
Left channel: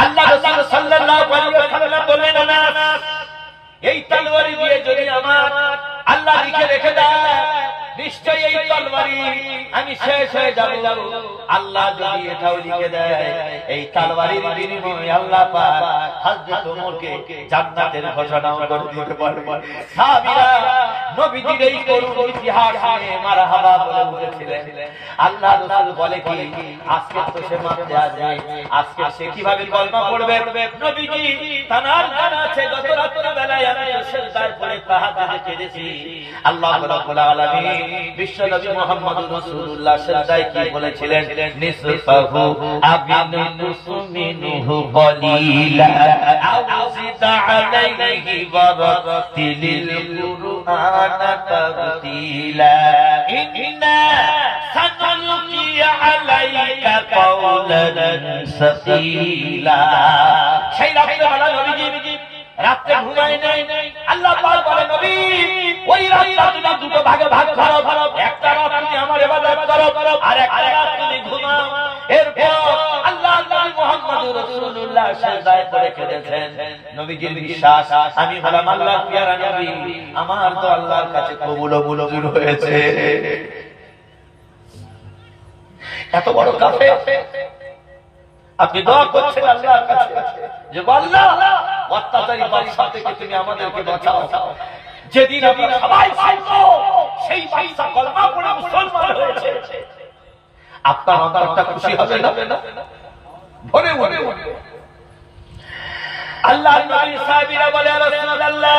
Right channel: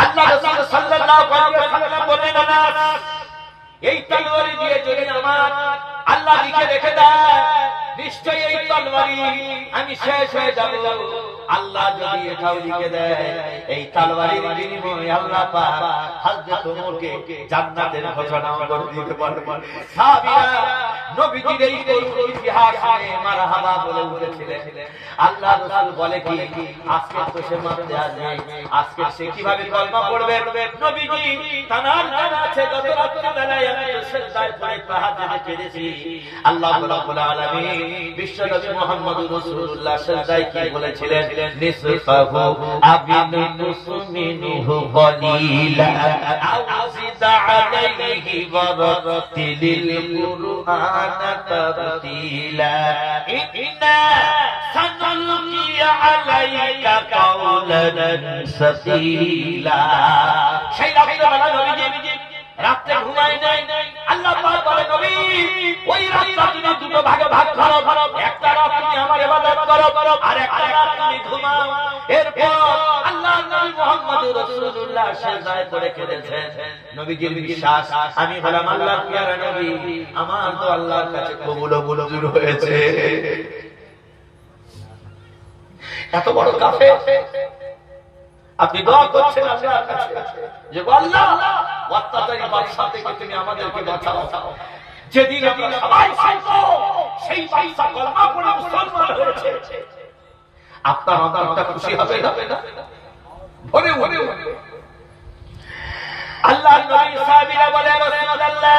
আল্লাহ রাসূল সাল্লাল্লাহু আলাইহি ওয়াসাল্লাম বললেন, আনাস এই তলোয়ারি দিয়ে যদি আমার আল্লাহ লিখে রেখে দেয়, নিশ্চয়ই এই তলোয়ারি আমি শেষ হয়ে যাব। আল্লাহ যদি এটাও লিখে দেয়, এই তলোয়ারির বিনিময়ে আল্লাহ পাক হযরত ওমরকে জান্নাতের ঘোষণা করে দিতে পারবেন। সাহাবীরা নবীজির এই করুণ ইতিহাস শুনে মারহাবা বলে উঠেছিলেন। আল্লাহ রাসূল বলে কি, আজকে তো সে মারতে আসবে, আজকে সে কিভাবে কলমা পড়বে? নবীজি তানার জানা আছে গত রাতের বেলায় আমি সিজদায় পড়ে তাহাজ্জুদে কেঁদেছি। আল্লাহ রাব্বুল আলামিন বিশ্বনবী মুহাম্মদুর রাসূলুল্লাহ সিজদায় কি বলেছিলেন? নিসফাহু আবিন মুসমিনহু কলিলা আও জিদ আলাইহি ওয়ারাতিলিল কুরআনা তারতিলা ইন্না সানুলকি আলাইকা কাওলান সাকিলা। সেই রাত্রে নবীজি রাতে ঘুমায় নাই। আল্লাহ পাক বলে, নবী ওই রাতটা তুমি দুটো ভাগে ভাগ করো, একটা রাত তুমি আমার ইবাদত করো আর একটা রাত তুমি ঘুমাও। এরপর আল্লাহ নবী মুহাম্মদুর রাসূলুল্লাহ সিজদায় পড়ে কেঁদেছেন। নবীজির বিশ্বাস, আমি হলাম আল্লাহর পেয়ারা নবী, আমার তো আল্লাহর কাছে কবুল মঞ্জুর হয়েছে। এত বড় কাফের আপনি দোয়া করছেন আল্লাহর কাছে যে আল্লাহ অত্যাচারী বাদশা থেকে তুমি আমাদেরকে বাঁচাও। যেদিন আমরা সবাই চাইতো সেই বাদশা কলমা পড়ে মুসলমান হয়েছে, আপনার অন্তরটা খুশি হবে না? ভরে ভরে আল্লাহর নবী সাহাবীরা বলে, রাসূলুল্লাহ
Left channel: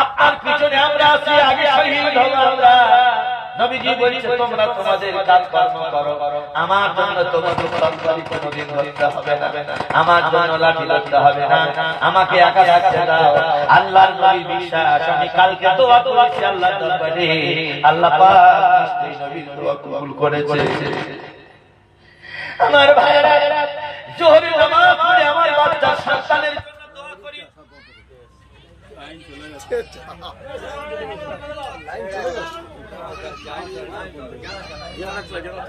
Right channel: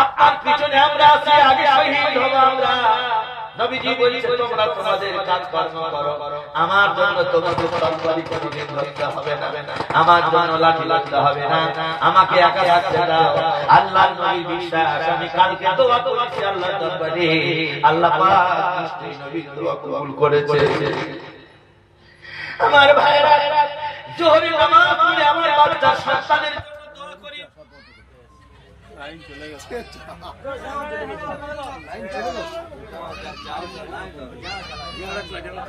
আপনার পিছনে আমরা আছি, আগে শহীদ হব আমরা। নবীজি বলছে, তোমরা তোমাদের কাজ কর্ম করো, আমার জন্য তোমাকে তরবারি কোনদিন ধরতে হবে না, আমার জন্য লাঠি লাগতে হবে না, আমাকে একা রাখতে দাও। আল্লাহর নবীর বিশ্বাস, আমি কালকে দোয়া করেছি আল্লাহর দরবারে, আল্লাহ পাক নবীর দোয়া কবুল করেছে। আমার ভাইরা, জোহরের নামাজ পড়ে আমার বাচ্চা সন্তানের দোয়া করি। লাইন চলে গেছে, লাইন চলে গেছে। শেষ করবো।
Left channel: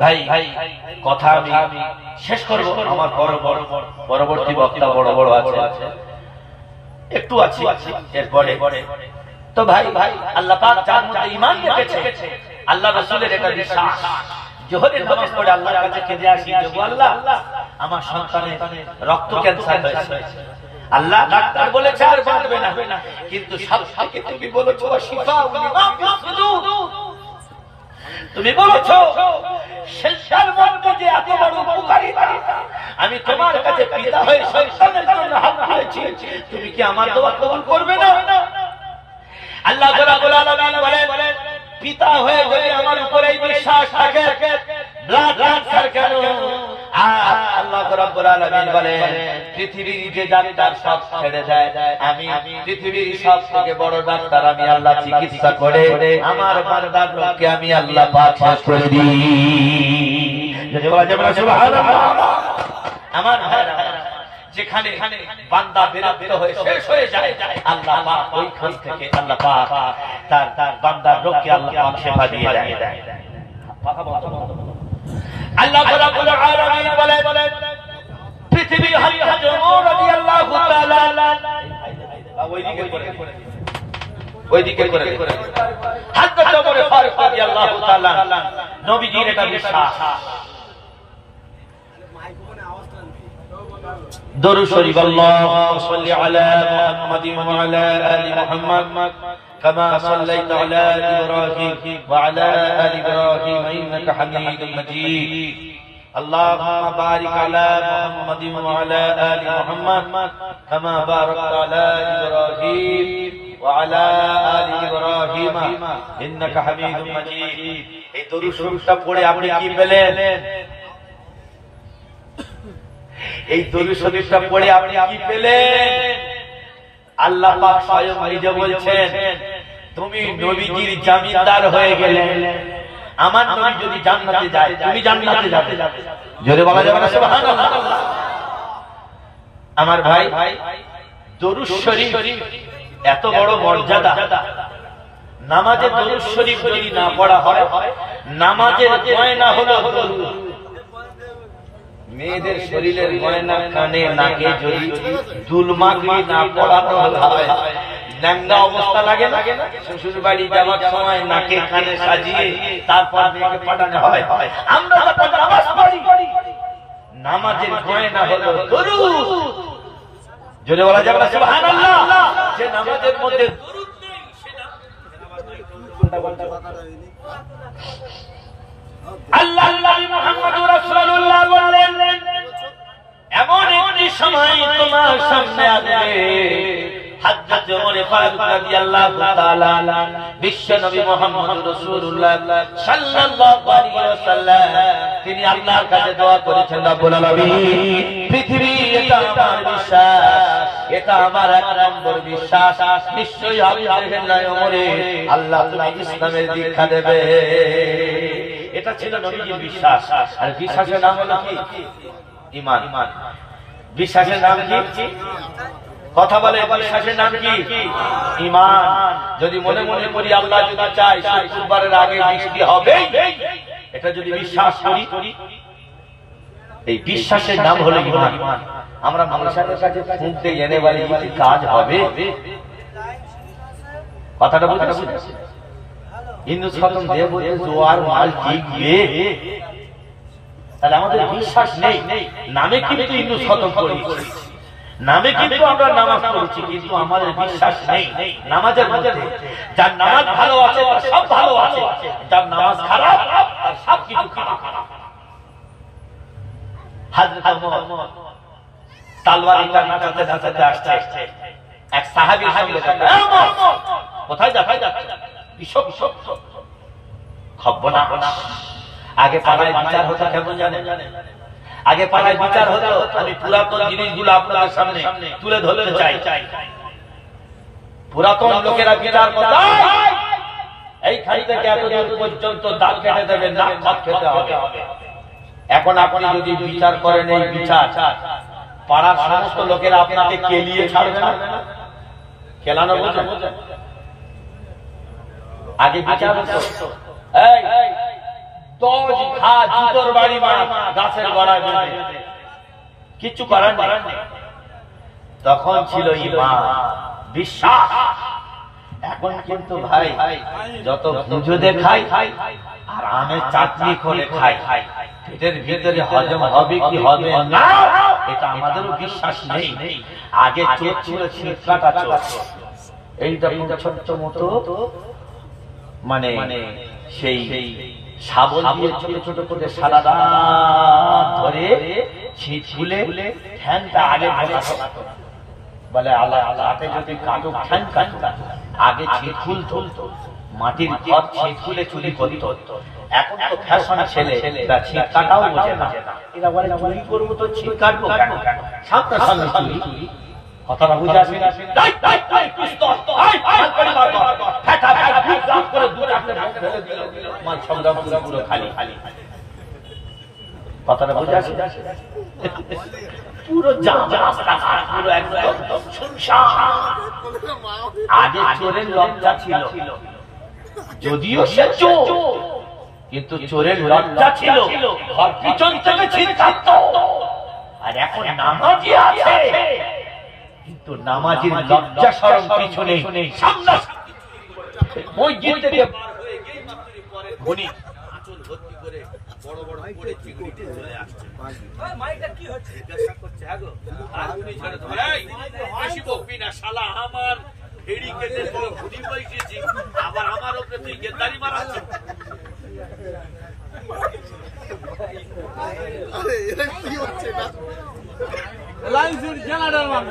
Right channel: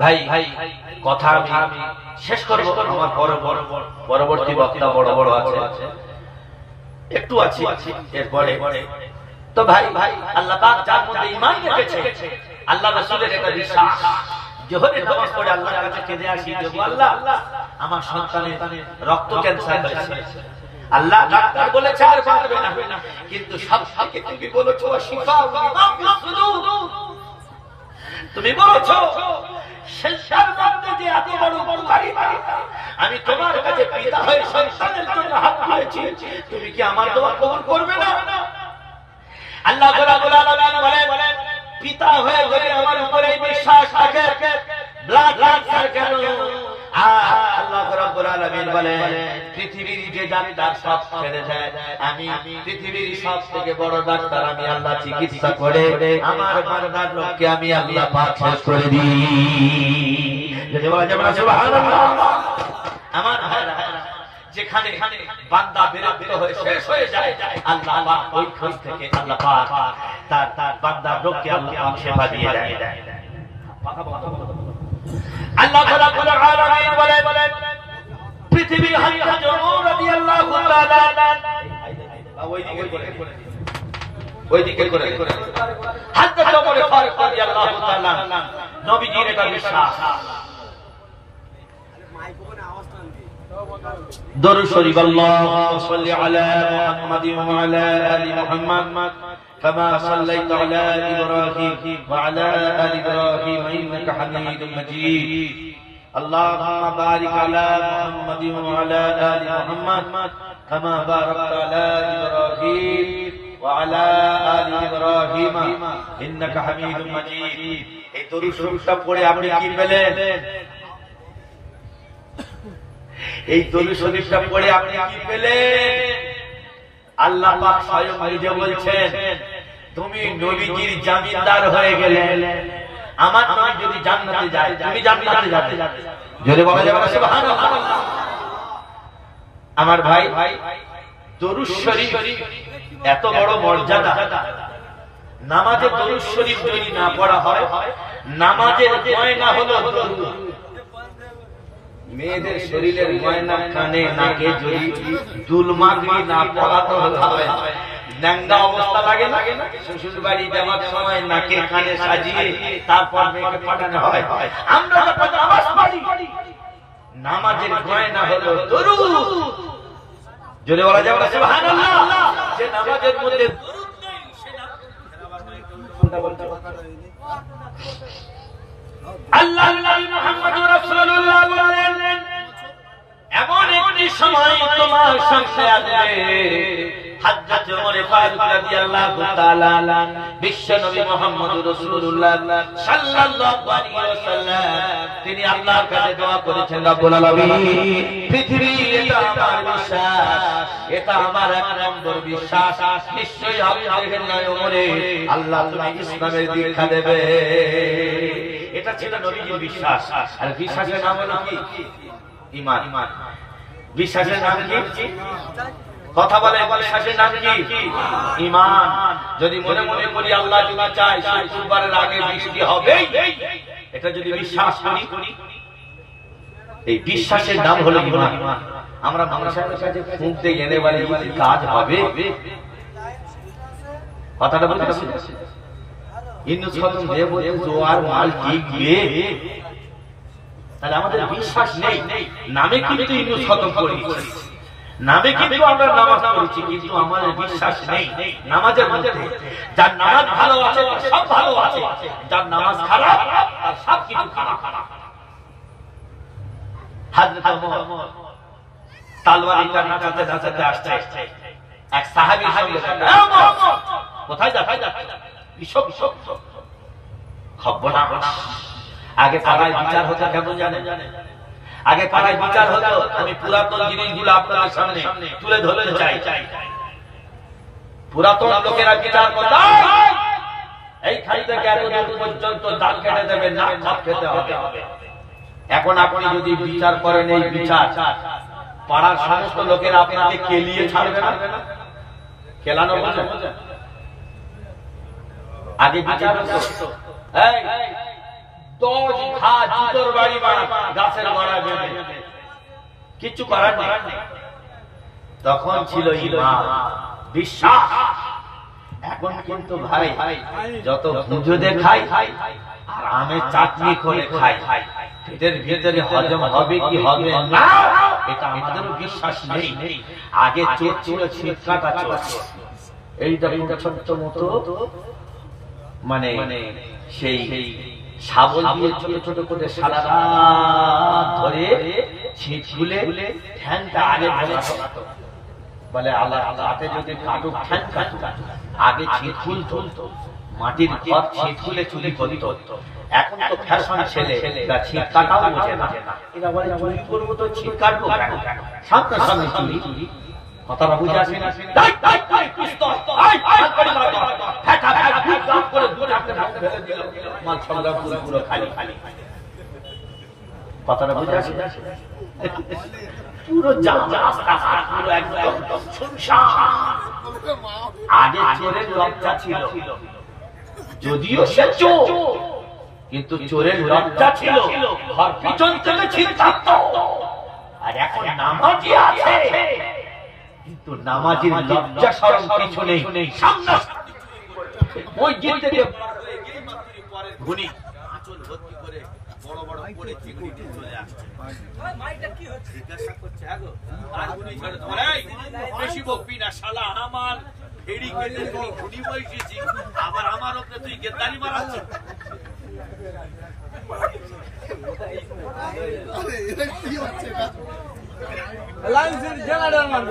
ভাই কথা আমি শেষ করবো, আমার পরবর্তী বক্তা বড় বড় আছে, একটু আছি এরপরে। তো ভাই আল্লাহ পাক যার মধ্যে ঈমান রেখেছে, আল্লাহ রাসূলের এটা বিশ্বাস, জোহরের নামাজ পড়ে আল্লাহর কাছে কেঁদে আসি, যে আল্লাহ আমার সন্তানের রক্ত ক্যান্সার হয়েছে, আল্লাহ ডাক্তার বলেছে আর বাঁচবে না, কিন্তু সবথেকে তুমি বলেছো শিফা তুমি বলেছো শেষের মধ্যে যে এত বড় উপকারিতা, আমি তোমার কাছে পিতা হয়ে সন্তানের জন্য হাত তুলেছি, তুমি কি আমার দোয়া কবুল করবে না? আল্লাহ রাব্বুল আলামিন বলেন, পিতা হয়ে যদি আমার উপরে বিশ্বাস থাকে, ব্লাড ক্যান্সার কেন? আল্লাহ রাব্বুল আলামিন বলেন, পৃথিবীর যে ডাক্তার সব ছেড়ে দেয়, আমি পৃথিবীর সব থেকে বড় ডাক্তার, আমি আল্লাহ চিকিৎসা করে আমার বান্দার রোগকে আমি আল্লাহ পাক শেষ করে দিই। আমার ভাইরা, যেখানে বান্দা বিরক্ত হয়ে শেষ হয়ে যায়, আল্লাহ পাক ওইখান থেকে আল্লাহ পাক তার বান্দার রোগকে আল্লাহ পাক শেফা দিয়ে দেয়। আল্লাহ রাব্বুল আলামিন বলেন পৃথিবীর হযরত ওমর রাদিয়াল্লাহু তাআলা ওইদিকে করে হযরত ওমর ফারুক রাদিয়াল্লাহু তাআলা নবীজির এটা বিশ্বাস। দরুদ শরীফ আল্লাহুম্মা সাল্লি আলা মুহাম্মাদিন ওয়া আলা আলি মুহাম্মাদ كما صليت على إبراهيم وعلى آل إبراهيم إنك حميد مجيد اللهم بارك على محمد وعلى آل محمد كما باركت على إبراهيم وعلى آل إبراهيم إنك حميد مجيد এই দরুদ শরীফটা পড়ে আপনি কি পেলেন? এই দরুদ শরীফটা পড়ে আপনি কি পেলেন? আল্লাহ পাক স্বয়ং নিজে বলছেন তুমি নবীজির জামিনদার হয়ে গেলে। আমার নবী যদি জান্নাতে যায় তুমি জান্নাতে যাবে, জোরে বলা যাবে না সুবহানাল্লাহ। আমার ভাই দরুদ শরীফ এত বড় মর্যাদা, নামাজে দরুদ শরীফ যদি না পড়া হয় নামাজের গয়না হলো দরুদ। মেয়েদের শরীরের গয়না কানে নাকে যদি দুলমাগরি না পড়ানো হয় ন্যাংরা অবস্থা লাগে না? শ্বশুর বাড়ি যাওয়ার সময় নাকে কানে সাজিয়ে তারপর মেয়েকে পাঠানো হয়। আমরা যখন নামাজ পড়ি নামাজের গয়না হলো দরুদ, জোরে বলা যাবে না সুবহানাল্লাহ। যে নামাজের মধ্যে দরুদ নেই সে আল্লাহ নবী মুহাম্মদুর রাসূলুল্লাহ বলেন এমন একটি সময় তোমার সামনে আসবে হযরত ওমর ফারুক রাদিয়াল্লাহু তাআলা বিশ্ব নবী মুহাম্মদুর রাসূলুল্লাহ সাল্লাল্লাহু আলাইহি ওয়াসাল্লাম তিনি আল্লাহর কাছে দোয়া করেছেন রব্বুল আলামিন পৃথিবী এটা আমার বিশ্বাস, এটা আমার এক নম্বর বিশ্বাস নিশ্চয়ই আমি দেখলাম ওমরে আল্লাহ তুমি ইসলামের দীক্ষা দেবে। এটা ছিল নবীজির বিশ্বাস। আর বিশ্বাসের নাম হলো কি? ঈমান। বিশ্বাসের নাম কি? কথা বলে বিশ্বাসের নাম কি? ঈমান। যদি মনে মনে করি আল্লাহ যদি চায় শুক্রবারের আগে বৃষ্টি হবে, এটা যদি বিশ্বাস করি এই বিশ্বাসের নাম হলো ঈমান। আমরা মানুষের কাছে ফুঁক দিয়ে জেনে বলি কিছু কাজ হবে, কথাটা বলতে বুঝতে হিন্দু খতম দিয়ে বলছে জোয়ার মাল ঠিক গিয়ে, তাহলে আমাদের বিশ্বাস নেই। নামে কিন্তু হিন্দু খতম করি, নামে কিন্তু আমরা নামাজ পড়ছি, কিন্তু আমাদের বিশ্বাস নেই নামাজের মধ্যে। যার নামাজ ভালো আছে তার সব ভালো আছে, যার নামাজ খারাপ তার সব কিছু খারাপ। হযরত ওমর তলোয়ার নাচাতে নাচাতে আসছে, এক সাহাবী সামনে কোথায় যাচ্ছে? আগে পাড়ায় বিচার হতো কেমন জানেন? আগে পাড়ায় বিচার হতো, আমি পুরাতন জিনিসগুলো আপনাদের সামনে তুলে ধরতে চাই। পুরাতন লোকেরা বিচার করতো এইখান থেকে এতদূর পর্যন্ত দাঁত কেটে দেবে, নাক ভাত খেতে হবে। এখন আপনি যদি বিচার করেন এই বিচার পাড়ার সমস্ত লোকেরা আপনাকে কেলিয়ে ছাড়বে না? কেলানো বোঝেন? আগে বিচার হতো এই 10 ঘা জুতোর বাড়ি গাছের গোড়ায় বেঁধে, কিছু করার নেই। তখন ছিল ঈমান, বিশ্বাস। এখন কিন্তু ভাই যত ভুজুদে খাই আর আমের চাটনি করে খাই, পেটের ভিতরে হজম হবে কি হবে না এটা আমাদেরও বিশ্বাস নেই। আগে চোখ ছিল ছিটকাটা চোখ, এইটা ছোট্ট মতো মানে সেই শাবল দিয়ে ছোট ছোট করে সারা রাত ধরে ছিট খুলে ফ্যানটা আগে ভাঙাতো, বলে আল্লাহ হাতে যদি কাটুক ফ্যান কাটুক। আগে ছিট খুলতো, মাটির ঘর ছিট খুলে চুরি করতো। এখন তো ফ্যাশন ছেলে ছিট কাটাও বোঝে না, এটা বলে চুরি করবো তো ছিট কাটবো কেন? সামনে সামনে চুরি, কথাটা বুঝে আসি না? কথাটা বুঝে আসি? পুরো পুরো একদম আগে চোরের লজ্জা ছিল, যদিও সে চোর কিন্তু চোরের লজ্জা ছিল, ঘর পিছন থেকে ছিনতাম। আর এখন নামাজি আছে, কিন্তু নামাজির লজ্জা শরম কিছু নেই। সামনে মসজিদ থেকে উনি আঁচল ভর্তি করে বড় বড় করে চিংড়ি দিয়ে চলে আসছে। মাইটা কি হচ্ছে জিজ্ঞাসা করছে, হ্যাঁ গো, আর উনি ছেড়ে ধরাই বেশি বকবি না শালা, আমার ফেরি কেটে তোর ঘুড়ি বসেছি, আবার আমার উপরে তুই গেদ্দারি মারাচ্ছ। আরে এটা কি হচ্ছে না, লাইসেন্স জেনারেল মান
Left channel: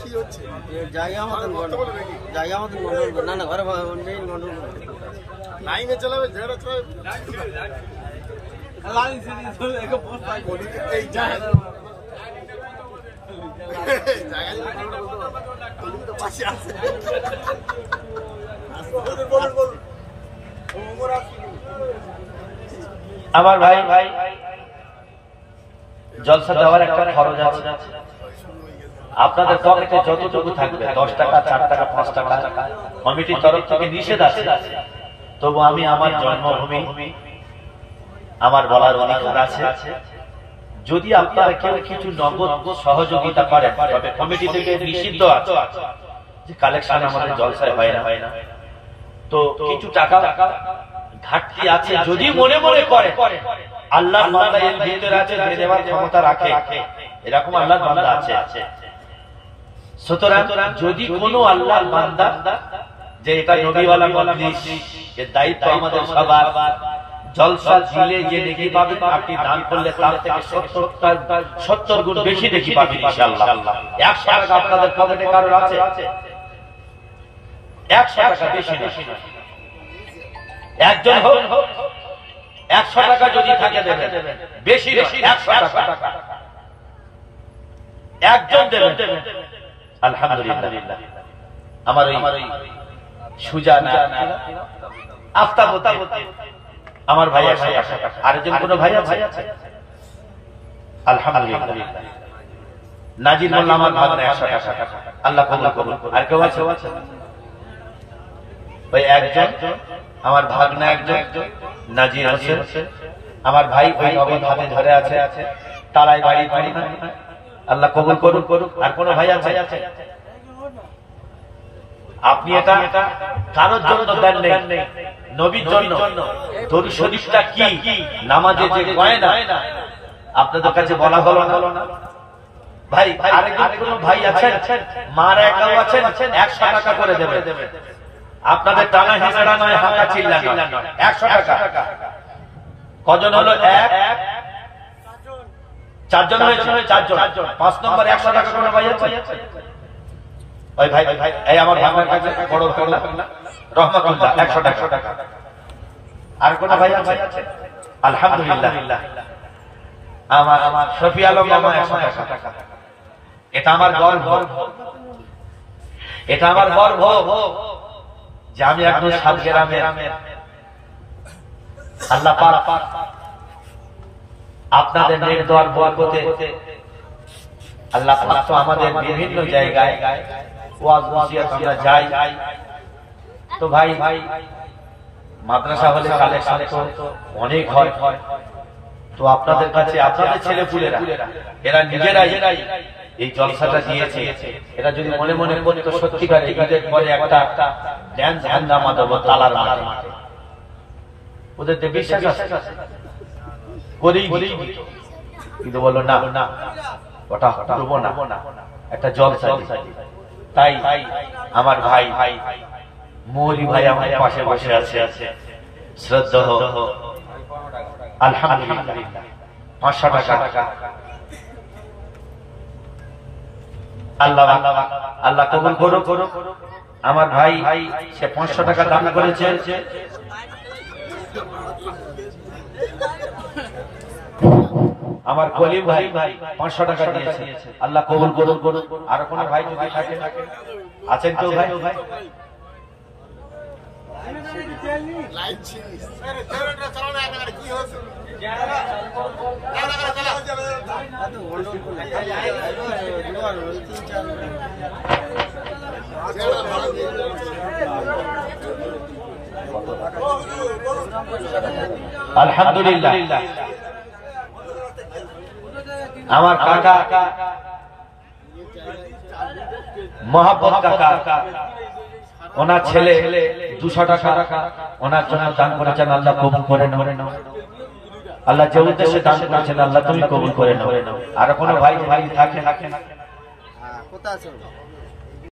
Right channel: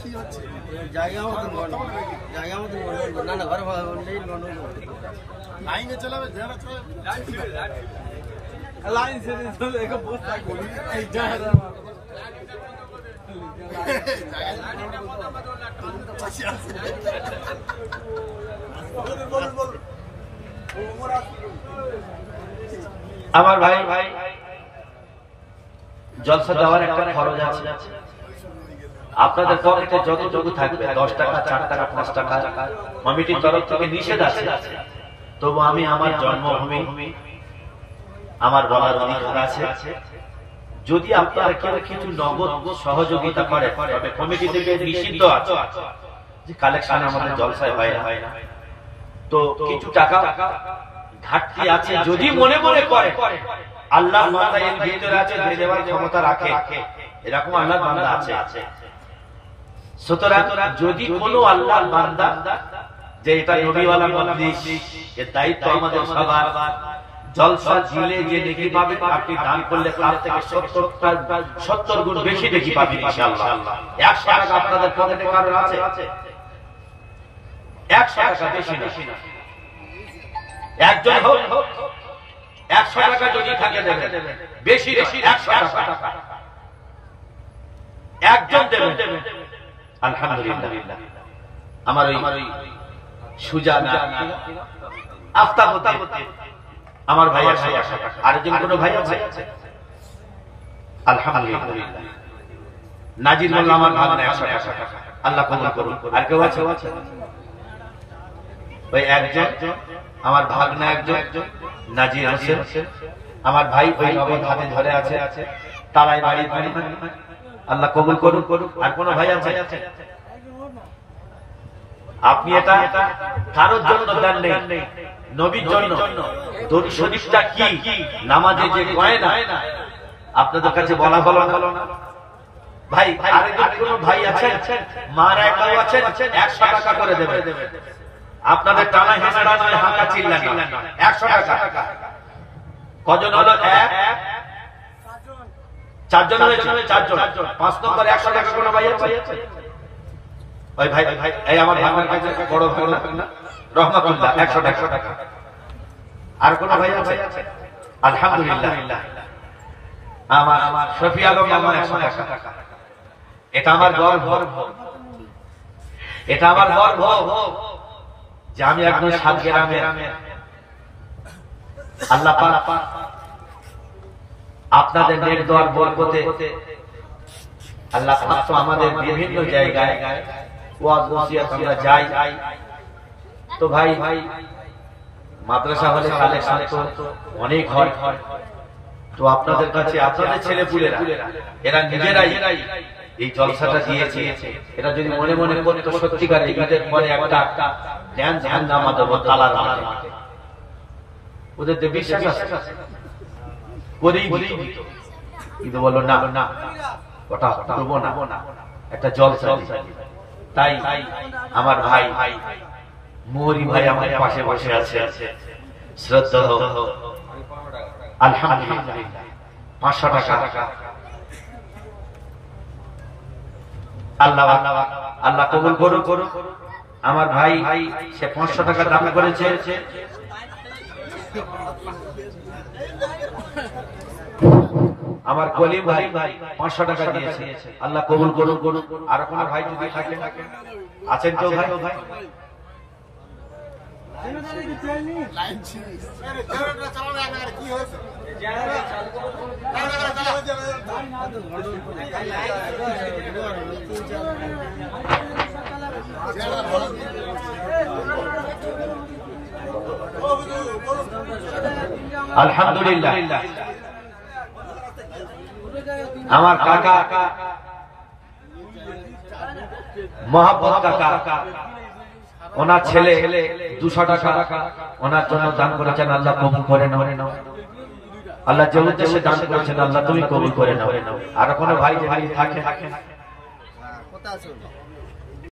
কি হচ্ছে জায়গা মতন জায়গা মতন গন্ডগোল, না না ঘরে নেই গন্ডগোল, লাইনে চালাবে যেটা চালাবে লাইসেন্স একটা পোস্ট বলি এই জায়গা পাশে আছে। আমার ভাই ভাই জলসা দেওয়ার একটা খরচ আছে। আপনাদের পকেটে যতটুকু থাকবে, 10 টাকা, 4 টাকা, 5 টাকা, কমিটির তরফ থেকে নিষেধ আছে। তবু আমি আমার জন্মভূমি, আমার বলার অধিকার আছে। যদি আপনারা কেউ কিছু নগদ সহযোগিতা করেন, তবে কমিটি থেকে নিষিদ্ধ আছে যে কালেকশন আমাদের জলসায় হয় না। তো কিছু টাকা ঘাটতি আছে, যদি মনে মনে করে আল্লাহর বান্দা এর ভিতরে আছে, দিয়ে দেওয়ার ক্ষমতা রাখে, এরকম আল্লাহর বান্দা আছে। সুতরাং যদি কোনো আল্লাহর বান্দা, যে এটা নবীওয়ালা মজলিস, এর দায়িত্ব আমাদের সবার, জলসা দিলে যে নেকি পাবে, আপনি দান করলে তার থেকে 70 গুণ বেশি নেকি পাবেন ইনশাআল্লাহ। 100 টাকা আপনাদের পকেটে কারোর আছে, 100 টাকা বেশি না, একজন হোক 100 টাকা যদি থাকে দেবেন, বেশি 100 টাকা একজন দেবেন। আলহামদুলিল্লাহ। আমার ওই সুজানা আফতাবতী আমার ভাই আছে, আরেকজন কোন ভাই আছে? আলহামদুলিল্লাহ। নাজির মোল্লা আমার ভাগনা 100 টাকা, আল্লাহ কবুল করুন। আর কেউ আছে? ওই একজন আমার ভাগনা, একজন নাজির হোসেন আমার ভাই, ওই নবীন হাতে ধরে আছে, তারাই বাড়ি, আল্লাহ কবুল করুন। আর কোন ভাই আছে? আপনি এটা কারোর জন্য দেন নেই, নবীর জন্য। দরুদ শরীফটা কি, নামাজে যে কয় না, আপনাদের কাছে বলা হলো না ভাই। আরেকজন কোন ভাই আছেন, মারা একাও আছেন, 100 টাকা করে দেবে। আপনাদের টানা হিসেবে নয়, হাঁকা চিল্লা নয়, 100 টাকা। কজন হলো? 1 4 জন হয়েছে, 4 জন। 5 নম্বর 100 টাকা কোনো ভাই আছে? ওই ভাই, এই আমার ভাঙার কাছে বড় না রহমাতুল্লাহ, 100 টাকা। আর কোন ভাই আছে? আলহামদুলিল্লাহ। আমার শফি আলম মামা 100 টাকা। এটা আমার গর্ব, এটা আমার গর্ব যে আমি একজন সাতগ্রামের আল্লাহ পাক আপনাদের নেক দোয়ার বরকতে আল্লাহ পাক তো আমাদের বিভিন্ন জায়গায় ওয়াজ ওসিয়ত আমরা যাই। তো ভাই মাদ্রাসা হলে কালেকশন তো অনেক হয়। তো আপনাদের কাছে আপনাদের ছেলেপুলেরা এরা নিজেরাই এই জলসাটা দিয়েছে। এরা যদি মনে মনে করতো সত্যিকার ঈদের পরে একটা ড্যান্স হাঙ্গামা দেবো তালার মাঠে, ওদের তো বিশ্বাস আছে করেই দিত। কিন্তু বললো না, ওটা দেবো না, একটা জলসা। তাই আমার ভাই মৌরি ভাই আমার পাশে বসে আছে, শ্রদ্ধা আলহামদুলিল্লাহ 500 টাকা। আল্লাহ আল্লাহ কবুল করুন। আমার ভাই সে 500 টাকা দান করেছে। আমার কলিম ভাই 500 টাকা দিয়েছে, আল্লাহ কবুল করুন। আর কোন ভাই যদি থাকে আছেন কেউ ভাই? লাইন ছিল এত গন্ডগোল করলে দুবার ওই 3-4 আলহামদুলিল্লাহ আমার কাকা মোহাম্মদ কাকা ওনার ছেলে 200 টাকা ওনার জন্য দান করেছেন, আল্লাহ কবুল করে নেন। আল্লাহ যে উদ্দেশ্যে দান করেছেন আল্লাহ তুমি কবুল করে নাও। আর কোনো ভাই থাকে কোথা আছে